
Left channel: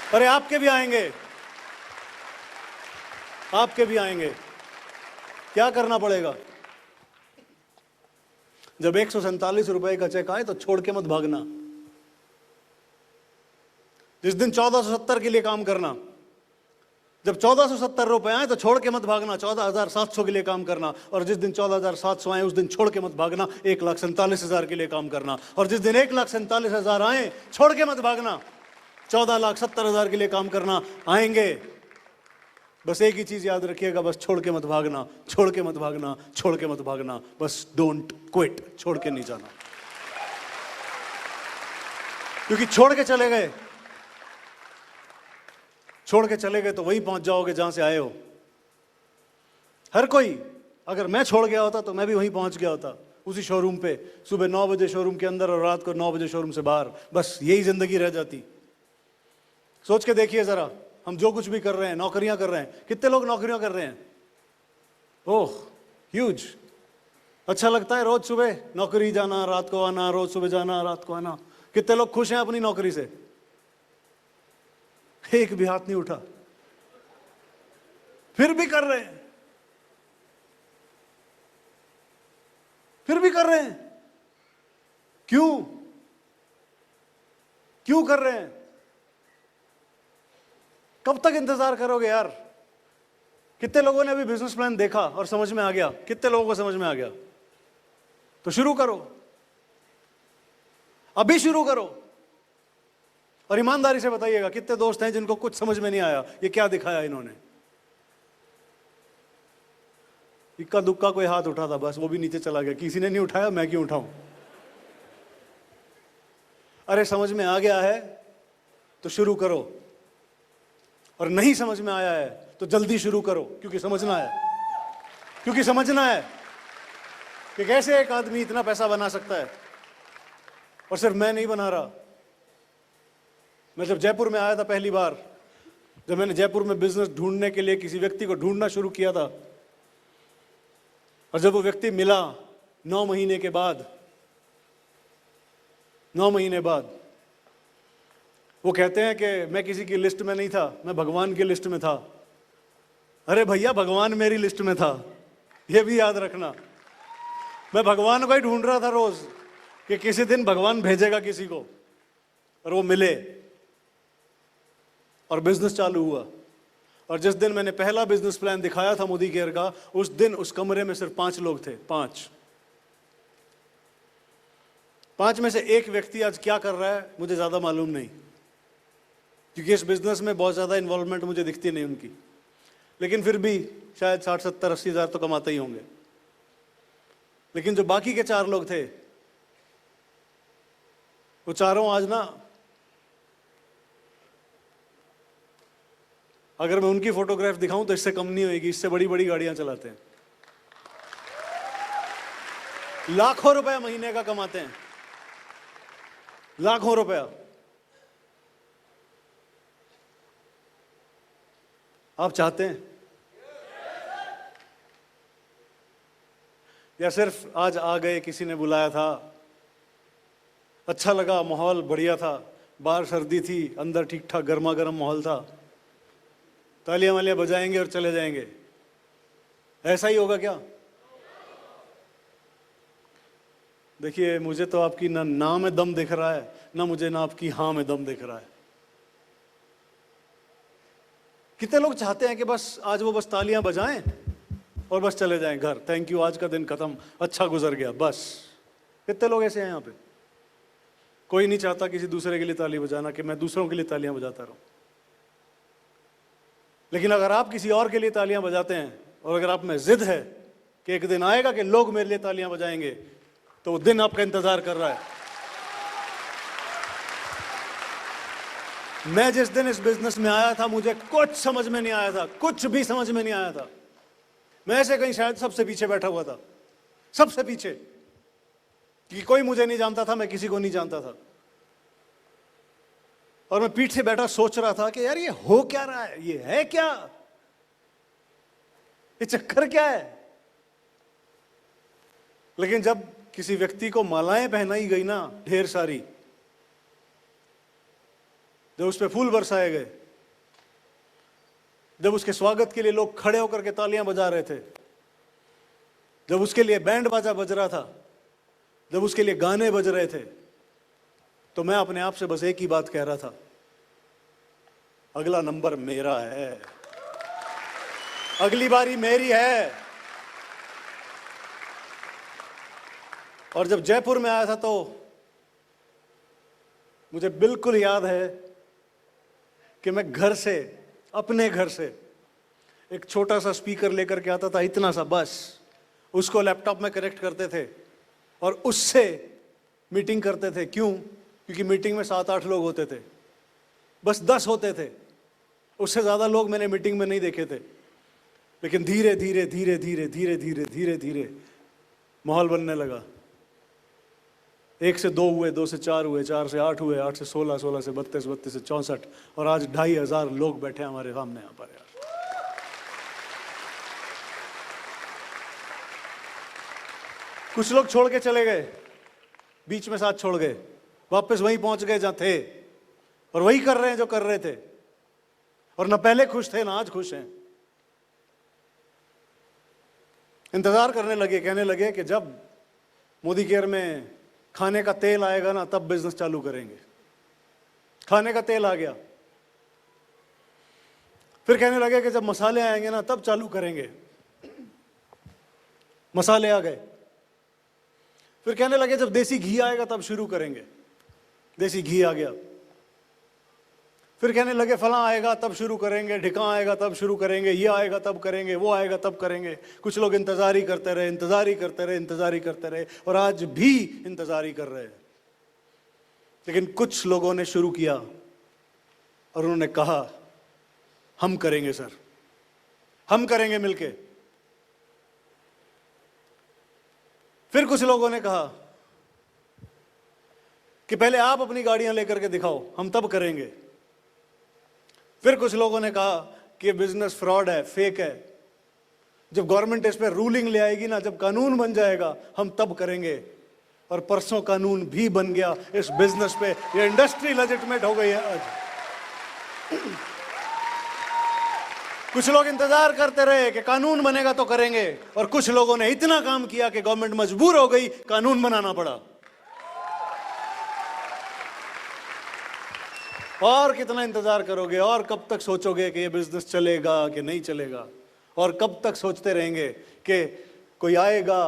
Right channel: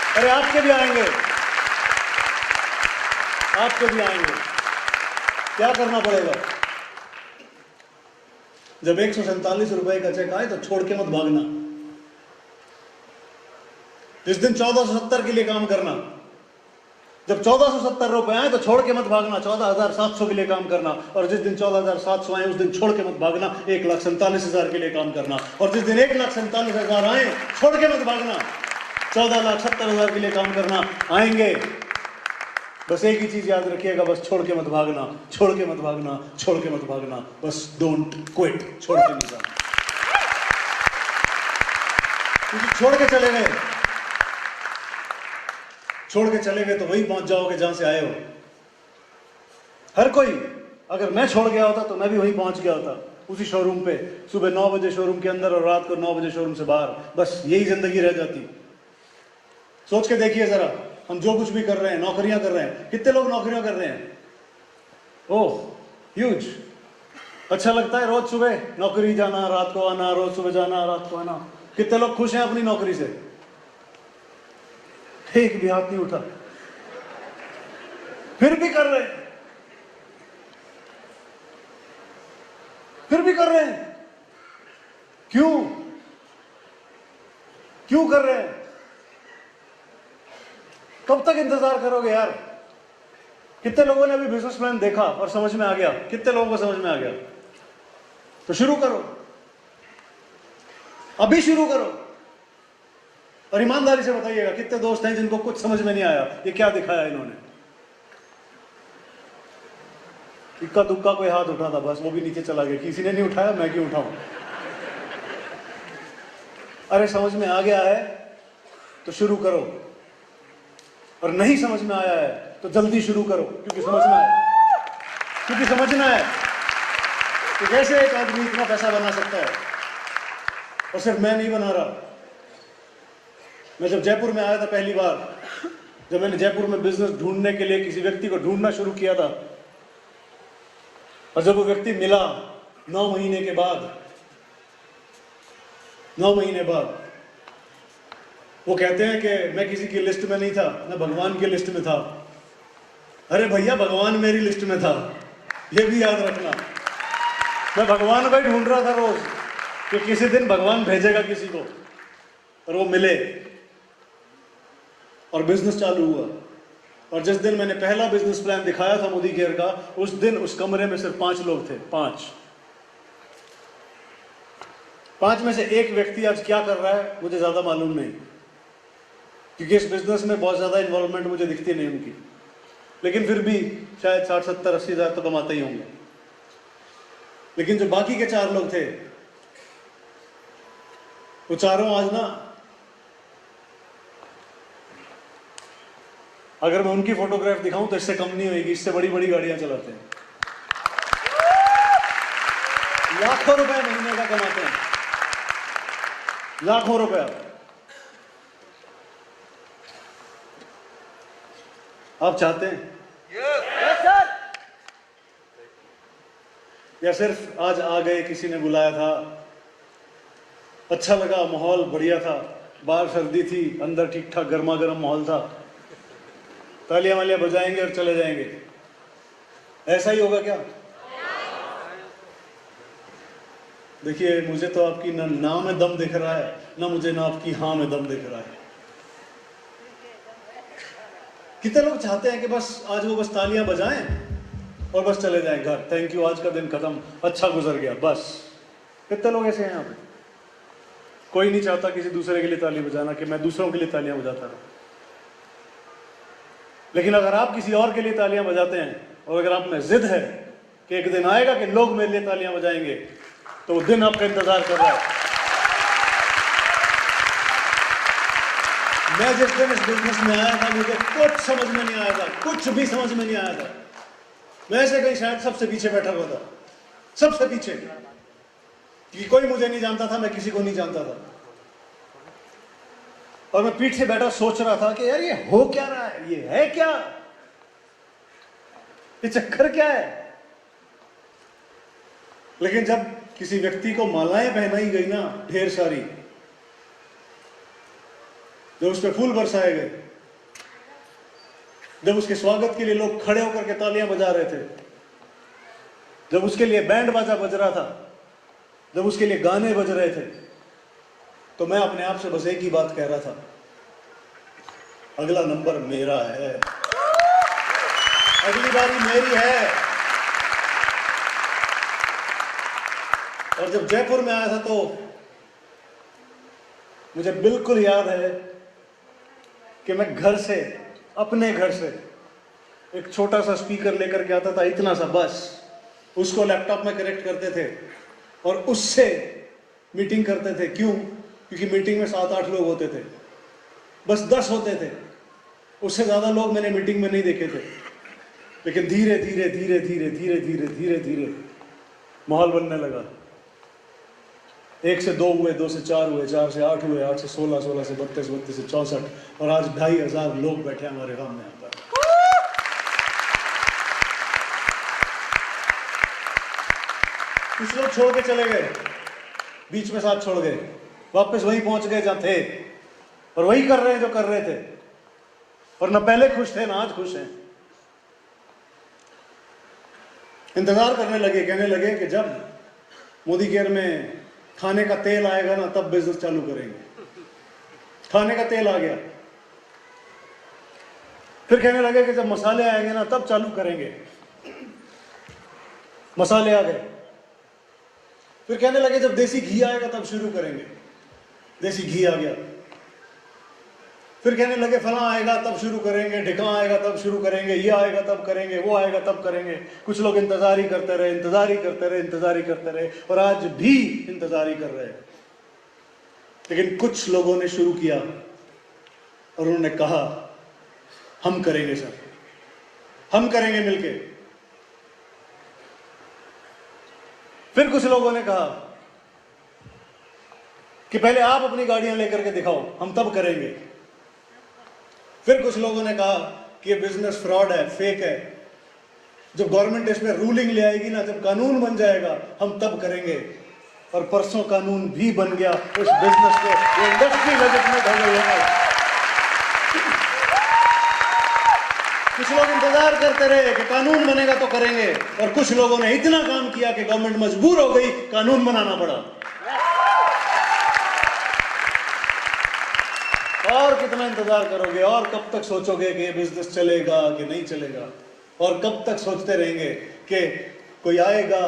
अरे आपके भी आएंगे, आपके भी आएंगे। क्या करना पड़ेगा? जब 147 रुपए का चेक आए तो छोड़ के मत भागना। जिस दिन 1470 के लिए काम करना, जब 1470 रुपए आए तो छोड़ के मत भागना, 14,700 के लिए काम करना। और जिस दिन 14,700 आए उस दिन छोड़ के मत भागना, 1,47,000 के लिए काम करना। और जिस दिन 1,47,000 आए छोड़ के मत भागना, 14,70,000 के लिए काम करना। आएंगे, बस एक ही चीज याद रखिएगा, बस छोड़ के मत भागना, छोड़ के मत भागना, छोड़ के मत भागना। बस डोंट क्विट, छोड़ के नहीं जाना, क्योंकि छोड़ के चले गए, छोड़ के चले गए तो वही पहुंच जाओगे जहां से आए हो। हर कोई, अगर मैं छोड़ गया होता तो मैं भी वहीं पहुंच गया होता, उसी शोरूम पे, सुबह 9 बजे शोरूम के अंदर और रात को 9 बजे शोरूम से बाहर। बस यही जिंदगी रह जाती। सोच के देखिए जरा, हम जो कुछ भी कर रहे हैं, नौकरियां कर रहे हैं, कितने लोग नौकरियां कर रहे हैं? ओह ह्यूज। अच्छा लगता है रोज सुबह नौकरी जाना, रात को आना, रोज सुबह जाना, रात को आना। कितने लोग खुश हैं अपनी नौकरी से? एक भी हाथ नहीं उठा, फिर भी कर रहे हैं, फिर भी कर रहे हैं। क्यों? क्यों कर रहे हैं? कब तक इंतजार करोगे यार? कितने लोगों ने अभी बिजनेस प्लान देखा और समझ में आ गया? कितने लोगों को समझ में आ गया? तो शुरू करो, अभी शुरू करो। और ईमानदारी से बताइएगा, कितने दोस्त हैं जिनको कुछ समझ में नहीं आया, ये क्या दिखाया इन्होंने? इक्का दुक्का कोई हाथ उठा था, बस वो भी नीचे चला गया। किसी ने नहीं उठाया, मैं क्यों उठाऊं? अरे समझ में आ गया है तो शुरू करो, और नहीं समझ में आया है तो जल्दी शुरू करो, क्योंकि समझना है, क्योंकि समझना है कि कैसे एक आदमी इतना पैसा बना सकता है। और सिर्फ मैं नहीं बना रहा। मैं जब जयपुर में आया था पहली बार, जब मैंने जयपुर में बिजनेस ढूंढने के लिए किसी व्यक्ति को ढूंढना शुरू किया था, और जब वो व्यक्ति मिला 9 महीने के बाद, 9 महीने बाद, वो कहते हैं कि मैं किसी की लिस्ट में नहीं था, मैं भगवान की लिस्ट में था। अरे भैया, भगवान मेरी लिस्ट में था, ये भी याद रखना। मैं भगवान भाई ढूंढ रहा था रोज कि किसी दिन भगवान भेजेगा किसी को, और वो मिले और बिजनेस चालू हुआ। और जिस दिन मैंने पहला बिजनेस प्लान दिखाया था मोदी केयर का, उस दिन उस कमरे में सिर्फ 5 लोग थे। 5 में से एक व्यक्ति आज क्या कर रहा है मुझे ज्यादा मालूम नहीं, क्योंकि इस बिजनेस में बहुत ज्यादा इन्वॉल्वमेंट मुझे दिखती नहीं उनकी, लेकिन फिर भी शायद 60, 70, 80 हजार तो कमाते ही होंगे। लेकिन जो बाकी के 4 लोग थे, वो चारों आज ना, अगर मैं उनकी फोटोग्राफ दिखाऊं तो इससे कम नहीं होगी, इससे बड़ी बड़ी गाड़ियां चलाते हैं, लाखों रुपए महीने का कमाते हैं, लाखों रुपया। आप चाहते हैं या सिर्फ आज आ गए, किसी ने बुलाया था, अच्छा लगा, माहौल बढ़िया था, बाहर सर्दी थी, अंदर ठीक ठाक गर्मा गर्म माहौल था, तालियां वालियां बजाएंगे और चले जाएंगे? ऐसा ही होगा क्या? देखिए, मुझे तो आपकी ना में दम दिख रहा है, ना मुझे ना आपकी हाँ में दम दिख रहा है। कितने लोग चाहते हैं कि बस आज वो बस तालियां बजाएं और बस चले जाएं घर, थैंक यू, आज का दिन खत्म, अच्छा गुजर गया, बस। कितने लोग ऐसे हैं यहाँ पे? कोई नहीं चाहता किसी दूसरे के लिए तालियां बजाना, कि मैं दूसरों के लिए तालियां बजाता हूं। लेकिन अगर आप किसी और के लिए तालियां बजाते हैं और अगर आप में जिद है कि एक दिन आएगा कि लोग मेरे लिए तालियां बजाएंगे, तो वो दिन आपका इंतजार कर रहा है। मैं जिस दिन इस बिजनेस में आया था, मुझे कुछ समझ में नहीं आया था, कुछ भी समझ में नहीं आया था। मैं ऐसे कहीं शायद सबसे पीछे बैठा हुआ था, सबसे पीछे, कि कोई मुझे नहीं जानता था, मैं किसी को नहीं जानता था। और मैं पीठ से बैठा सोच रहा था कि यार ये हो क्या रहा है, ये है क्या, ये चक्कर क्या है। लेकिन जब किसी व्यक्ति को मालाएं पहनाई गई ना, ढेर सारी, जब उस पर फूल बरसाए गए, जब उसके स्वागत के लिए लोग खड़े होकर के तालियां बजा रहे थे, जब उसके लिए बैंड बाजा बज रहा था, जब उसके लिए गाने बज रहे थे, तो मैं अपने आप से बस एक ही बात कह रहा था, अगला नंबर मेरा है, अगली बारी मेरी है। और जब जयपुर में आया था तो मुझे बिल्कुल याद है कि मैं घर से, अपने घर से एक छोटा सा स्पीकर लेकर के आता था, इतना सा बस, उसको लैपटॉप में कनेक्ट करते थे और उससे मीटिंग करते थे। क्यों? क्योंकि मीटिंग में 7-8 लोग होते थे, बस 10 होते थे, उससे ज्यादा लोग मैंने मीटिंग में नहीं देखे थे। लेकिन धीरे धीरे धीरे धीरे धीरे धीरे धीरे धीरे माहौल बनने लगा। 1 से 2 हुए, 2 से 4 हुए, 4 से 8 हुए, 8 से 16, 16 से 32, 32 से 64, और आज 2500 लोग बैठे हमारे सामने यहाँ पर। कुछ लोग छोड़ के चले गए, बीच में साथ छोड़ गए, वापस वहीं पहुंच गए जहाँ थे, और वही कर रहे हैं जो कर रहे थे, और ना पहले खुश थे ना आज खुश हैं। इंतजार करने लगे, कहने लगे कि जब मोदी केयर में खाने का तेल आएगा ना, तब बिजनेस चालू करेंगे। खाने का तेल आ गया, फिर कहने लगे कि जब मसाले आएंगे ना, तब चालू करेंगे। मसाले आ गए, फिर कहने लगे जब देसी घी आएगा तब शुरू करेंगे। देसी घी आ गया, फिर कहने लगे फला आएगा तब शुरू करेंगे, ढिका आएगा तब शुरू करेंगे, ये आएगा तब करेंगे, वो आएगा तब करेंगे। कुछ लोग इंतजार ही करते रहे, इंतजार ही करते रहे, इंतजार ही करते रहे, और आज भी इंतजार ही कर रहे हैं। लेकिन कुछ लोगों ने शुरू किया और उन्होंने कहा हम करेंगे सर, हम करेंगे मिलके। फिर कुछ लोगों ने कहा कि पहले आप अपनी गाड़ियां लेकर के दिखाओ, हम तब करेंगे। फिर कुछ लोगों ने कहा कि बिजनेस फ्रॉड है, फेक है, जब गवर्नमेंट इस पे रूलिंग ले आएगी ना, जब कानून बन जाएगा, हम तब करेंगे। और परसों कानून भी बन गया इस बिजनेस पे, ये इंडस्ट्री लिमिट में हो गई है। कुछ लोग इंतजार करते रहे कि कानून बनेगा तो करेंगे, और कुछ लोगों ने इतना काम किया कि गवर्नमेंट मजबूर हो गई, कानून बनाना पड़ा। और कितना इंतजार करोगे, और कब तक सोचोगे कि ये बिजनेस चलेगा कि नहीं चलेगा, और कब तक सोचते रहेंगे कि कोई आएगा,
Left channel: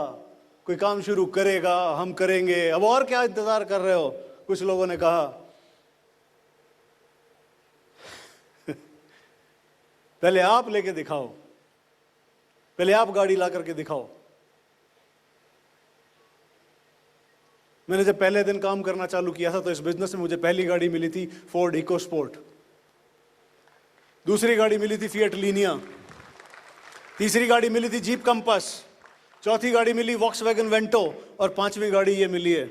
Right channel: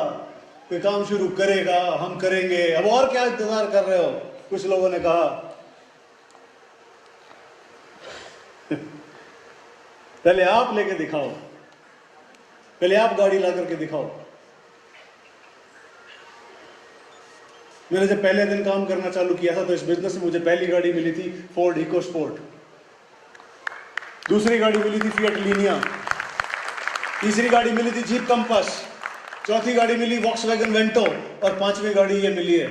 कोई काम शुरू करेगा, हम करेंगे। अब और क्या इंतजार कर रहे हो? कुछ लोगों ने कहा पहले आप लेके दिखाओ, पहले आप गाड़ी ला करके दिखाओ। मैंने जब पहले दिन काम करना चालू किया था तो इस बिजनेस में मुझे पहली गाड़ी मिली थी फोर्ड इकोस्पोर्ट, दूसरी गाड़ी मिली थी फिएट लीनिया, तीसरी गाड़ी मिली थी जीप कंपास, चौथी गाड़ी मिली वॉक्सवैगन वेंटो, और 5वीं गाड़ी ये मिली है।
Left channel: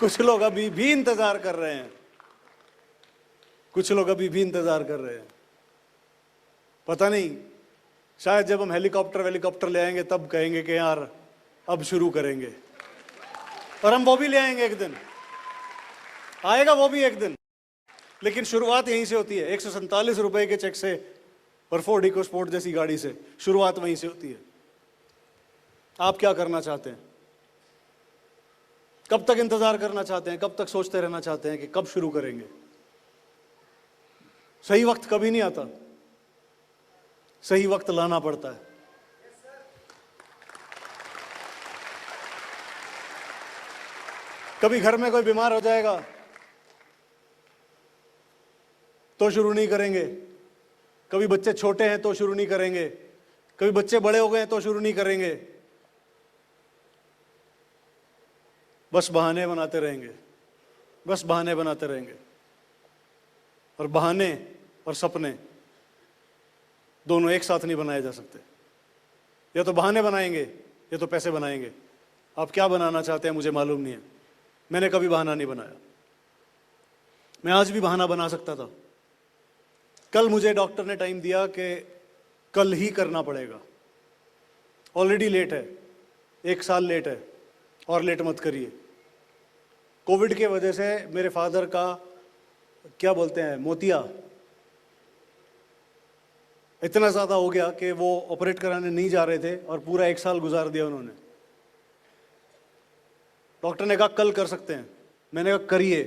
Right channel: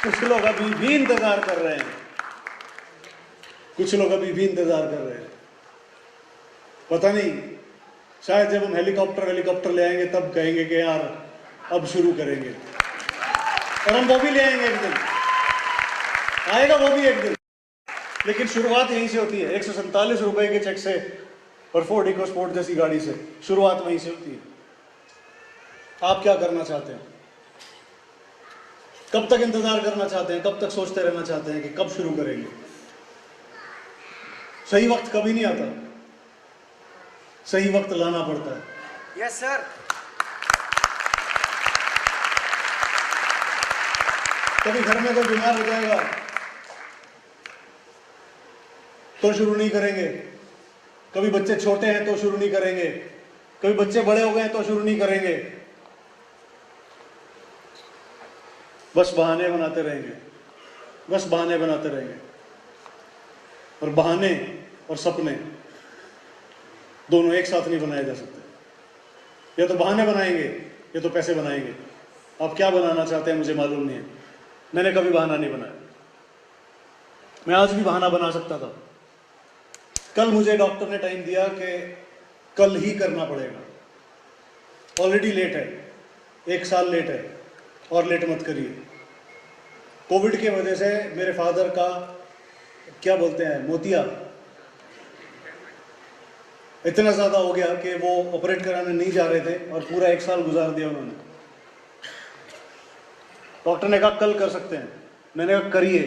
कुछ लोग अभी भी इंतजार कर रहे हैं, कुछ लोग अभी भी इंतजार कर रहे हैं। पता नहीं, शायद जब हम हेलीकॉप्टर ले आएंगे तब कहेंगे कि यार अब शुरू करेंगे, और हम वो भी ले आएंगे एक दिन, आएगा वो भी एक दिन। लेकिन शुरुआत यहीं से होती है, 147 रुपए के चेक से और फोर्ड इकोस्पोर्ट जैसी गाड़ी से शुरुआत वहीं से होती है। आप क्या करना चाहते हैं? कब तक इंतजार करना चाहते हैं? कब तक सोचते रहना चाहते हैं कि कब शुरू करेंगे? सही वक्त कभी नहीं आता, सही वक्त लाना पड़ता है। Yes sir. कभी घर में कोई बीमार हो जाएगा, तो शुरू नहीं करेंगे, कभी बच्चे छोटे हैं तो शुरू नहीं करेंगे, कभी बच्चे बड़े हो गए तो शुरू नहीं करेंगे। बस बहाने बनाते रहेंगे, बस बहाने बनाते रहेंगे। और बहाने और सपने दोनों एक साथ नहीं बनाए जा सकते। या तो बहाने बनाएंगे या तो पैसे बनाएंगे। आप क्या बनाना चाहते हैं मुझे मालूम नहीं है। मैंने कभी बहाना नहीं बनाया। मैं आज भी बहाना बना सकता था। कल मुझे डॉक्टर ने टाइम दिया कि कल ही करना पड़ेगा। ऑलरेडी लेट है, 1 साल लेट है, और लेट मत करिए। कोविड के वजह से मेरे फादर का क्या बोलते हैं मोतिया इतना ज्यादा हो गया कि वो ऑपरेट कराने नहीं जा रहे थे और पूरा 1 साल गुजार दिया उन्होंने। डॉक्टर ने कहा कल कर सकते हैं, मैंने कहा करिए,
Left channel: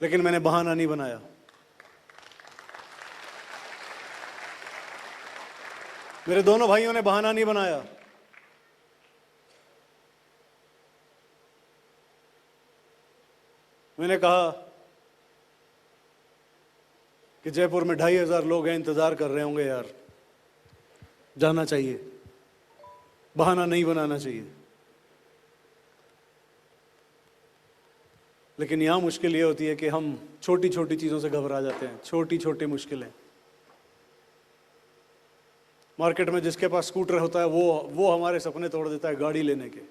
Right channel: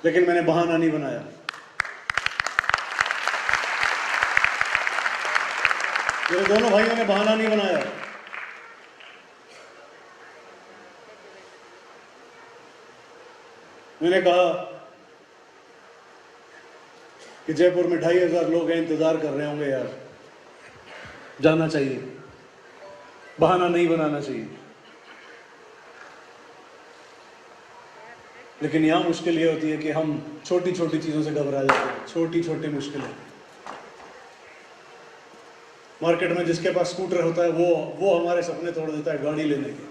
लेकिन मैंने बहाना नहीं बनाया। मेरे दोनों भाइयों ने बहाना नहीं बनाया। मैंने कहा कि जयपुर में 2500 लोग हैं, इंतजार कर रहे होंगे यार, जाना चाहिए, बहाना नहीं बनाना चाहिए। लेकिन यहां मुश्किल ये होती है कि हम छोटी छोटी चीजों से घबरा जाते हैं। छोटी छोटी मुश्किलें। मार्केट में जिसके पास स्कूटर होता है वो हमारे सपने तोड़ देता है गाड़ी लेने के।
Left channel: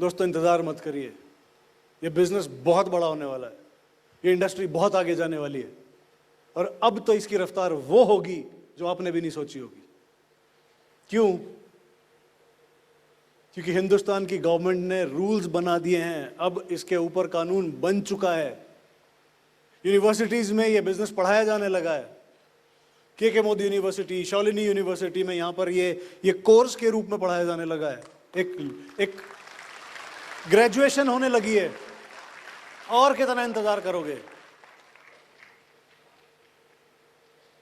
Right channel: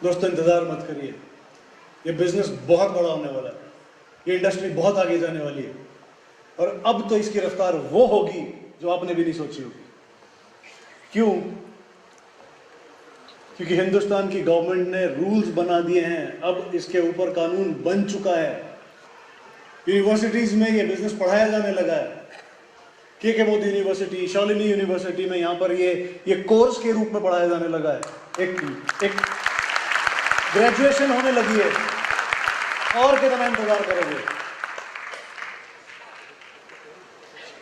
दोस्तों इंतजार मत करिए, ये बिजनेस बहुत बड़ा होने वाला है, ये इंडस्ट्री बहुत आगे जाने वाली है, और अब तो इसकी रफ्तार वो होगी जो आपने भी नहीं सोची होगी। क्यों? क्योंकि हिंदुस्तान की गवर्नमेंट ने रूल्स बना दिए हैं, अब इसके ऊपर कानून बन चुका है। यूनिवर्सिटीज में ये बिजनेस पढ़ाया जाने लगा है। के मोदी यूनिवर्सिटी, शालिनी यूनिवर्सिटी में यहाँ पर ये कोर्स के रूप में पढ़ाया जाने लगा है। एक ग्रेजुएशन होने लगी है। और कितना इंतजार करोगे?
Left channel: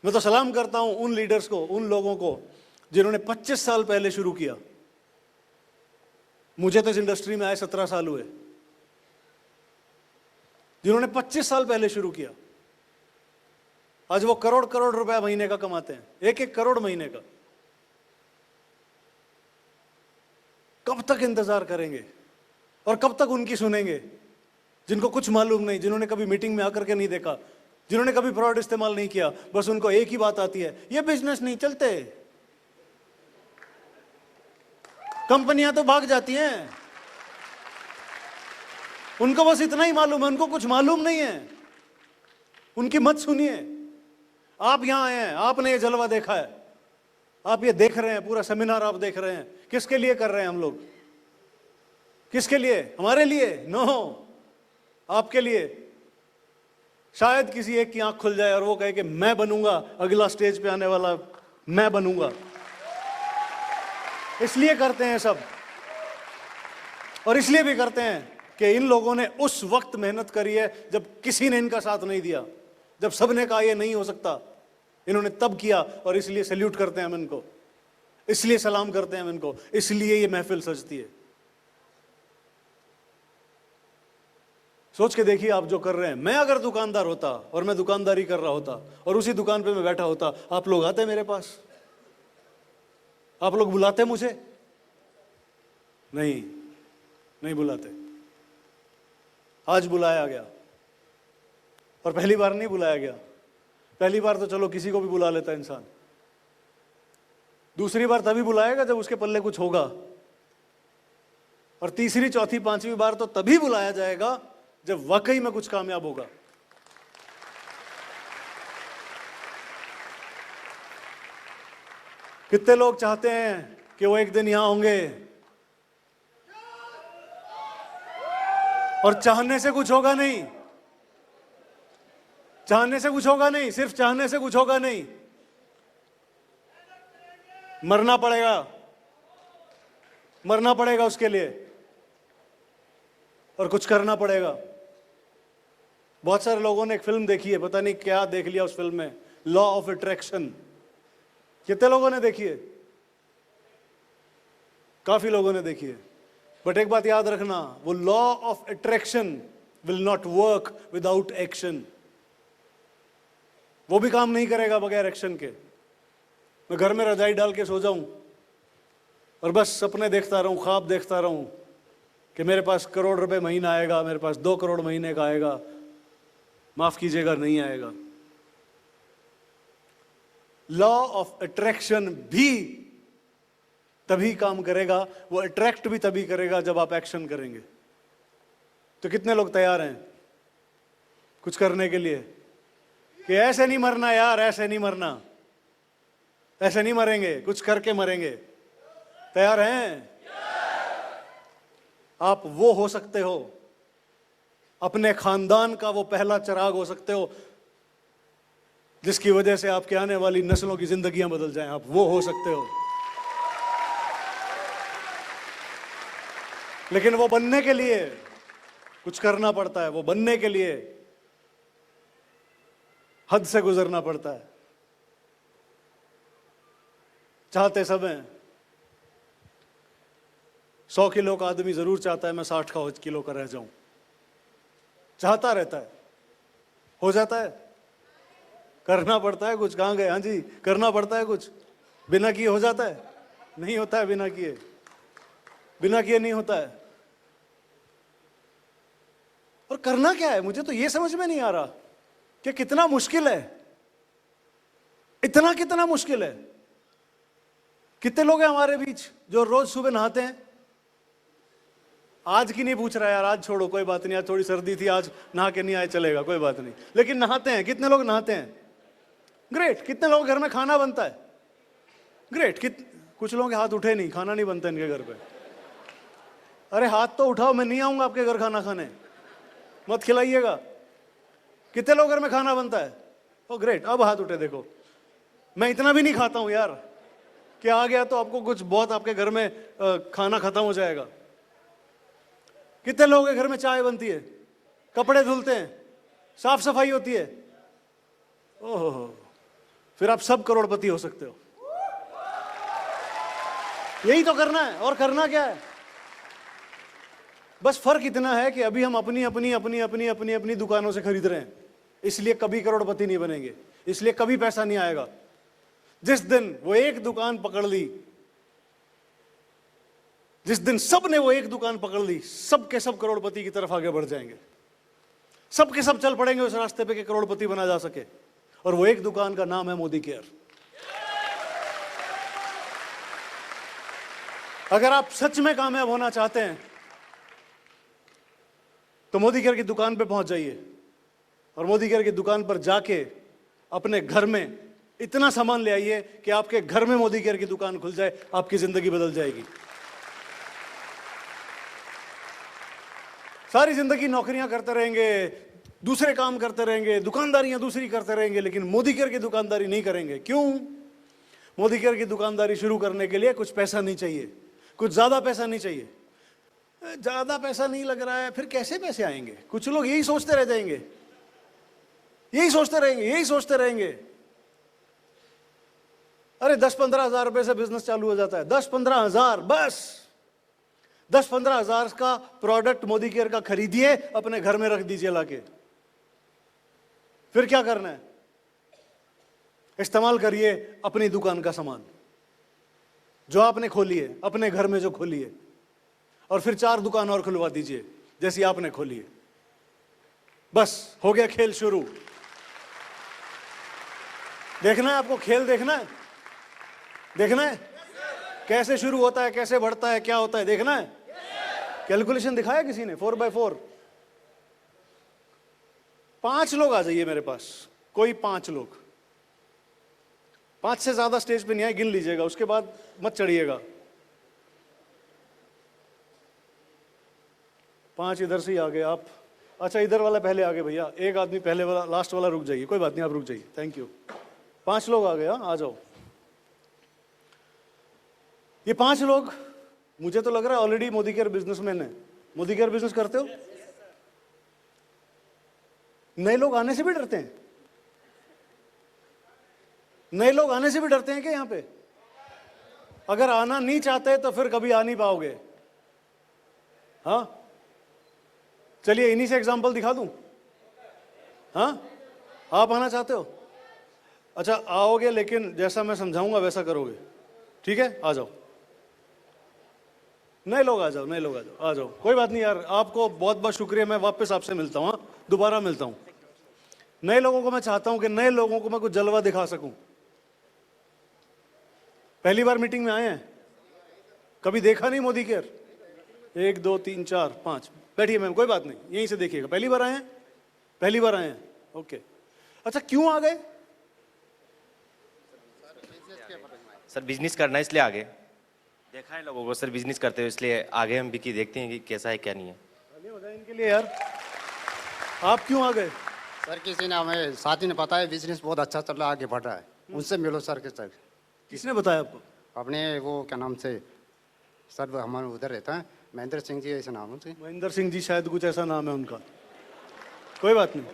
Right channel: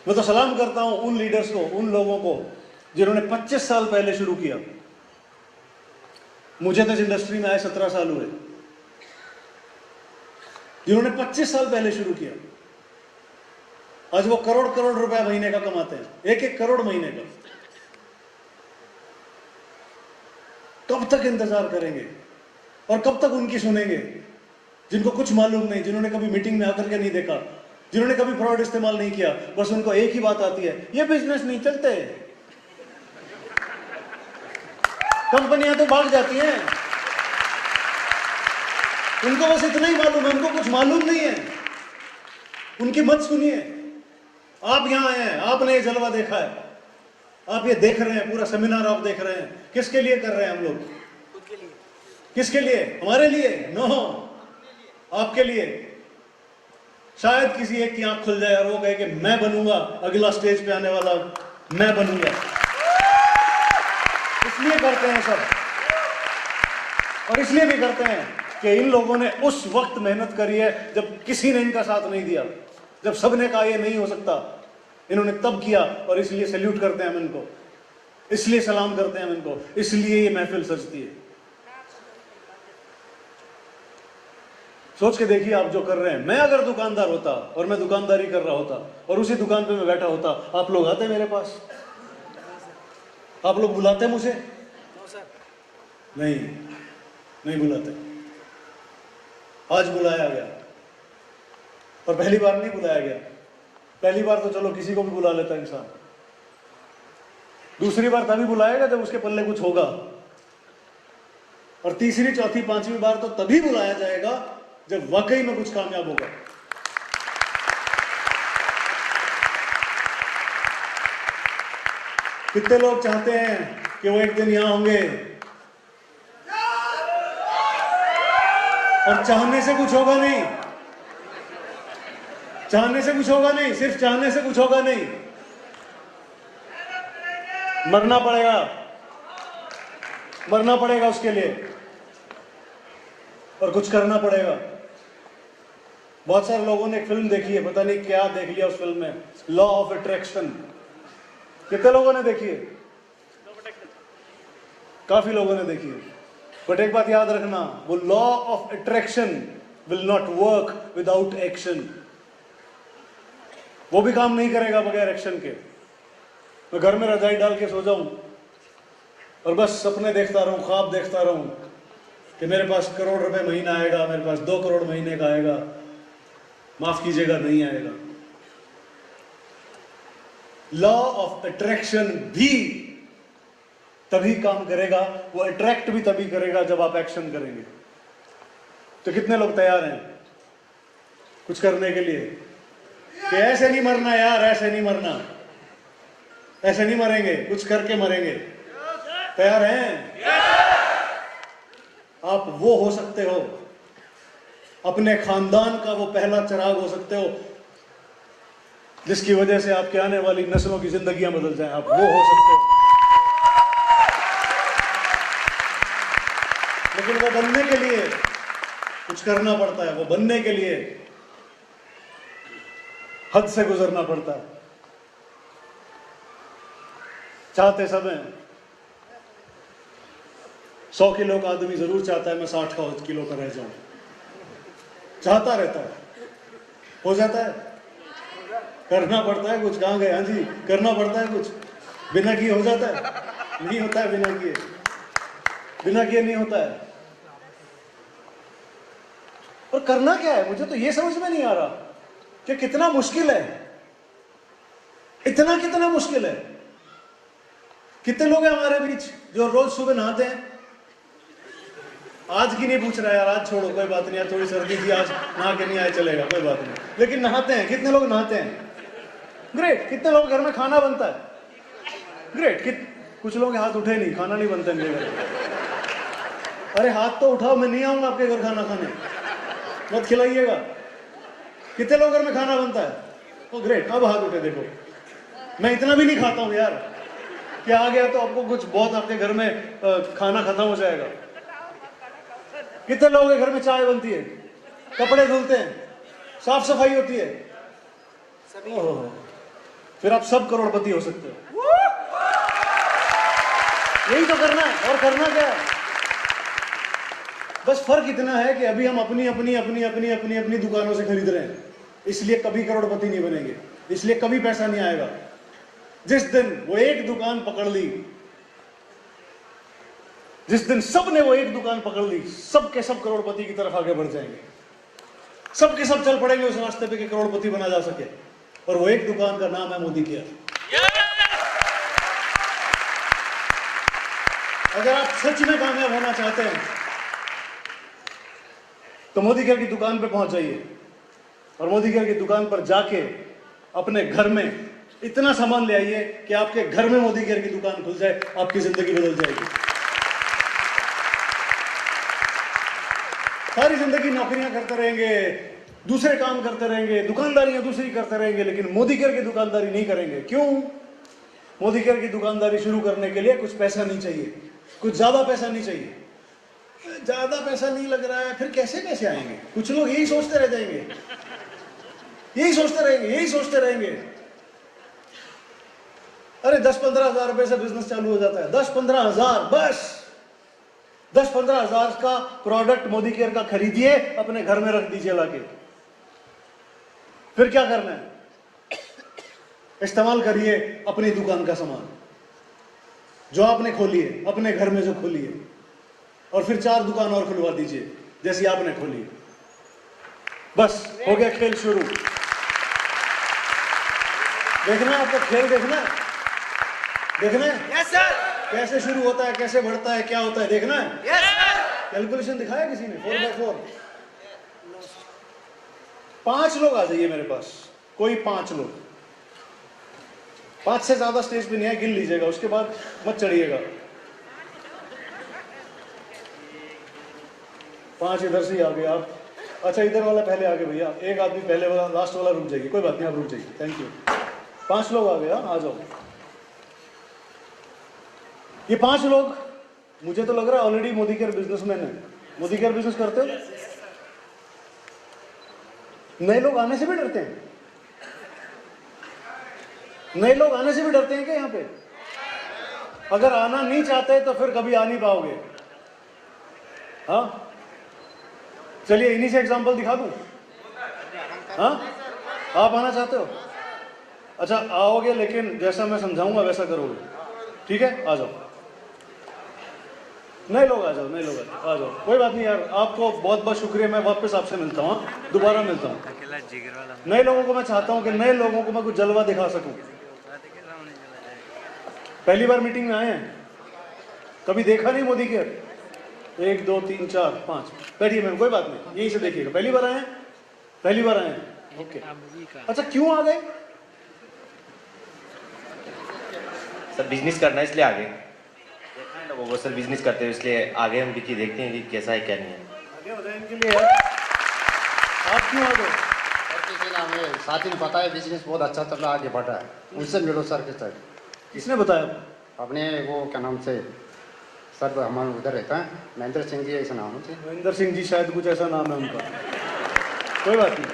मैं तो सलाम करता हूं उन लीडर्स को, उन लोगों को जिन्होंने 25 साल पहले शुरू किया। मुझे तो इस इंडस्ट्री में आए 17 साल हुए। जिन्होंने 25 साल पहले शुरू किया, आज वो करोड़ करोड़ रुपया महीने का कमाते हैं, 1-1 करोड़ महीने का। कब तक इंतजार करेंगे और कब तक उनकी सुनेंगे, जिनको कुछ मालूम नहीं, जिन्होंने कभी मीटिंग में आकर के नहीं देखा, जिन्होंने कभी फ्रॉड इस्तेमाल नहीं किया। बस उनको एक ही बात आती है, ये बिजनेस नहीं चलते, कंपनियां तो भाग जाती हैं। उनको बस इतना ही मालूम है, उनको कुछ मालूम नहीं है। उनकी मत सुनिए। आप यहां आए हैं, आपने ये जलवा देखा है, आप ये देख रहे हैं, पूरा सेमिनार आप देख रहे हैं। किसके लिए कर रहे हैं हम लोग? किसके लिए? हमारे लिए? नो, आपके लिए। शायद किसी एक की आंख खुल जाए और वो कहे कि मैं बनूंगा अगला स्टेज पे आने वाला, मैं बनूंगा। इसलिए करते हैं सब, और इसलिए भी करते हैं कि इन लोगों ने उस वक्त मेहनत करी है जब किसी ने इनका साथ नहीं दिया, जब सबने कहा ये नहीं हो सकता, इन्होंने तब किया। और इसलिए सैल्यूट करते हैं हम इनको, इसलिए सलाम करते हैं हम इनको, इसलिए ये महफिल सजती है। सोच के देखिए आप जो कर रहे हैं। मैं अगर दुकानदार होता और मैं दुकानदारी कर रहा होता और उसी दुकान पे मैं बैठा होता, आप लोग आते मेरे पास? आप लोग बुलाते मुझे? नहीं, नहीं बुलाते। आज बुलाया गया, और पहली बार नहीं बुलाया गया। पहली बार तो चलो किसी को भी बुला लेता इंसान, दूसरी बार तभी बुलाएगा जब उसके पल्ले कुछ होगा, और तीसरी, चौथी, 5वीं बार तो तभी बुलाया जाएगा जब वाकई में कुछ कामयाब होगा। कितने लोग चाहते हैं कि वो एक दिन यहां होंगे, और चाहने से कुछ होगा नहीं, चाहने से कुछ होगा नहीं, सिर्फ चाहने से कुछ होगा नहीं। मरना पड़ेगा, मरना पड़ेगा उसके लिए, और कुछ करना पड़ेगा। बहुत सारे लोगों ने एक फिल्म देखी है, पता नहीं क्या देख लिया उस फिल्म में, लॉ ऑफ अट्रैक्शन। कितने लोगों ने देखी है? काफी लोगों ने देखी है। बट एक बात याद रखना, वो law of attraction will not work without action. वो भी काम नहीं करेगा बगैर एक्शन के। मैं घर में रजाई डाल के सो जाऊं और बस सपने देखता रहूं, ख्वाब देखता रहूं कि मेरे पास करोड़ रुपए महीना आएगा, मेरे पास 2 करोड़ महीने का आएगा, माफ कीजिएगा नहीं आएगा। लॉ ऑफ अट्रैक्शन भी तभी काम करेगा, वो अट्रैक्ट भी तभी करेगा जब आप एक्शन करेंगे। तो कितने लोग तैयार हैं कुछ करने के लिए कि ऐसे नहीं मरना यार, ऐसे नहीं मरना, ऐसे नहीं मरेंगे, कुछ करके मरेंगे? तैयार हैं? आप वो हो सकते हो, अपने खानदान का वो पहला चिराग हो सकते हो जिसकी वजह से आपकी आने वाली नस्लों की जिंदगियां बदल जाए। आप वो हो सकते हो। लेकिन वो बनने के लिए कुछ करना पड़ता है, वो बनने के लिए हद से गुजरना पड़ता है। चाहते सब हैं, 100 किलो का आदमी जरूर चाहता है मैं 60 किलो का रह जाऊं, चाहता रहता है, हो जाता है? करना पड़ता है कुछ। कहां गए? हाँ जी, करना पड़ता है कुछ। बिना किए हो जाता है? नहीं होता है बिना किए, बिना किए नहीं होता है। और करना क्या है, मुझे तो ये समझ में नहीं आ रहा कि कितना मुश्किल है, इतना कितना मुश्किल है। कितने लोग हैं हमारे बीच जो रोज सुबह नहाते हैं? आज की नहीं पूछ रहा यार, आज छोड़ो, कोई बात नहीं, आज थोड़ी सर्दी थी, आज नहा के नहीं आए चलेगा, कोई बात नहीं, लेकिन नहाते हैं। कितने लोग नहाते हैं? ग्रेट। कितने लोग घर में खाना बनता है? ग्रेट। कुछ लोग हाथ उठे नहीं, खाना नहीं बनता इनके घर। अरे हाथ तो उठाओ, मैं नहीं आऊंगा आपके घर खाना खाने, मत खिलाइएगा। कितने लोग घर में खाना बनता है? ओ ग्रेट, अब हाथ उठे देखो। मैं इतना भी नहीं खाता हूं यार कि आ गया तो आपको कुछ बहुत आपके घर में खाना खत्म हो जाएगा। कितने लोगों के घर में चाय बनती है, कपड़े धुलते हैं, साफ सफाई होती है? ओह, फिर आप सब करोड़पति हो सकते हो। यही तो करना है। और करना क्या है? बस फर्क इतना है कि अभी हम अपनी अपनी अपनी अपनी अपनी अपनी दुकानों से खरीद रहे हैं, इसलिए कभी करोड़पति नहीं बनेंगे, इसलिए कभी पैसा नहीं आएगा। जिस दिन वो एक दुकान पकड़ ली, जिस दिन सब ने वो एक दुकान पकड़ ली, सब के सब करोड़पति की तरफ आगे बढ़ जाएंगे। सब के सब चल पड़ेंगे उस रास्ते पे कि करोड़पति बना जा सके। और वो एक दुकान का नाम है मोदी केयर। अगर आप सच में कामयाब होना चाहते हैं तो मोदी केयर की दुकान पे पहुंच जाइए और मोदी केयर की दुकान पर जाके अपने घर में इतना सामान ले आइए कि आपके घर में मोदी केयर की दुकान खुल जाए, आपकी जिंदगी बदल जाएगी। सारी जिंदगी नौकरियां करते रहेंगे, दूसरे काम करते रहेंगे, दुकानदारियां दूसरी करते रहेंगे, लेकिन मोदी केयर की दुकानदारी नहीं करेंगे। क्यों? मोदी केयर की दुकानदारी शुरू करने के लिए कुछ पैसा नहीं चाहिए, कुछ ज्यादा पैसा नहीं चाहिए। ज्यादा पैसा नहीं लग रहा है, फिर कैसे पैसे आएंगे? कुछ लोग यही सोचते रह जाएंगे, यही सोचते रहेंगे, यही सोचते रहेंगे। अरे 10-15 हजार रुपए से बिजनेस चालू हो जाता है। 10-15 हजार, बस 10-15 हजार का प्रोडक्ट मोदी केयर का खरीदिए, अपने घर में रख दीजिए लाके। फिर क्या करना है? इस्तेमाल करिए अपनी दुकान का सामान जो आपने खोली है, अपने घर में जो खोली है, और फिर 4 दुकान और खुलवा दीजिए जैसी आपने खोली। बस हो गया खेल शुरू। देखना है आपको, खेल देखना है, देखना है यस सर, कैसे शुरू होता है, कैसे बढ़ता है, क्या होता है, देखना है। Yes sir. कैलकुलेशन दिखाया किसी ने? 4x4। 5 लोग आ जाइए मेरे पास, कोई 5 लोग, 5 से ज्यादा स्टेज पे नहीं है, गिन लीजिएगा, उसके बाद मत चढ़िएगा। 5 इधर से ही आ गए आप। अच्छा इधर वाला पहले आगे भैया, एक आदमी पहले वाला, लास्ट वाला रुक जाइए, कोई बात नहीं आप रुक जाइए, थैंक यू। 5 लोग आ गए, आ जाओ। ये 5 लोग, मुझे तो लग रहा है ऑलरेडी मोदी केयर बिजनेसमैन है। मोदी केयर बिजनेस करते हो? नए लोग आने से भी डरते हैं? नए लोग आने से भी डरते हैं क्या यहाँ पे? अगर आना नहीं चाहते तो फिर कभी आ नहीं पाओगे। हाँ चलिए इन्हीं से एग्जांपल दिखा दूं। हाँ आप आना चाहते हो? अच्छा आओगे, लेकिन जैसा मैं समझाऊंगा वैसा करोगे, ठीक है? आ जाओ, नए लोग आ जाओ, नए लोग आ जाओ, कोई बात नहीं यार, आपको बहुत बहुत शुक्रिया, मैं वापस आपसे मिलता हूँ, दोबारा मिलता हूँ। नए लोगों को मैं चाहता हूँ कि नए लोगों को मैं कुछ जलवा दिखा सकूं। पहली बार मीटिंग में आए हैं, कभी देखा नहीं मोदी के? 1 2 3 4 5 बैठिए मैम, कोई बात नहीं, यहीं से देखिएगा। पहली बार आए हैं? पहली बार आए हैं, ओके। अच्छा क्यों आ गए? सर बिजनेस करना है इसलिए आ गए। देखा है ना वो सर बिजनेस करते हैं इसलिए आगे हम भी देखते हैं कि कैसा है क्या नहीं है। आगे बताएं इनके लिए यार, आप क्यों आ गए? सर किसी ने हमें साथी ने बताया बिजनेस बहुत अच्छा चल रहा है, आगे बढ़ रहा है, उनसे मिलो सर के सर। किसने बताया? अपने वो क्या नाम से सर हमारे उधर रहता है, महेंद्र सिंह जी ऐसा नाम है। महेंद्र सिंह जी शायद कुछ ऐसा नाम है उनका, कोई बात नहीं,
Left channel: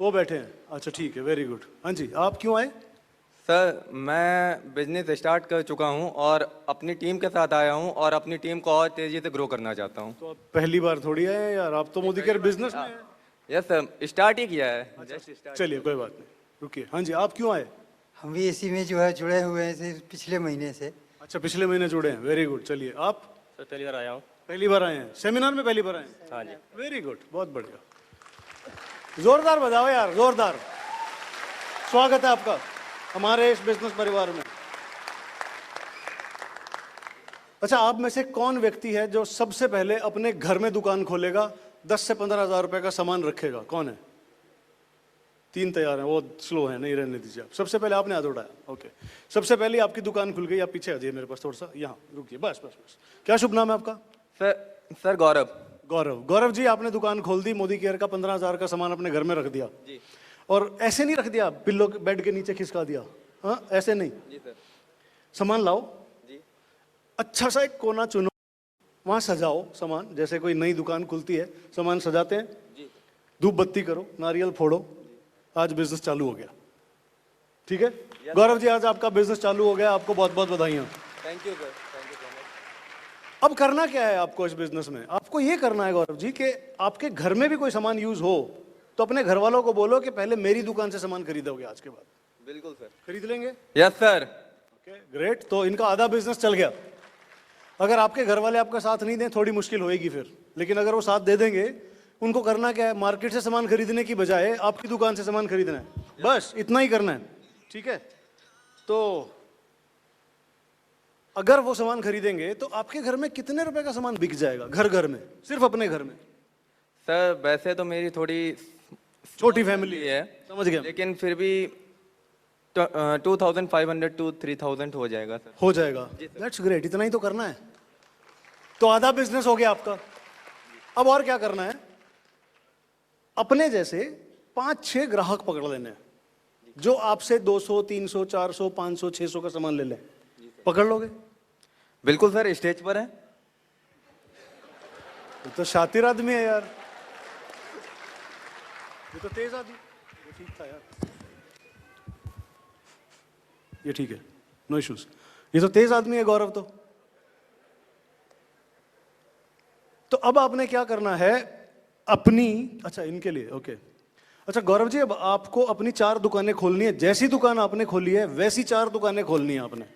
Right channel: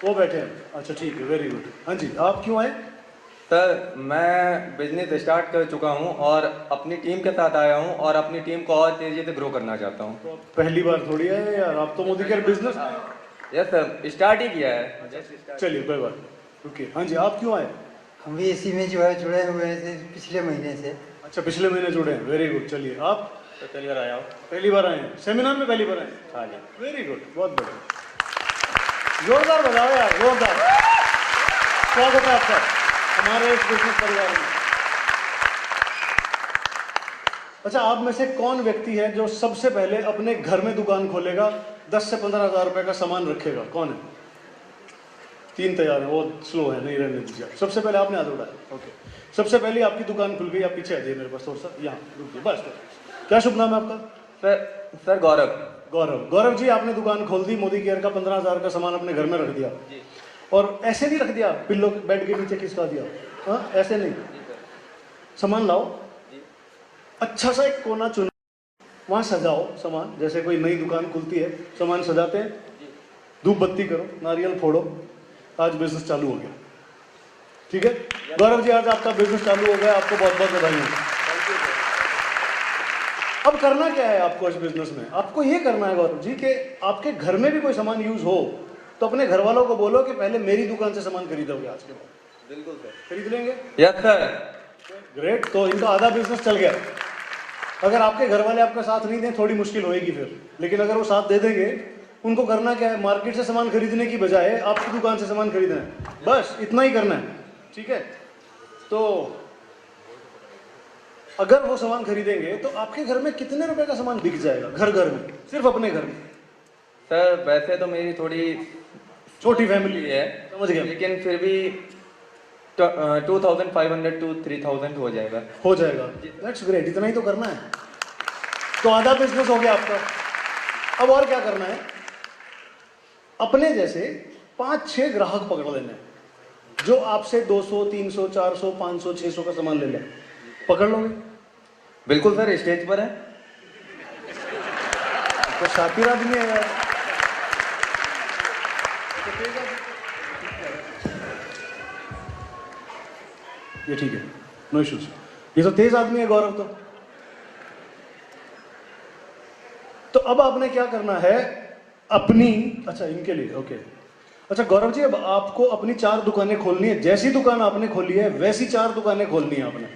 वो बैठे हैं। अच्छा ठीक है, वेरी गुड। हाँ जी आप क्यों आए? सर मैं बिजनेस स्टार्ट कर चुका हूँ और अपनी टीम के साथ आया हूँ और अपनी टीम को और तेजी से ग्रो करना चाहता हूँ। तो पहली बार थोड़ी आए यार, आप तो मोदी के बिजनेस। यस सर, स्टार्ट ही किया है। चलिए कोई बात नहीं, रुकिए। हाँ जी आप क्यों आए? हम भी इसी में जो है जुड़े हुए थे पिछले महीने से। अच्छा पिछले महीने जुड़े हैं, वेरी गुड। चलिए आप? पहली बार आया हूँ। पहली बार आए हैं सेमिनार में? पहली बार आए? हाँ जी। वेरी गुड, बहुत बढ़िया, जोरदार बजाओ यार, जोरदार स्वागत है आपका हमारे बिजनेस परिवार में। अच्छा आप में से कौन व्यक्ति है जो सबसे पहले अपने घर में दुकान खोलेगा, 10 से 15 हज़ार रुपए का सामान रखेगा? कौन है? 3 तैयार है, वो स्लो है, नहीं रहने दीजिए। सबसे पहले आपने हाथ उठाया, ओके। सबसे पहले आपकी दुकान खुल गई, आप पीछे आ जाइए मेरे पास थोड़ा सा, यहाँ रुकिए बस। क्या शुभ नाम है आपका? सर गौरव। गौरव। गौरव जी आपने दुकान खोल दी, मोदी केयर का 15 हज़ार का सामान अपने घर में रख दिया, और ऐसे नहीं रख दिया पिल्लो बेड के नीचे खिसका दिया, हाँ ऐसे नहीं, सामान लाओ, अच्छा सा एक कोना चुनो, वहां सजाओ सामान, जैसे कोई नई दुकान खुलती है सामान सजाते हैं, धूप बत्ती करो, नारियल फोड़ो, आज बिजनेस चालू हो गया, ठीक है? गौरव जी आज आपका बिजनेस चालू हो गया, आपको बहुत बहुत बधाई। अब करना क्या है आपको इस बिजनेस में? आपको ये करना है गौरव जी कि आपके घर में भी कोई सामान यूज हो तो अपने घर वालों को बोलो कि पहले मेरी दुकान से सामान खरीदोगे आज के बाद। बिल्कुल सर। खरीद लेंगे? Yes sir. ग्रेट, तो इनका आधा बिजनेस चल गया। अगर आपके घर वाले आपका साथ नहीं दें थोड़ी मुश्किल होएगी फिर, लेकिन अगर वो साथ दे देंगे, उनको करना क्या है, मार्केट से सामान खरीदने की बजाय आपकी दुकान से सामान खरीदना है, बस इतना ही करना है, ठीक है? तो अगर वो सामान खरीदेंगे तो आपके घर में कितने रुपए का सामान बिक जाएगा, घर घर में, सिर्फ अपने घर में? सर वैसे तो मेरी थोड़ी छोटी फैमिली है, समझ गया, लेकिन फिर भी 2500 to 3000 हो जाएगा। हो जाएगा, दैट्स ग्रेट, इतना ही तो करना है, तो आधा बिजनेस हो गया आपका। अब और क्या करना है, अपने जैसे 5-6 ग्राहक पकड़ लेने हैं जो आपसे 200 300 400 500 600 का सामान ले लें, पकड़ लोगे? बिल्कुल सर, स्टेज पर है। तो शातिर आदमी है यार। ये ठीक है, नो इश्यूज, ये तो तेज आदमी है गौरव तो अब आपने क्या करना है अपनी, अच्छा इनके लिए ओके। अच्छा गौरव जी अब आपको अपनी 4 दुकानें खोलनी है, जैसी दुकान आपने खोली है वैसी 4 दुकानें खोलनी है आपने,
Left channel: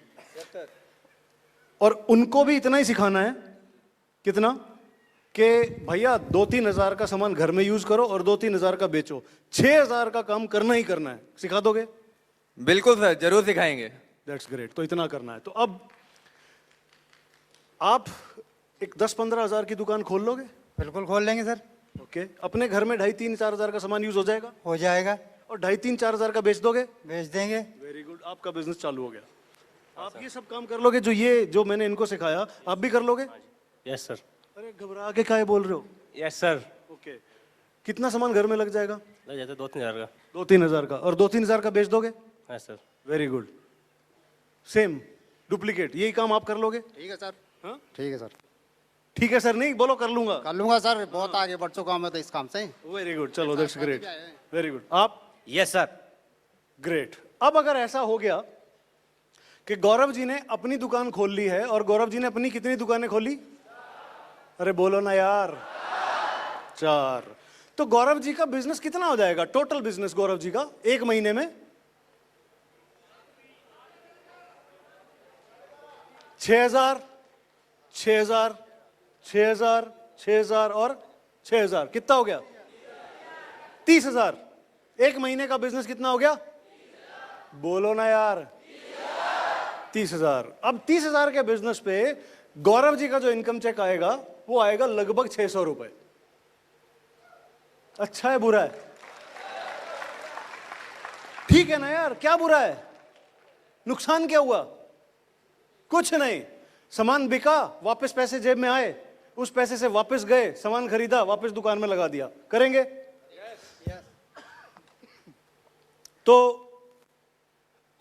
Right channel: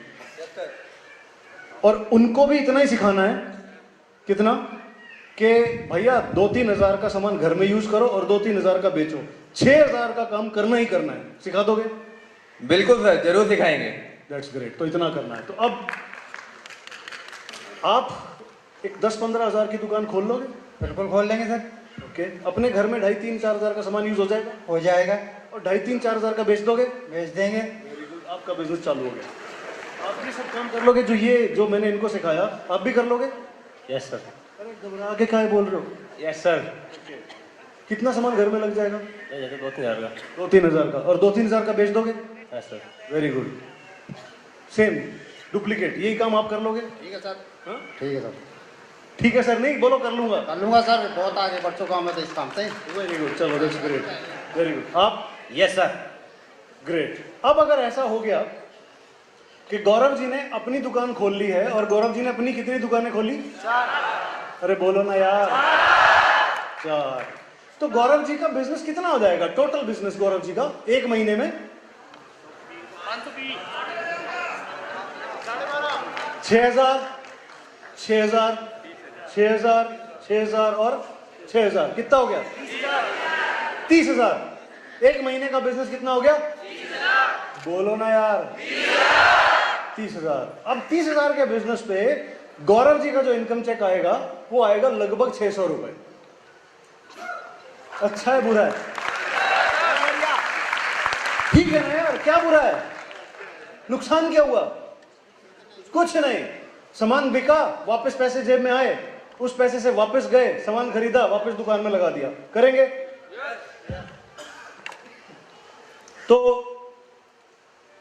और उनको भी इतना ही सिखाना है, कितना कि भैया 2-3 हज़ार का सामान घर में यूज करो और 2-3 हज़ार का बेचो, 6,000 का काम करना ही करना है, सिखा दोगे? बिल्कुल सर, जरूर सिखाएंगे। दैट्स ग्रेट, तो इतना करना है। तो अब आप एक 10-15 हज़ार की दुकान खोल लोगे? बिल्कुल खोल लेंगे सर, ओके। अपने घर में 2.5-3-4 हज़ार का सामान यूज हो जाएगा, हो जाएगा, और 2.5-3-4 हज़ार का बेच दोगे, भेज देंगे। आपका बिजनेस चालू हो गया। आप भी सब काम कर लोगे जो मैंने इनको सिखाया, आप भी कर लोगे? Yes sir. अरे घबरा के काहे बोल रहे हो? Yes sir. कितना सामान घर में लग जाएगा? 2-3 हज़ार का। 2-3 हज़ार का, और 2-3 हज़ार का बेच दोगे? Yes sir. Very good, same duplicate, यही काम आप कर लोगे? ठीक है सर। हाँ? ठीक है सर, ठीक है सर, नहीं बोलो कर लूंगा। कर लूंगा सर, बहुत आगे बढ़ चुका हूँ मैं तो इस काम से। वेरी गुड, चलो दैट्स ग्रेट, वेरी गुड। आप? Yes sir. ग्रेट। अब अगर ऐसा हो गया कि गौरव जी ने अपनी दुकान खोल ली है, और गौरव जी ने अपनी कितनी दुकानें खोली? अरे बोलो ना यार। 4। तो गौरव जी का बिजनेस कितना हो जाएगा? टोटल बिजनेस गौरव जी का एक महीने में 6,000, 6,000, 6,000, 6,000 और 6,000, कितना हो गया? 30,000। एक महीने का बिजनेस कितना हो गया? बोलो ना यार। 30,000। अब 30,000 के बिजनेस पे गौरव जी का जो इनकम चेक आएगा वो आएगा लगभग 600 रुपए। अच्छा है बुरा है? ठीक है ना यार, क्या बुरा है? नुकसान क्या हुआ? कुछ नहीं। सामान बिका, वापस पैसे जेब में आए, उस पैसे से वापस गए, सामान खरीदा, वापस दुकान में लगा दिया। करेंगे? तो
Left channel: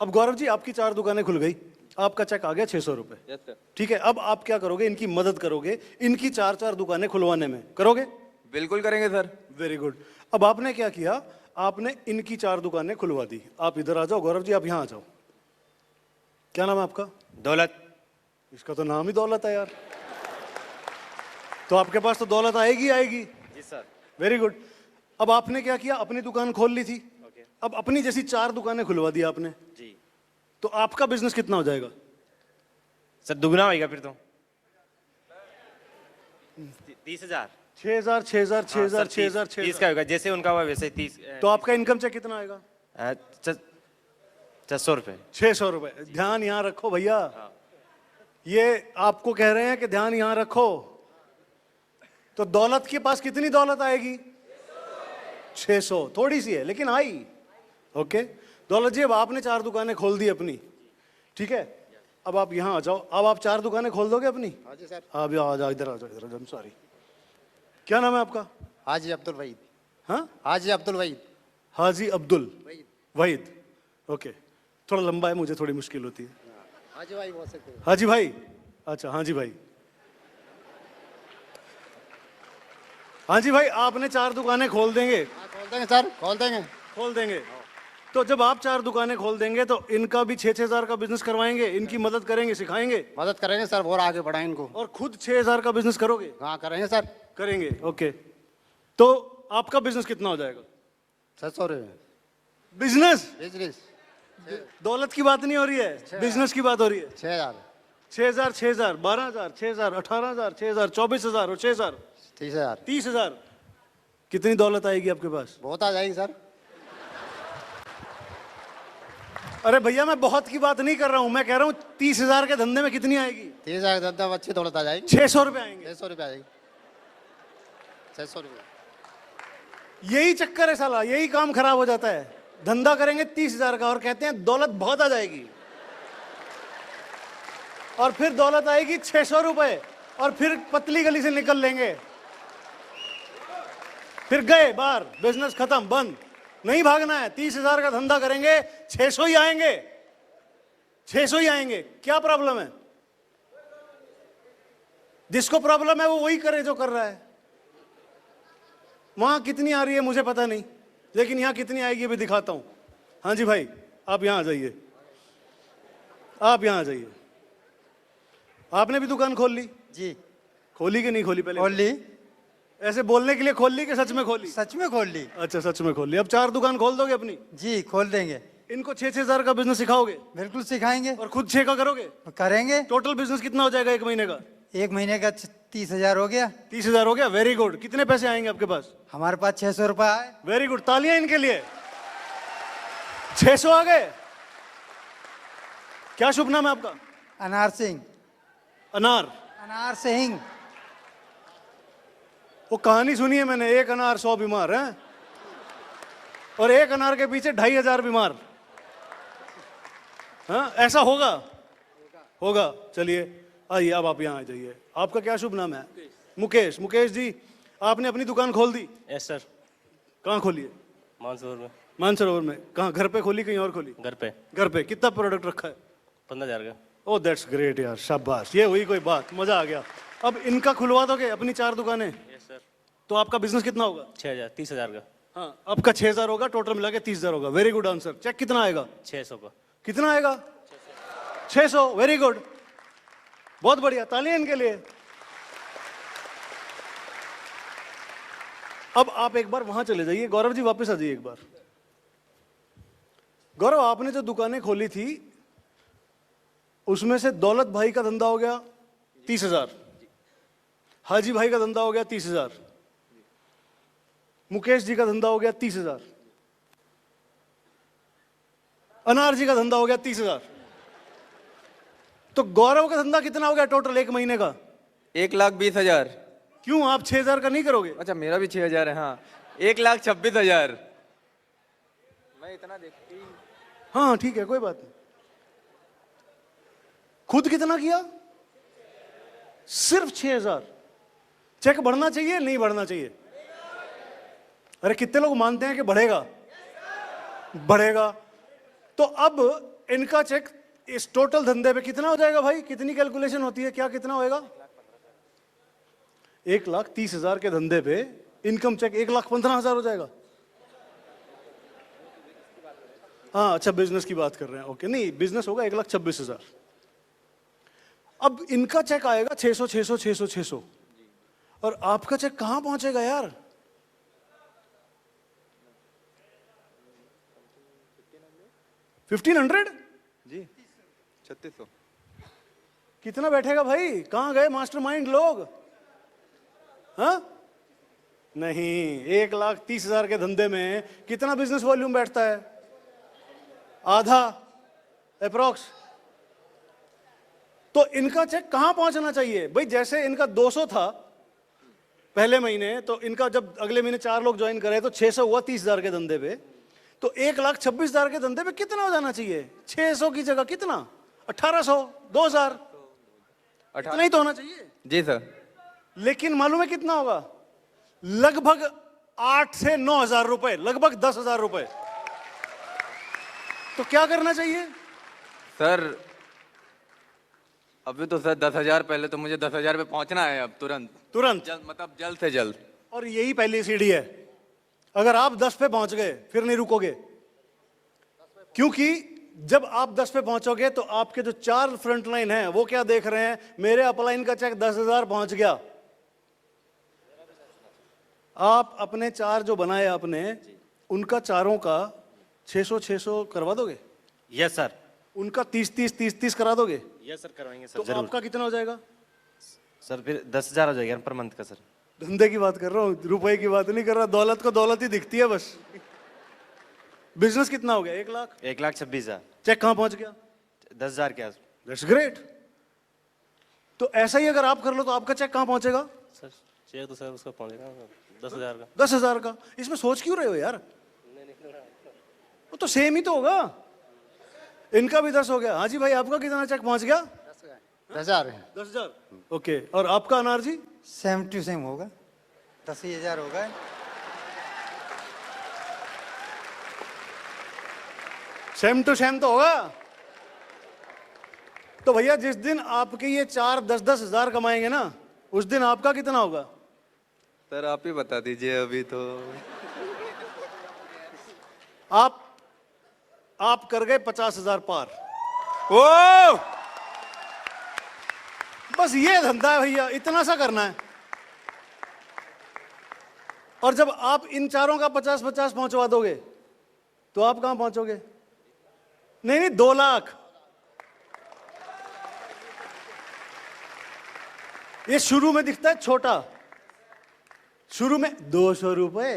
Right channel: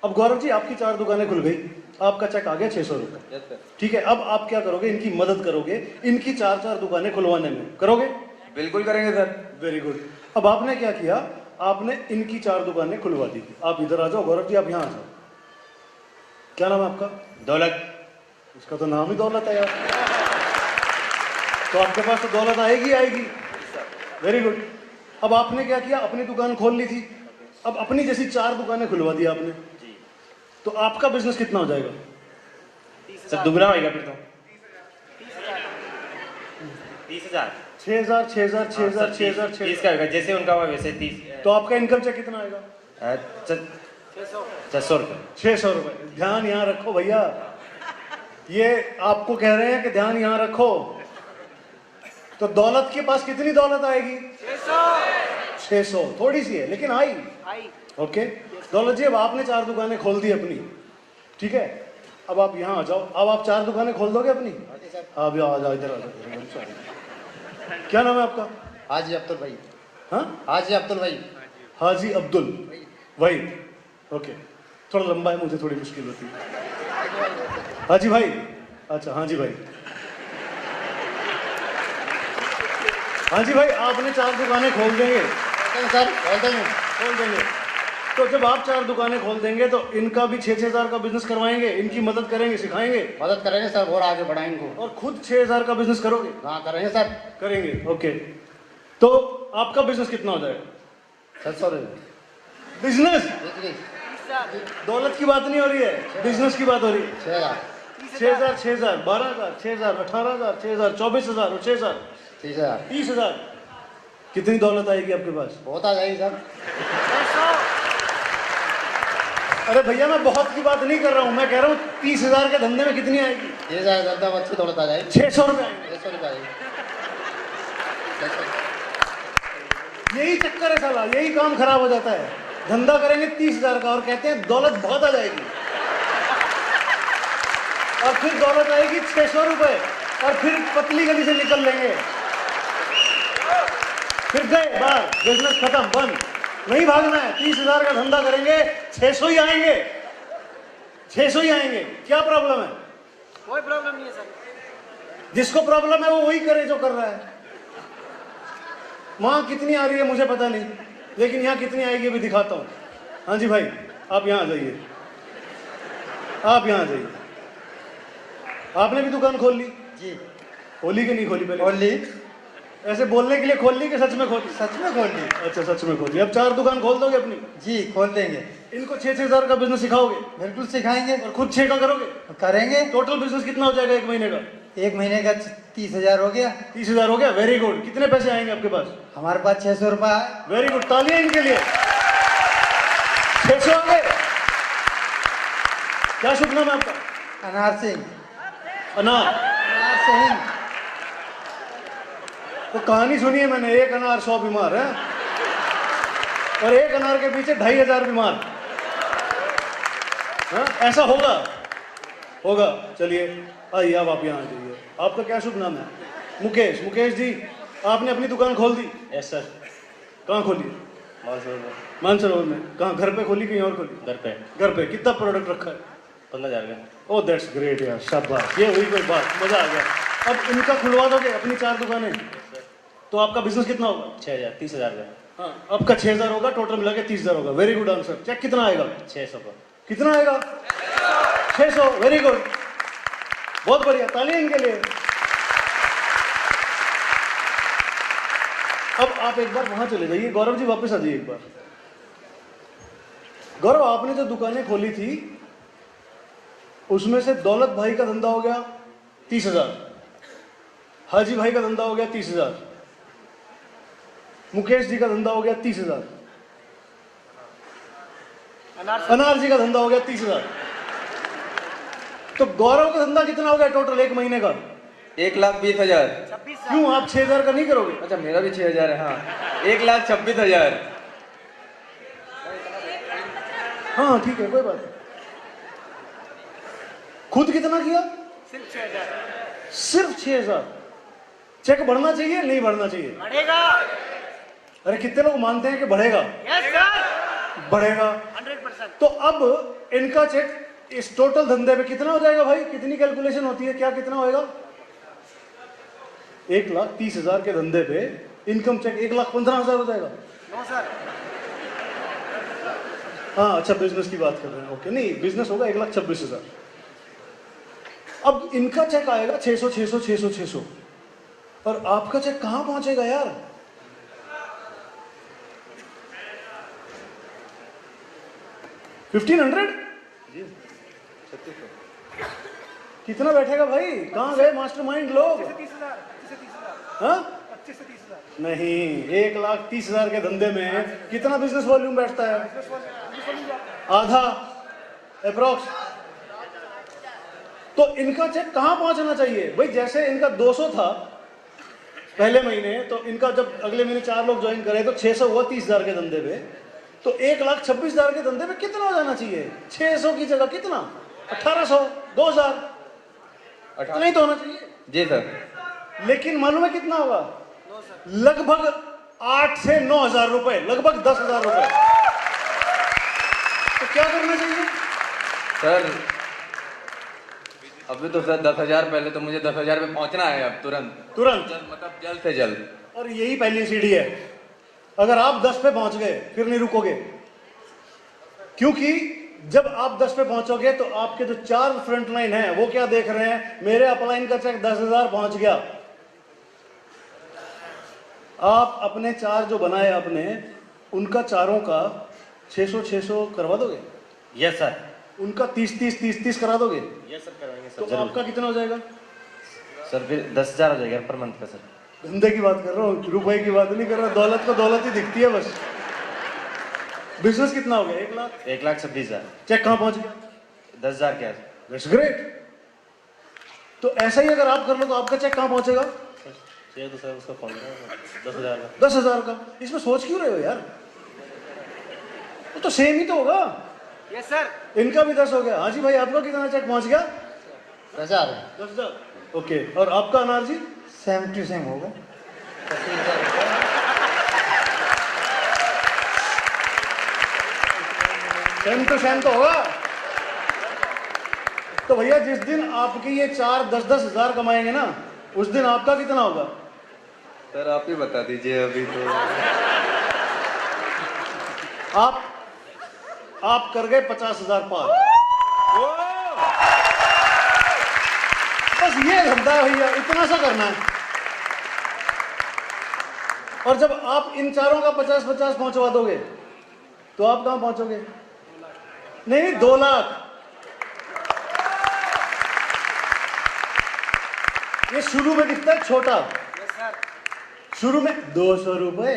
अब गौरव जी आपकी 4 दुकानें खुल गई, आपका चेक आ गया 600 रुपए। ठीक है, अब आप क्या करोगे? इनकी मदद करोगे, इनकी 4 दुकानें खुलवाने में। करोगे? बिल्कुल करेंगे सर। Very good. अब आपने क्या किया? आपने इनकी 4 दुकानें खुलवा दी। आप इधर आ जाओ गौरव जी, आप यहां आ जाओ। क्या नाम है आपका? दौलत। इसका तो नाम ही दौलत है यार। तो आपके पास तो दौलत आएगी आएगी। Very good. अब आपने क्या किया? अपनी दुकान खोल ली थी, अब अपनी जैसी 4 दुकानें खुलवा दी आपने। तो आपका बिजनेस कितना हो जाएगा? सर दुगना होगा फिर तो 30,000। 6,000, 6,000, 6,000, 6,000, 30 का होगा, जैसे उनका हुआ वैसे 30। तो आपका इनकम चेक कितना आएगा? 600 रुपये। 600 रुपए। ध्यान यहाँ रखो भैया, ये आपको कह रहे हैं कि ध्यान यहाँ रखो। तो दौलत के पास कितनी दौलत आएगी? 600। थोड़ी सी है लेकिन आई। ओके दौलत जी, अब आपने 4 दुकानें खोल दी अपनी, ठीक है? अब आप यहाँ आ जाओ। अब आप 4 दुकानें खोल दोगे अपनी? आप आ जाओ, इधर आ जाओ। क्या नाम है आपका? हाजी अब्दुल भाई। हाँ, हाजी अब्दुल भाई। हाजी अब्दुल वहीद। ओके, थोड़ा लंबा है, मुझे थोड़ी मुश्किल होती है। हाजी भाई। अच्छा हाजी भाई। हाजी भाई, आपने 4 दुकानें खोल देंगे? सर खोल देंगे। तो जब आप 4 दुकानें खोल देंगे तो इनका भी 6,000 का बिजनेस करवाएंगे, इनकी मदद करेंगे, सिखाएंगे, मदद करेंगे सर, और आगे बढ़ाएं इनको। और खुद 6,000 का बिजनेस करोगे? हाँ करेंगे सर। करेंगे। ओके, तो आपका बिजनेस कितना हो जाएगा? 700 रुपये। बिजनेस, बिजनेस दौलत की बात नहीं हो रही है, बिजनेस की बात हो रही है। 6,000, 6,000, 6,000, 12,000, 6,000, 18,000, 6,000, 24,000 और 6,000, 30,000। 30,000। कितनी दौलत आएगी आपके पास? बहुत आ जाएगी सर। अरे भैया, मैं बहुत की बात नहीं कर रहा हूँ, मैं कह रहा हूँ 30,000 के धंधे में कितनी आएगी? 30,000 ज्यादा अच्छी दौलत आ जाएगी। 600 रुपए आएंगे। 600 रुपये आएगी। 600। यही चक्कर है साला, यही काम खराब हो जाता है। धंधा करेंगे 30,000 का और कहते हैं दौलत बहुत आ जाएगी, और फिर दौलत आएगी 600 रुपए, और फिर पतली गली से निकल लेंगे, फिर गए बाहर, बिजनेस खत्म, बंद। नहीं भागना है, 30,000 का धंधा करेंगे, 600 ही आएंगे, 600 ही आएंगे। क्या प्रॉब्लम है? कोई प्रॉब्लम नहीं है सर। जिसको प्रॉब्लम है वो वही करे जो कर रहा है। वहां कितनी आ रही है मुझे पता नहीं, लेकिन यहाँ कितनी आएगी भी दिखाता हूँ। हाँ जी भाई, आप यहाँ आ जाइए, आप यहाँ आ जाइए। आपने भी दुकान खोल ली? जी खोली कि नहीं खोली? पहले खोल ली। ऐसे बोलने के लिए खोल ली कि सच में खोल ली? सच में खोल ली। अच्छा, सच में खोल ली। अब 4 दुकान खोल दोगे अपनी? जी खोल देंगे। इनको 6,000 का बिजनेस सिखाओगे बिल्कुल सिखाएंगे। और खुद 6 का करोगे? करेंगे। टोटल बिजनेस कितना हो जाएगा एक महीने का? एक महीने का 30,000 हो गया। 30,000 हो गया। Very good. कितने पैसे आएंगे आपके पास? हमारे पास 600 रुपये आए। वेरी गुड, तालियां इनके लिए। 600 आ गए। क्या शुभ नाम है आपका? अनार सिंह। अनार। अनार सिंह। वो कहानी सुनी है मैंने, 1 अनार 100 बीमार है, और 1 अनार के पीछे 2,500 बीमार। हाँ, ऐसा होगा, होगा। चलिए आइए, अब आप यहाँ आ जाइए। आपका क्या शुभ नाम है? मुकेश। मुकेश जी, आपने अपनी दुकान खोल दी? Yes sir. कहाँ खोली? मानसरोवर में। कहाँ, घर पे खोली कहीं और खोली? घर पे। घर पे। कितना प्रोडक्ट रखा है? 15,000 का। ओह दैट्स ग्रेट यार, शाबाश, ये हुई कोई बात, मजा आ गया। अब इनका खुलवा दोगे अपनी 4 दुकानें, तो आपका बिजनेस कितना होगा? 6,000, 30,000 का। हाँ, आपका 6,000 होगा, टोटल मिला के 30,000 होगा। Very good answer. चेक कितना आएगा? 600 का। कितना आएगा? 600। वेरी गुड, बहुत बढ़िया, तालियां इनके लिए। अब आप एक बार वहां चले जाइए, गौरव जी वापस आ जाइए एक बार। गौरव, आपने जो दुकानें खोली थी उसमें से दौलत भाई का धंधा हो गया 30,000, हाजी भाई का धंधा हो गया 30,000, मुकेश जी का धंधा हो गया 30,000, अनार जी का धंधा हो गया 30,000। तो गौरव का धंधा कितना हो गया टोटल एक महीने का? 1,20,000। क्यों आप 6,000 का नहीं करोगे? अच्छा, मेरा भी 6,000 है। हाँ, 1,26,000। हाँ ठीक है, कोई बात नहीं। खुद कितना किया? सिर्फ 6,000। चेक बढ़ना चाहिए नहीं बढ़ना चाहिए? बढ़ेगा। अरे कितने लोग मानते हैं कि बढ़ेगा? यस सर, बढ़ेगा। 100%। तो अब इनका चेक इस टोटल धंधे में कितना हो जाएगा भाई? कितनी कैलकुलेशन होती है, क्या कितना होएगा? 1,30,000 के धंधे पे इनकम चेक 1,15,000 हो जाएगा। नो सर, हाँ अच्छा, बिजनेस की बात कर रहे हैं, ओके। नहीं, बिजनेस होगा 1,26,000। अब इनका चेक आएगा 600 600 600 600, और आपका चेक कहां पहुंचेगा यार? $1,500? कितना बैठेगा भाई? कहां गए मास्टरमाइंड लोग? 30,000। हाँ? 25 से 30,000। नहीं, 1,30,000 के धंधे में कितना बिजनेस वॉल्यूम बैठता है? आधा अप्रोक्स। तो इनका चेक कहां पहुंचना चाहिए भाई? जैसे इनका 200 था पहले महीने, तो इनका जब अगले महीने 4 लोग ज्वाइन करे तो 600 हुआ 30,000 के धंधे पे। तो 1,26,000 के धंधे में कितना हो जाना चाहिए? 600 की जगह कितना? 1,800, 2,000, नहीं तो होना चाहिए। जी सर। लेकिन मालूम है कितना होगा? लगभग 8 से 9,000 रुपए, लगभग 10,000 रुपए। तो क्या करना चाहिए सर, अभी तो सर 10,000, पहले तो मुझे 10,000 पे पहुंचना है अब तुरंत। तुरंत? मतलब जल्द से जल्द। और यही पहली सीढ़ी है। अगर आप 10 पे पहुंच गए फिर नहीं रुकोगे, क्योंकि जब आप 10 पे पहुंचोगे तो आपके जो 4 फ्रंट लाइन है वो क्या देख रहे हैं? मेरे अपलाइन का चेक 10,000 पहुंच गया। आप अपने 4 जो बनाए आपने, उनका चारों का 600 600 करवा दोगे? Yes sir. उनका 30 करा दोगे? यस सर, कराएंगे तो सर। आपका कितना हो जाएगा? सर फिर 10,000 हो जाएगा पर मंथ का सर। धंधे की बात कर रहा हूँ, रुपए की बात नहीं कर रहा। दौलत को दौलत ही दिखती है बस। बिजनेस कितना हो गया? 1,00,000। 1,26,000। चेक कहां पहुंच गया? 10,000 क्या? That's great. तो ऐसा ही अगर आप कर लो तो आपका चेक कहां पहुंचेगा? सर तो सर उसका कॉल 10,000 का। 10,000 का। इसमें सोच क्यों रहे हो यार? वो तो सेम ही तो होगा। Yes sir. इनका भी 10 हो गया। हाँ जी भाई, आप लोग कितना चेक पहुंच गया? 10,000 10,000। ओके, और आपका अनार जी? सेम टू सेम होगा 80,000 रुपये। सेम टू सेम तो होगा। तो भैया जिस दिन आपकी ये 4 10-10 हजार कमाएंगे ना, उस दिन आपका कितना होगा? सर आप ही बता दीजिए अभी तो। आप कर गए 50,000 पार। बस ये धंधा है भैया, इतना सा करना है। और जब आप इन चारों का 50-50 पहुंचवा दोगे तो आप कहां पहुंचोगे? नहीं 2 लाख। ये शुरू में दिखता है छोटा, यस सर। शुरू में 200 रुपए।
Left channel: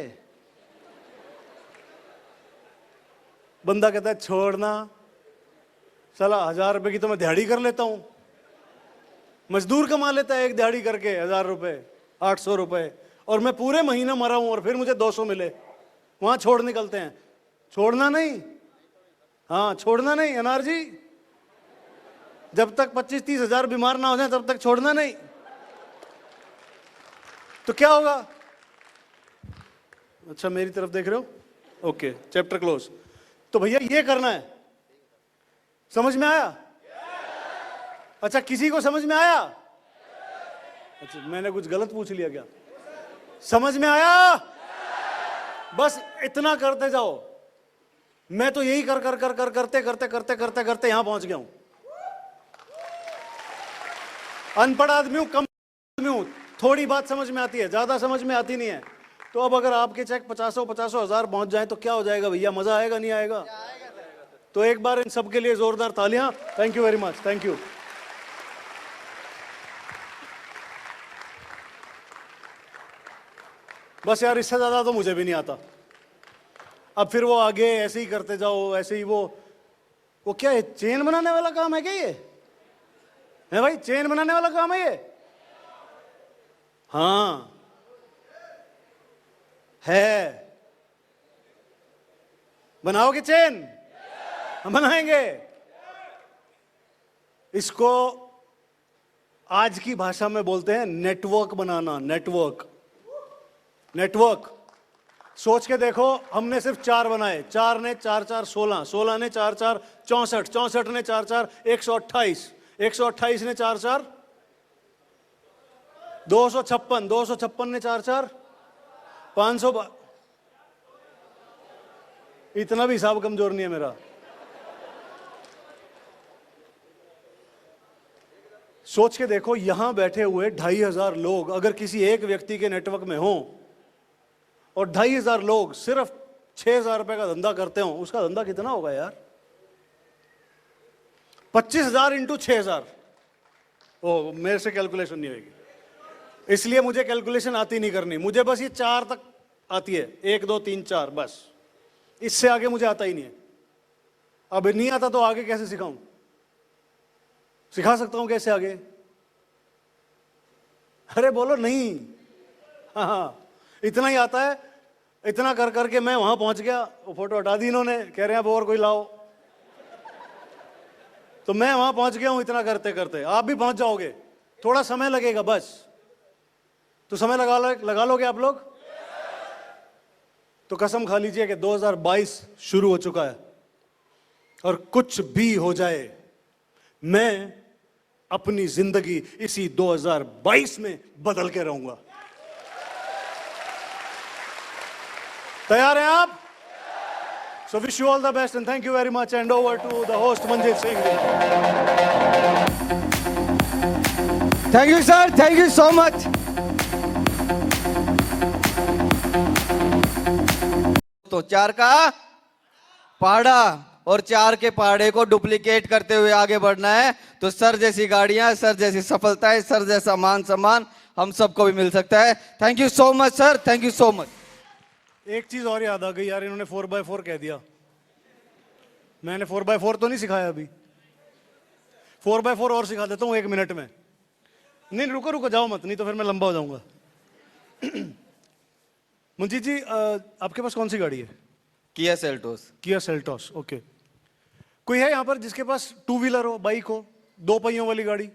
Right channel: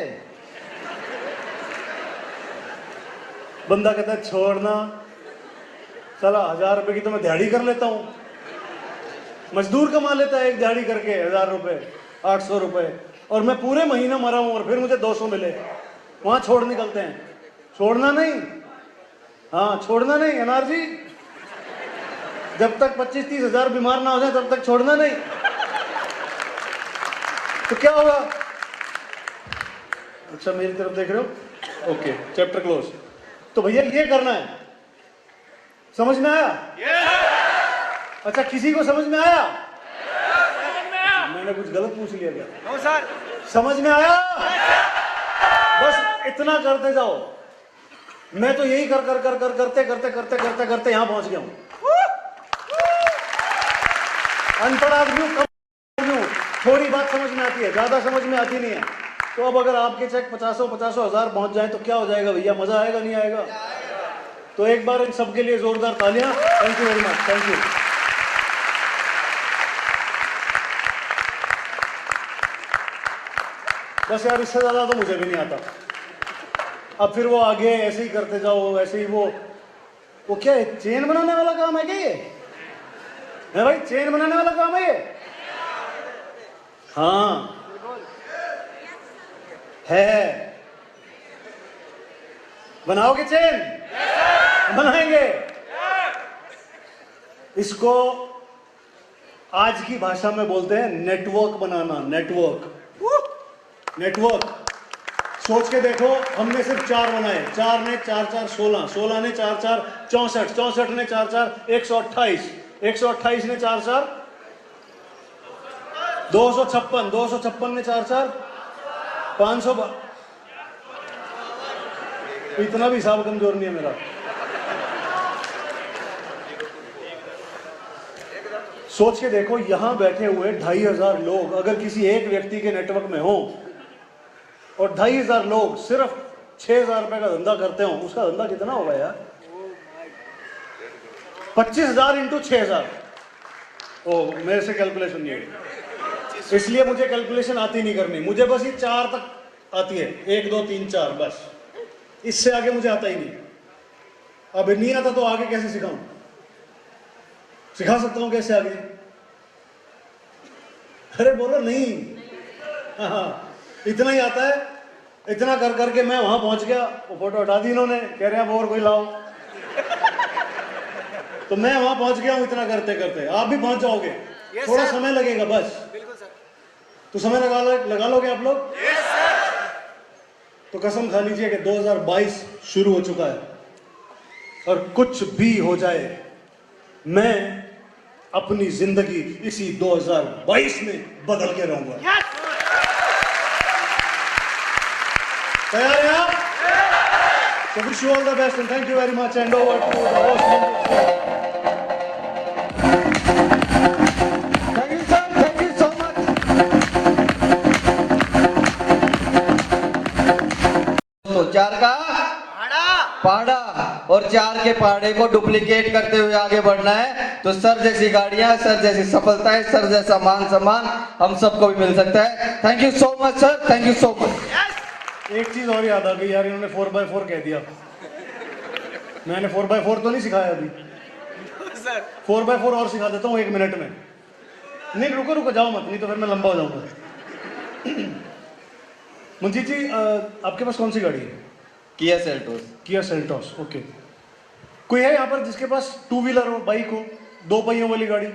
बंदा कहता है छोड़ना, चला 1,000 रुपए की तो मैं दिहाड़ी कर लेता हूं। मजदूर कमा लेता है एक दिहाड़ी करके 1,000 रुपए, 800 रुपए, और मैं पूरे महीना मरा हूं और फिर मुझे 200 मिले। वहां छोड़ निकलते हैं। छोड़ना नहीं, हाँ छोड़ना नहीं अनार जी। जब तक 25-30 हजार बीमार ना हो जाए तब तक छोड़ना नहीं। तो क्या होगा? अच्छा मेरी तरफ देख रहे हो? Okay, chapter close. तो भैया ये करना है। समझ में आया? अच्छा किसी को समझ में आया? मैंने कुछ गलत पूछ लिया क्या? No sir. समझ में आया? बस इतना करते जाओ। मैं तो यही करते यहां पहुंच गया हूं। अनपढ़ आदमी हूं, कम हूं, थोड़ी बात समझ में आती है, ज्यादा समझ में आती नहीं है। तो अब अगर आपके चेक 50 हजार पहुंच जाए तो क्या हो जाएगा भैया, मजा आएगा नहीं आएगा? तो एक बार इन सबके लिए जोरदार तालियां। Thank you very much, thank you. बस यार इससे ज्यादा तो मुझे भी नहीं आता। अब फिर वो आगे ऐसे ही करते जाओ, ऐसे ही वो क्या है, चेन बनाने वाला काम है क्या ये? है भाई, चेन बनाने वाला काम है ये? हाँ है। बनाओगे चेन? बनाएंगे। इसको आज की भाषा में बोलते हैं नेटवर्क बनाना। Network, network. सोच के देखो, हमने सिर्फ 4 बनाए। 4 ने 4 4 16, 16 ने 4 4 64, 64 ने 4 4 128, 128 ने 4 4 256, 256 ने 4 4 500। इतना भी हिसाब कमजोर नहीं है मेरा। सोच के देखो, यहां बैठे हुए 2500 लोग अगर किसी एक व्यक्ति के नेटवर्क में हो और 2500 लोग सिर्फ 6000 रुपए का धंधा करते हो, उसका धंधा कितना होगा यार? 25,000 इंटू 6000। ओ, मेरे से कैलकुलेशन नहीं है, इसलिए मुझे कैलकुलेशन आती नहीं करनी। मुझे बस ये 4 तक आती है, 1 2 3 4, बस। इससे आगे मुझे आता ही नहीं। अब नहीं आता तो आगे कैसे सिखाऊं? सिखा सकता हूं कैसे आगे? अरे बोलो नहीं। हाँ, इतना ही आता है। इतना कर करके मैं वहां पहुंच गया। वो फोटो हटा दी इन्होंने, कह रहे अब और कोई लाओ। तो मैं वहां पहुंच गया हूं इतना करते करते। आप भी पहुंच जाओगे, थोड़ा समय लगेगा बस। तो समय लगा लोगे आप लोग? तो कसम खा लीजिए कि 2022 शुरू हो चुका है और कुछ भी हो जाए, मैं अपनी जिंदगी इसी 2022 में बदल के रहूंगा। तैयार हैं आप? So wish you all the best and thank you very much and over to the host Manjit Singh. Thank you sir, thank you so much. तो 4 का पाड़ा और 4 के पाड़े को डुप्लीकेट करते हुए आगे बढ़ना है। तो सर जैसी गाड़ियां, सर जैसी सफलताएं, सर जैसा मान सम्मान हम सबको भी मिल सकता है। Thank you so much sir, thank you so much. एक चीज और याद आ गई यार, इन्होंने 4x4 कह दिया। मैंने 4x4 तो नहीं सिखाया अभी। 4x4 और सिखा देता हूँ 1 मिनट में। नहीं रुको जाओ मत, नहीं तो फिर मैं लंबा हो जाऊंगा। मंजीत जी, आपके पास कौन सी गाड़ी है? Kia Seltos. Kia Seltos, okay. कोई है यहाँ पर जिसके पास 2 व्हीलर हो, बाइक हो, 2 पहियों वाली गाड़ी?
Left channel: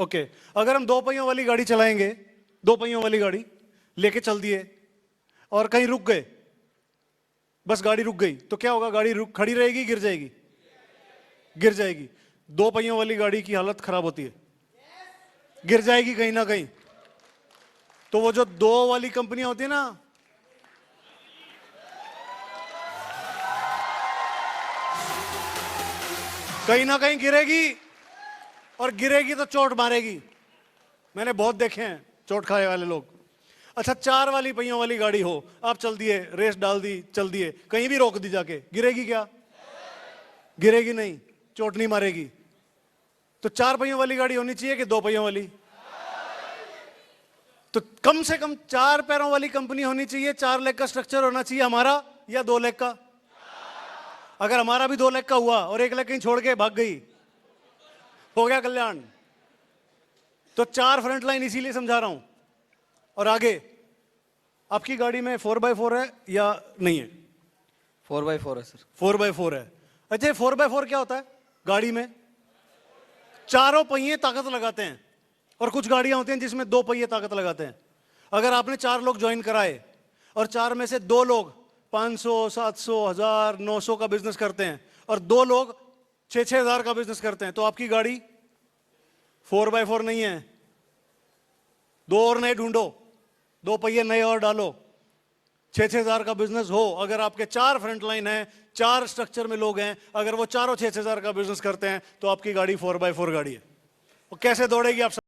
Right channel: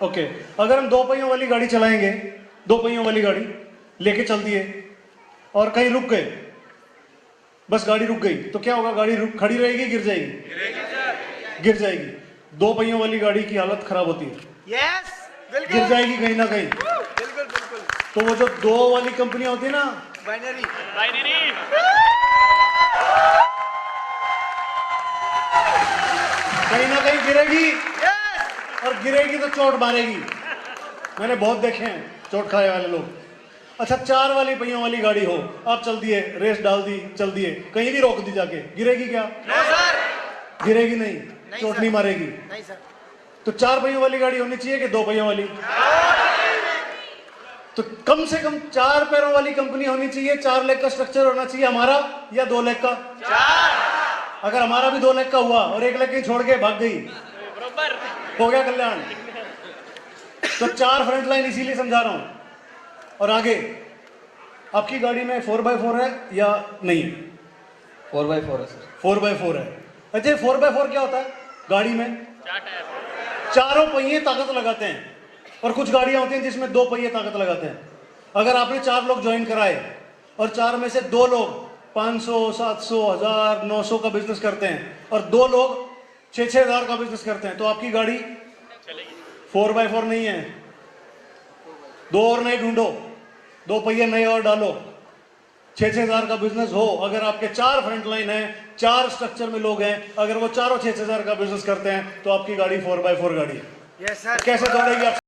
ओके। अगर हम 2 पहियों वाली गाड़ी चलाएंगे, 2 पहियों वाली गाड़ी लेके चल दिए और कहीं रुक गए, बस गाड़ी रुक गई, तो क्या होगा? गाड़ी खड़ी रहेगी, गिर जाएगी? गिर जाएगी। 2 पहियों वाली गाड़ी की हालत खराब होती है, गिर जाएगी कहीं ना कहीं। तो वो जो 2 वाली कंपनी होती है ना, बाइनरी, कहीं ना कहीं गिरेगी और गिरेगी तो चोट मारेगी। मैंने बहुत देखे हैं चोट खाए वाले लोग। अच्छा, 4 वाली पहियों वाली गाड़ी हो, आप चल दिए, रेस डाल दी, चल दिए, कहीं भी रोक दी जाके, गिरेगी क्या? गिरेगी नहीं, चोट नहीं मारेगी। नहीं सर। तो 4 पहियों वाली गाड़ी होनी चाहिए कि 2 पहियों वाली? तो कम से कम 4 पैरों वाली कंपनी होनी चाहिए। 4 लेग का स्ट्रक्चर होना चाहिए हमारा, या 2 लेग का? अगर हमारा भी 2 लेग का हुआ और 1 लेग छोड़ के भाग गई, हो गया कल्याण। तो 4 फ्रंट लाइन इसीलिए समझा रहा हूं। और आगे आपकी गाड़ी में 4x4 है या नहीं? 4x4 है सर। 4x4 है। अच्छा, 4x4 क्या होता है? गाड़ी में 4 पहिए ताकत लगाते हैं और कुछ गाड़ियां होती हैं जिसमें 2 पहिए ताकत लगाते हैं। अगर आपने 4 लोग ज्वाइन कराए और 4 में से 2 लोग 500, 700, 1000, 900 का बिजनेस करते हैं और 2 लोग 6-6 हजार का बिजनेस करते हैं, तो आपकी गाड़ी 4x4 नहीं है। 2 और नए ढूंढो, 2 पहिए नए और डालो। 6-6 हजार का बिजनेस हो, अगर आपके 4 फ्रंट लाइन है, 4 स्ट्रक्चर में लोग हैं, अगर वो चारों 6-6 हजार का बिजनेस करते हैं, तो आपकी गाड़ी 4x4 गाड़ी है। Yes sir. कैसे दौड़ेगी आप?